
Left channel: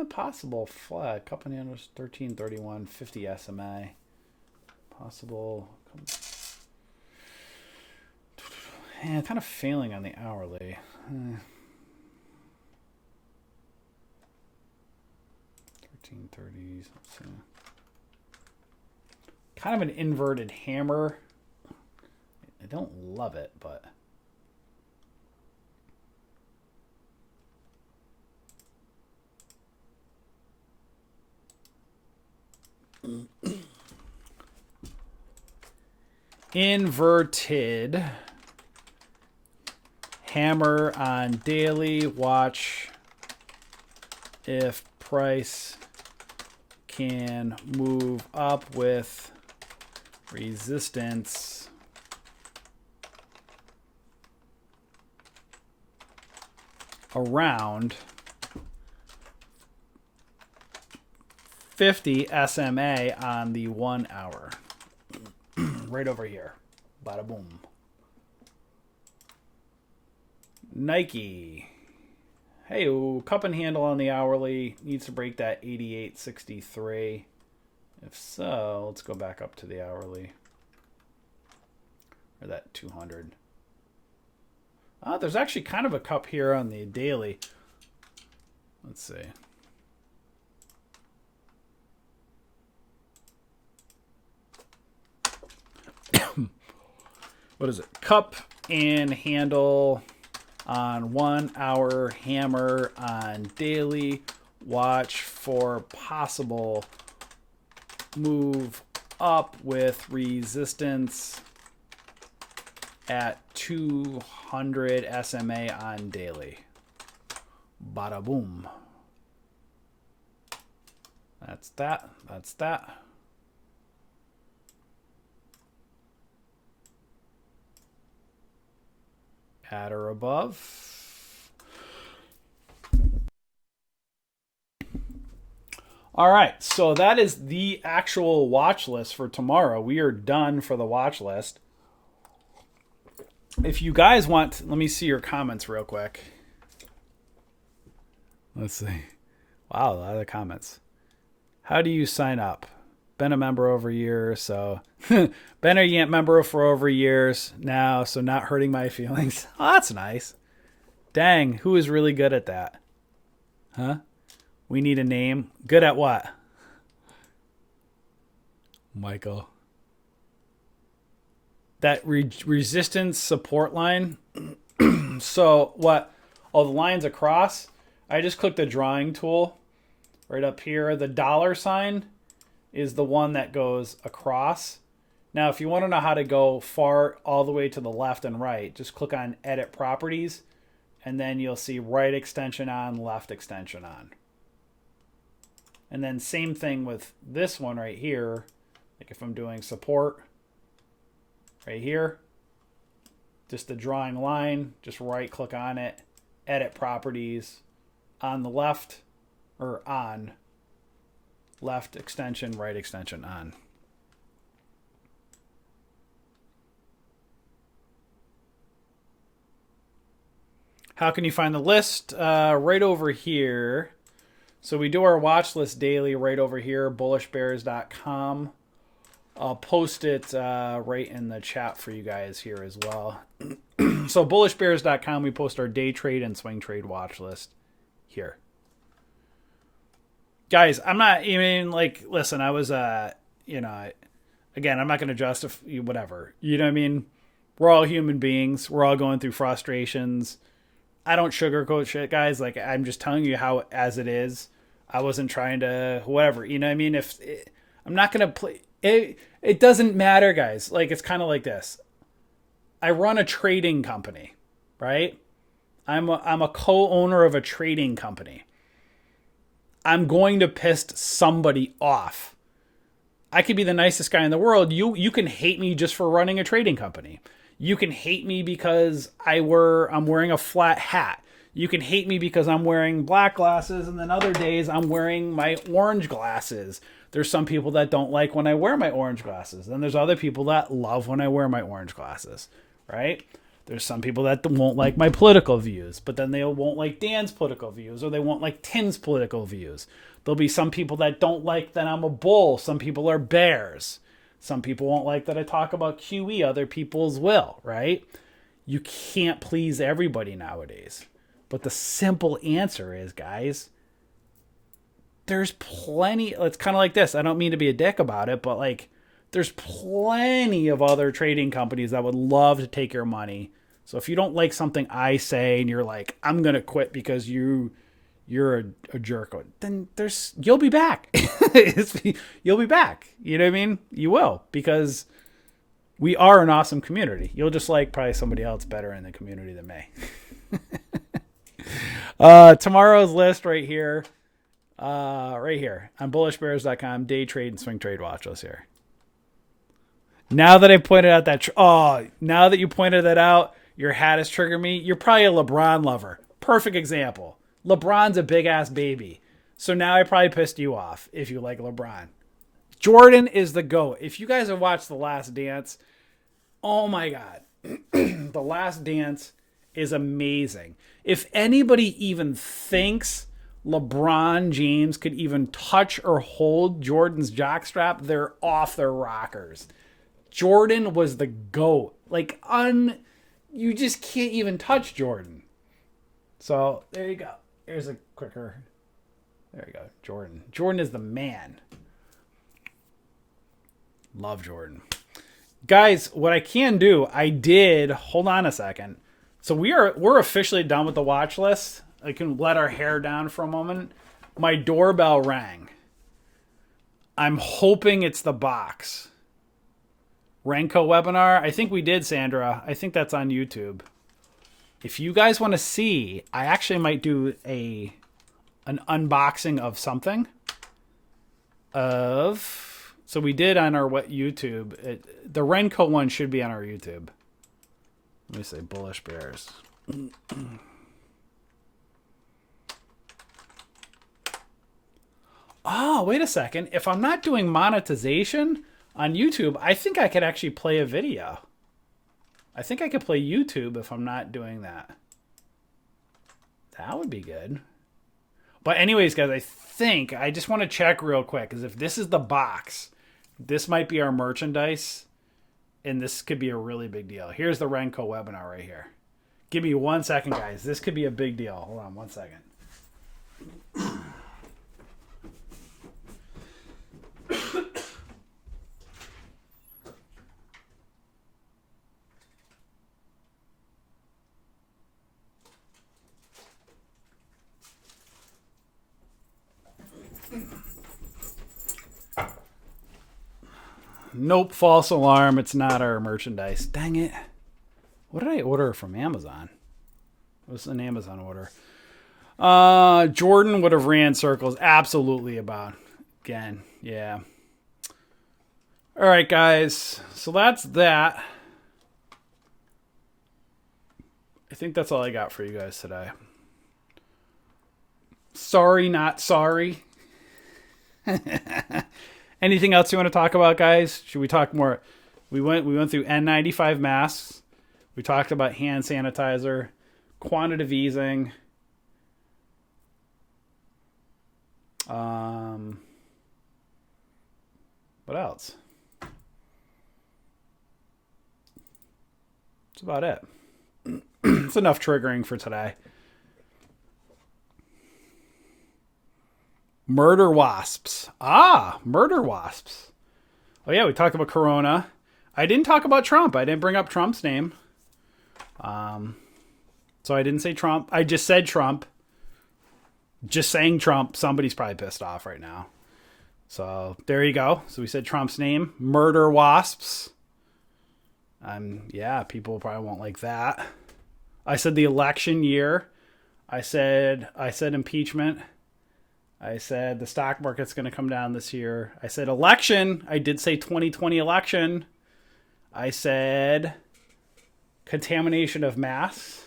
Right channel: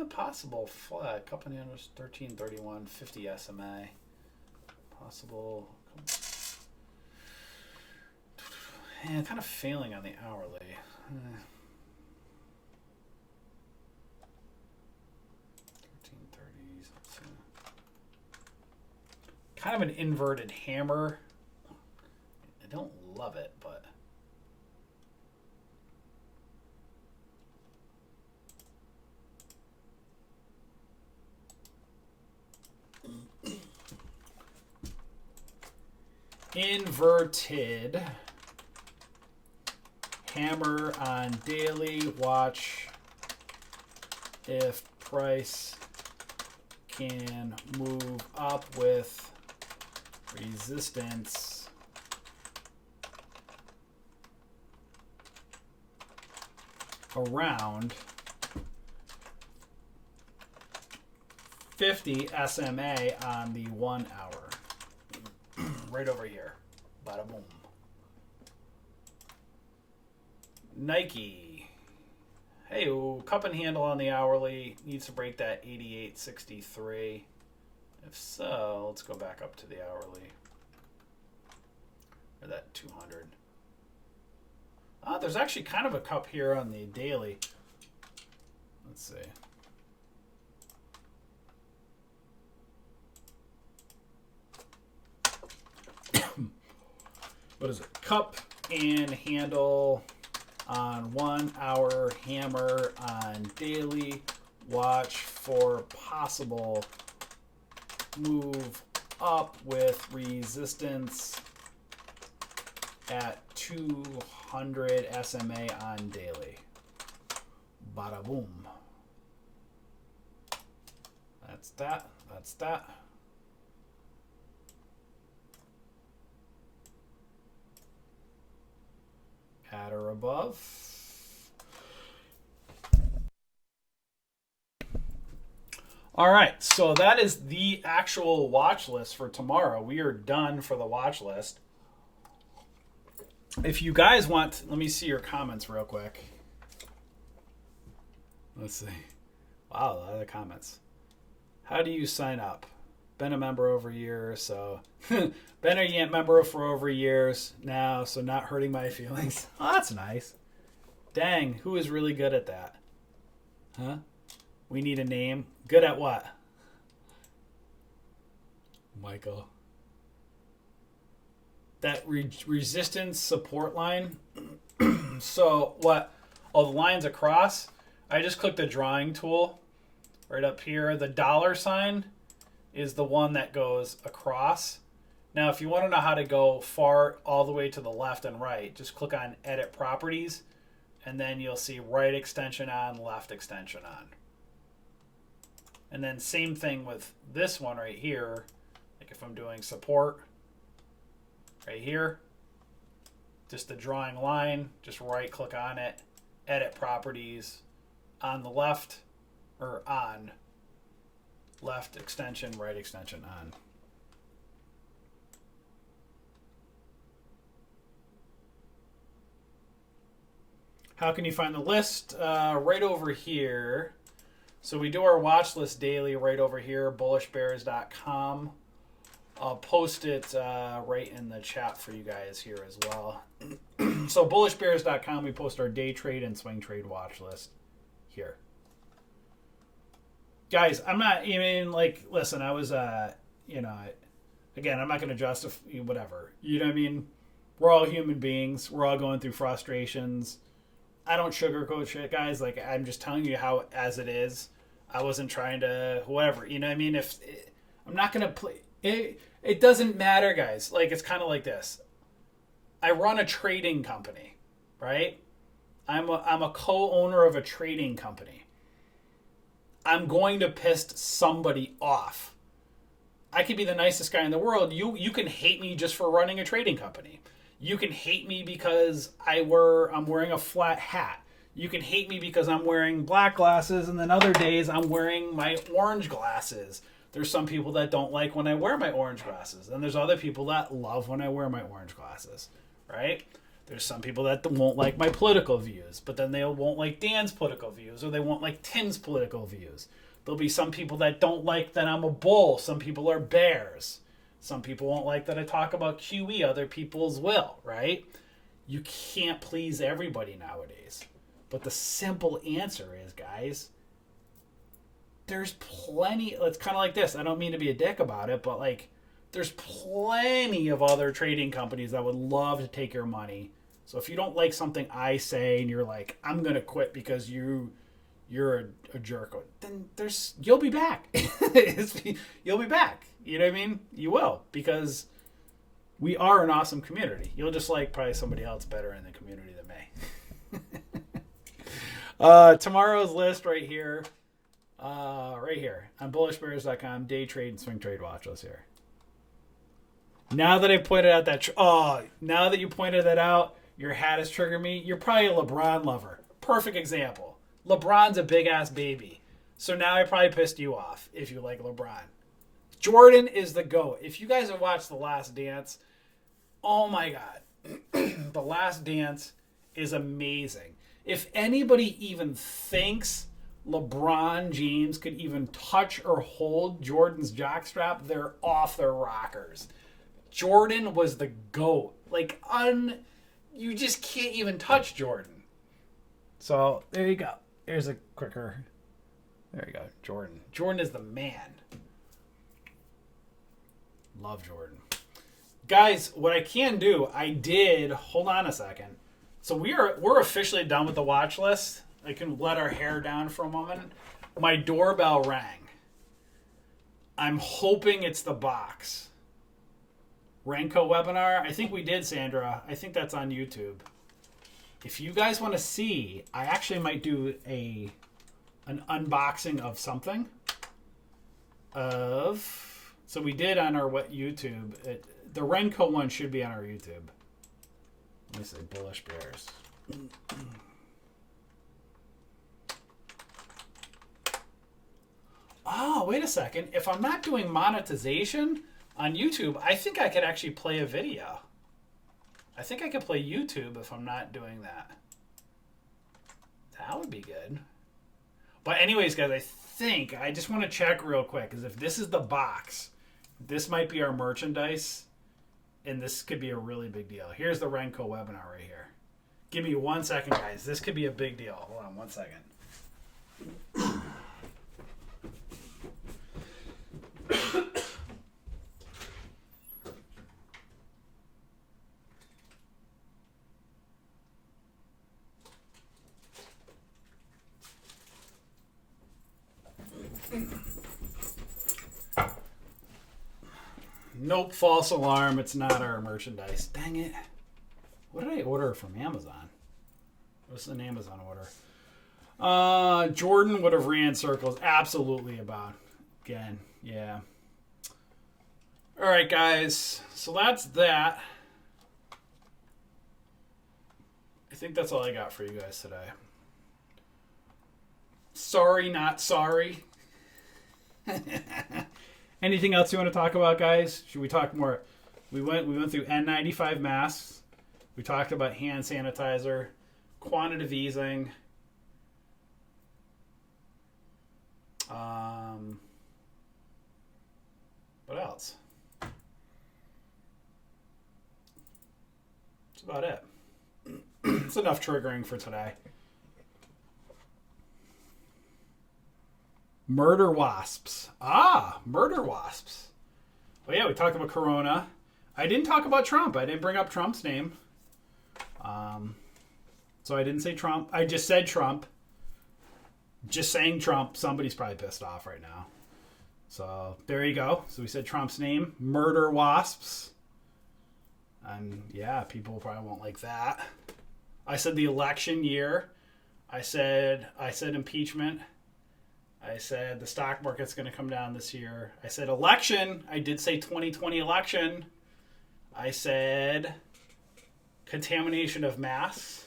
Possible flat. Cup and handle 1331, 50 SMA. Possible. Kind of failing on the hourly. 1330s. Let's see. Kind of an inverted hammer. I don't love it, but. Inverted hammer on daily. Watch if price can move up with resistance around 50 SMA on the 1 hour. Right over here. Bada boom. Nike. Hey, cup and handle on the hourly. Needs to break that 88.63. If so, let's go back up to the hourly. Or that 200. There's actually kind of a cup here on the daily. Let's see. What is it? Cup and handle on 1 hour, hammer on daily. Watch for possible move up with resistance at 200 SMA on daily. Bada boom. That's that. That's that. At or above. All right, so that is the actual watch list for tomorrow. We are done for the watch list. If you guys want, let me see your comments real quick. Let's see. Wow, a lot of comments. How do you sign up? Been a member over years, so been a Yant member for over years now, so not hurting my feelings. Oh, that's nice. Dang, who is really good at that? Huh? We need a name. Good at what? Michael. That resistance support line. So what? Oh, the lines across. I just clicked the drawing tool right up here. The dollar sign is the one that goes across. Now, if you want to know how to go far all the way to the left and right, just click on Edit Properties, and then you'll see right extension on, left extension on. And then same thing with this one right here. Like if I'm doing support right here, just the drawing line, just right click on it, Edit Properties, on the left, or on left extension, right extension on. How can you find the list? Right over here. So we do our watch list daily right over here, bullishbears.com. I'll post it right in the chat for you guys here as well. So bullishbears.com, we post our day trade and swing trade watch list here. Guys, I'm not even like, listen, I was, again, I'm not going to justify whatever. You know what I mean? We're all human beings. We're all going through frustrations. I don't sugarcoat shit, guys. Like, I'm just telling you how, as it is. I wasn't trying to, whatever. You know what I mean? I'm not going to play. It doesn't matter, guys. Like, it's kind of like this. I run a trading company, right? I'm a co-owner of a trading company. I'm going to piss somebody off. I could be the nicest guy in the world. You can hate me just for running a trading company. You can hate me because I'm wearing a flat hat. You can hate me because I'm wearing black glasses, and then other days I'm wearing my orange glasses. There's some people that don't like when I wear my orange glasses. And there's other people that love when I wear my orange glasses, right? There's some people that won't like my political views, but then they won't like Dan's political views, or they won't like Tim's political views. There'll be some people that don't like that I'm a bull. Some people are bears. Some people won't like that I talk about QE. Other people's will, right? You can't please everybody nowadays. But the simple answer is, guys, there's plenty. It's kind of like this. I don't mean to be a dick about it, but like, there's plenty of other trading companies that would love to take your money. So if you don't like something I say and you're like, I'm going to quit because you're a jerk, then you'll be back. You'll be back. You know what I mean? You will, because we are an awesome community. You'll just like probably somebody else better in the community than me. Tomorrow's list right here on bullishbears.com, day trade and swing trade watch list here. Now that I pointed out now that you pointed that out, your hat has triggered me. You're probably a LeBron lover. Perfect example. LeBron's a big ass baby. So now I probably pissed you off if you like LeBron. Jordan is the GOAT. If you guys have watched The Last Dance, oh my God. The Last Dance is amazing. If anybody even thinks LeBron James could even touch or hold Jordan's jockstrap, they're off their rockers. Jordan was the GOAT. You just can't even touch Jordan. So there you go. Here's a quicker. There you go. Jordan. Jordan is the man. Love Jordan. Guys, what I can do, hold on a second. So we're officially done with the watch list. I can let our hair down for a moment. My doorbell rang. I'm hoping it's the box. Renko webinar. I think we did, Sandra. I think that's on YouTube. If you guys want to see, I actually might do an unboxing of something. So we did on our YouTube. The Renko one should be on our YouTube. Let me say Bullish Bears. Oh, wait a second. If I'm not doing monetization on YouTube, I think I could actually play a video. I think I could play YouTube if I'm not doing that. That would be good. But anyways, guys, I just want to check real quick, because if this is the box, this might be our merchandise, and this could be a really big deal. Here's the Renko webinar right here. Give me 1 second, guys. This could be a big deal. Hold on 1 second. Nope, false alarm. It's not our merchandise. Dang it. What did I order from Amazon? What's an Amazon order? Jordan would have ran circles. Absolutely about. Again, yeah. All right, guys. So that's that. I think that's all I got for you guys today. Sorry, not sorry. Anything else you want to talk about, guys? Should we talk more? We went through N95 masks. We talked about hand sanitizer, quantitative easing. What else? That's about it. It's enough triggering for today. Murder wasps. Murder wasps. Oh yeah, we talked about Corona. I didn't talk about Trump. I didn't bring up Trump's name. So I didn't say Trump. I just said Trump. Just saying Trump. Somebody's probably pissed off right now. So there you go. So we said Trump's name. Murder wasps. Yeah, people probably won't like that. I said the election year. I said impeachment. I said the stock market's going to come down this year. I said election. I did say 2020 election. I said contamination of masks.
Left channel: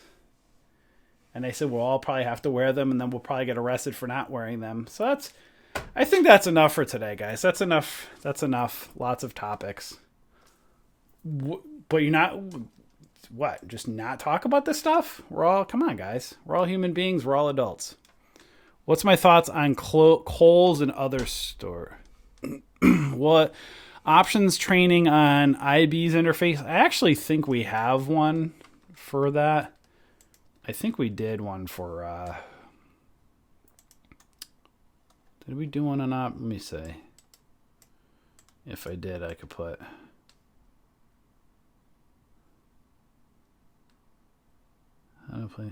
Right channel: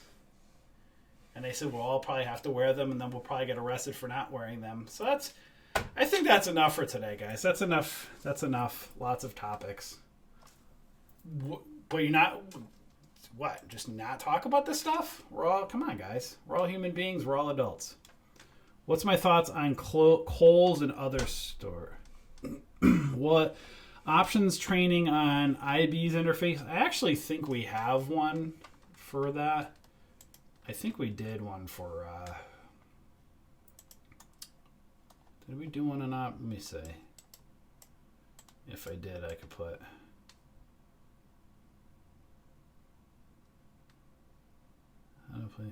And they said we'll all probably have to wear them, and then we'll probably get arrested for not wearing them. So I think that's enough for today, guys. That's enough. That's enough. Lots of topics. But you're not, what? Just not talk about this stuff? Come on, guys. We're all human beings. We're all adults. What's my thoughts on Kohl's and other store? What options training on IB's interface? I actually think we have one for that. I think we did one for. Did we do one or not? Let me see. If I did, I could put. How to play?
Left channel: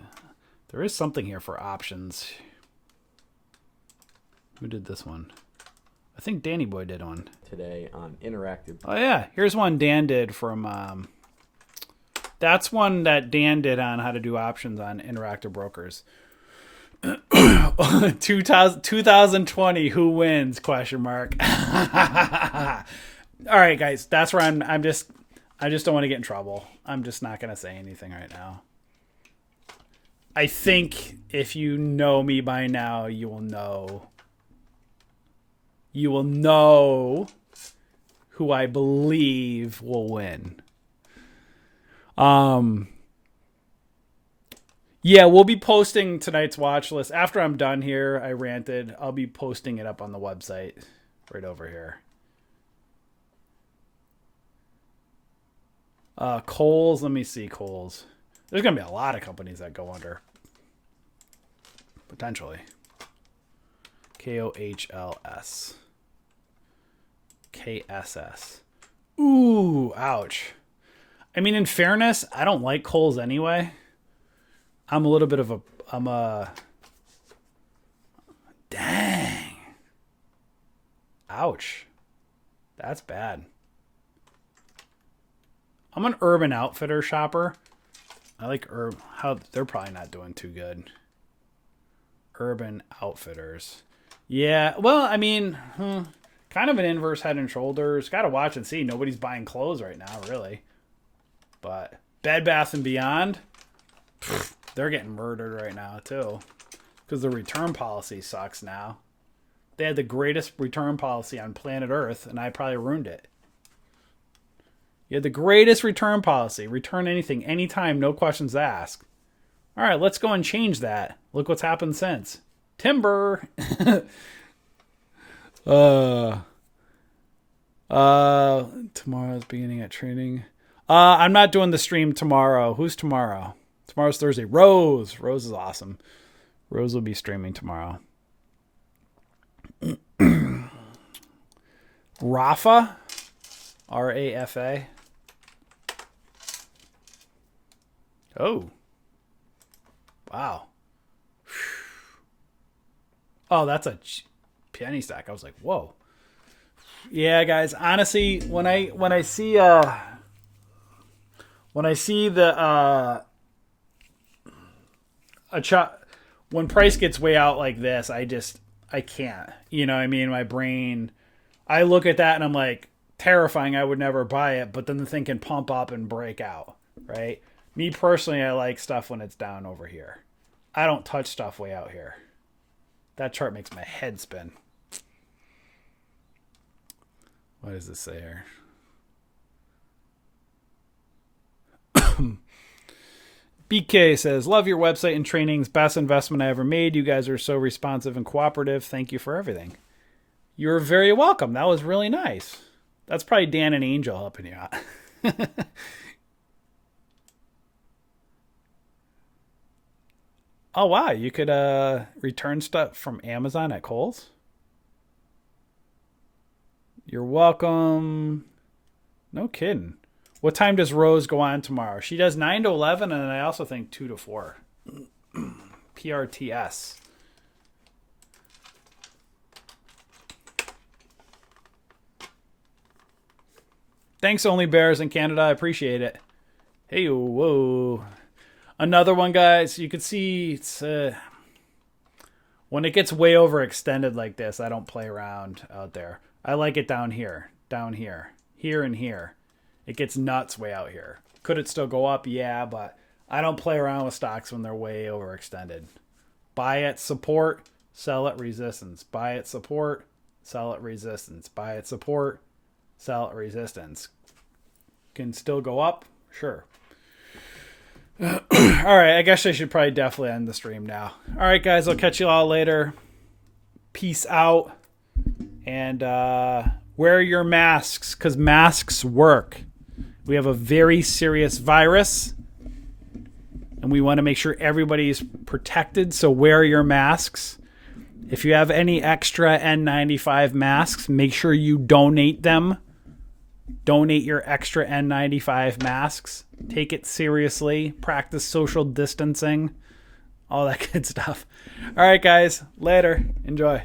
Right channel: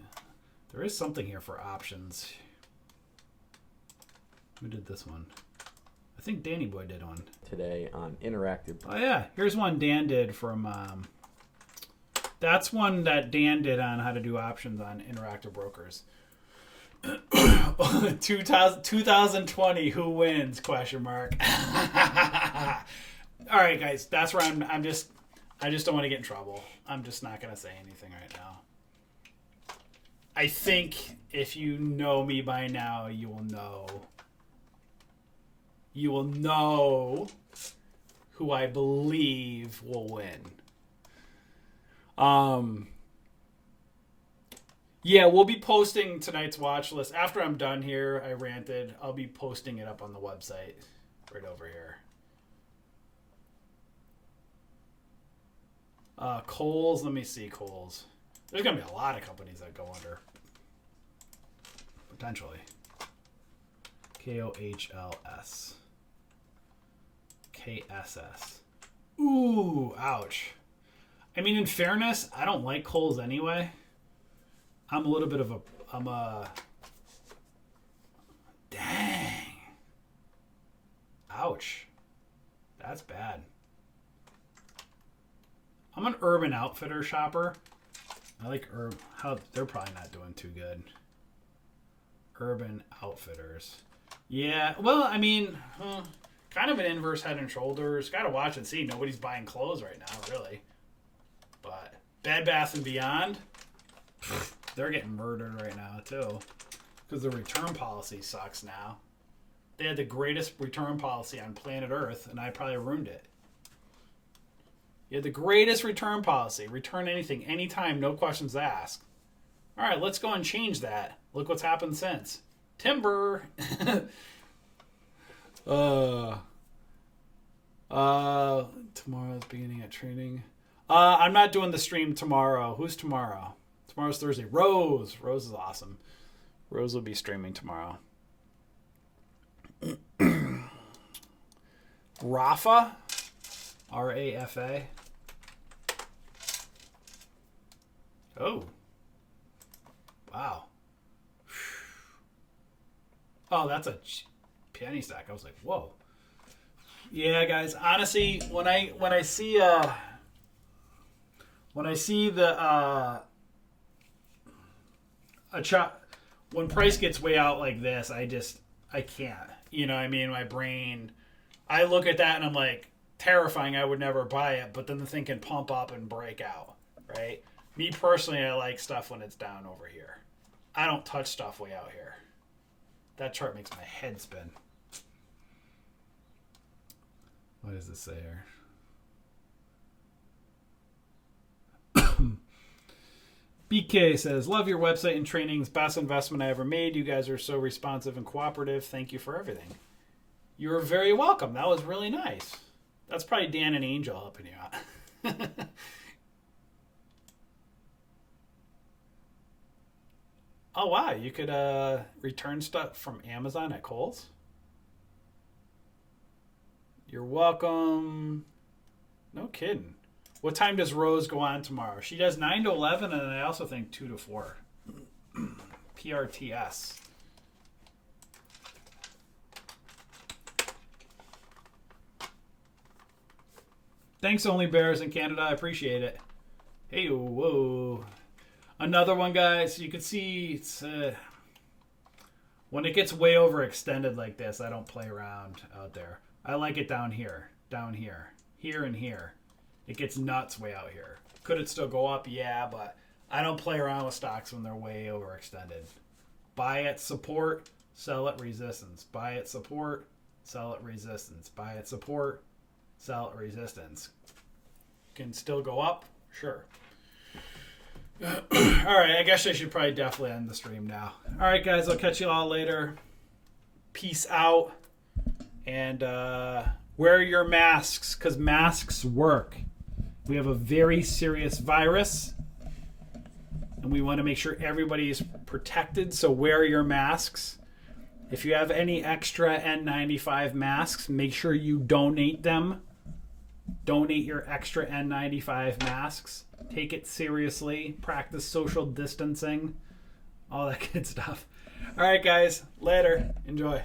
There is something here for options. Who did this one? I think Danny Boy did one. Today on Interactive. Oh, yeah. Here's one Dan did from... that's one that Dan did on how to do options on Interactive Brokers. 2020, who wins? Question mark. All right, guys. That's where I just don't want to get in trouble. I'm just not going to say anything right now. I think if you know me by now, you will know who I believe will win. Yeah, we'll be posting tonight's watch list. After I'm done here, I ranted. I'll be posting it up on the website right over here. Kohl's, let me see Kohl's. There's going to be a lot of companies that go under. Potentially. KOHLS. KSS. Ooh, ouch. I mean, in fairness, I don't like Kohl's anyway. I'm a little bit of a... Dang. Ouch. That's bad. I'm an Urban Outfitter shopper. I like how they're probably not doing too good. Urban Outfitters. Yeah, well, I mean, kind of an inverse Head and Shoulders. Got to watch and see. Nobody's buying clothes right now, really. But Bed Bath & Beyond, they're getting murdered right now, too. Because the return policy sucks now. They had the greatest return policy on planet Earth, and I probably ruined it. You had the greatest return policy. Return anything, anytime, no questions asked. All right, let's go and change that. Look what's happened since. Timber. Tomorrow's beginning at training. I'm not doing the stream tomorrow. Who's tomorrow? Tomorrow's Thursday. Rose. Rose is awesome. Rose will be streaming tomorrow. Rafa. RAFA. Oh. Wow. Oh, that's a penny stack. I was like, whoa. Yeah, guys. Honestly, when I see the when price gets way out like this, I can't. You know what I mean? My brain, I look at that and I'm like, terrifying. I would never buy it, but then the thing can pump up and break out, right? Me personally, I like stuff when it's down over here. I don't touch stuff way out here. That chart makes my head spin. What does this say here? BK says, love your website and trainings. Best investment I ever made. You guys are so responsive and cooperative. Thank you for everything. You're very welcome. That was really nice. That's probably Dan and Angel helping you out. Oh, wow. You could return stuff from Amazon at Kohl's? You're welcome. No kidding. What time does Rose go on tomorrow? She does 9 to 11, and I also think 2 to 4. PRTS. Thanks, Only Bears in Canada. I appreciate it. Hey, whoa. Another one, guys. You can see it's When it gets way overextended like this, I don't play around out there. I like it down here, here and here. It gets nuts way out here. Could it still go up? Yeah, but I don't play around with stocks when they're way overextended. Buy at support, sell at resistance. Buy at support, sell at resistance. Buy at support, sell at resistance. Can still go up? Sure. All right, I guess I should probably definitely end the stream now. All right, guys, I'll catch you all later. Peace out. And wear your masks, because masks work. We have a very serious virus, and we want to make sure everybody's protected, so wear your masks. If you have any extra N95 masks, make sure you donate them. Donate your extra N95 masks. Take it seriously. Practice social distancing. All that good stuff. All right, guys. Later. Enjoy.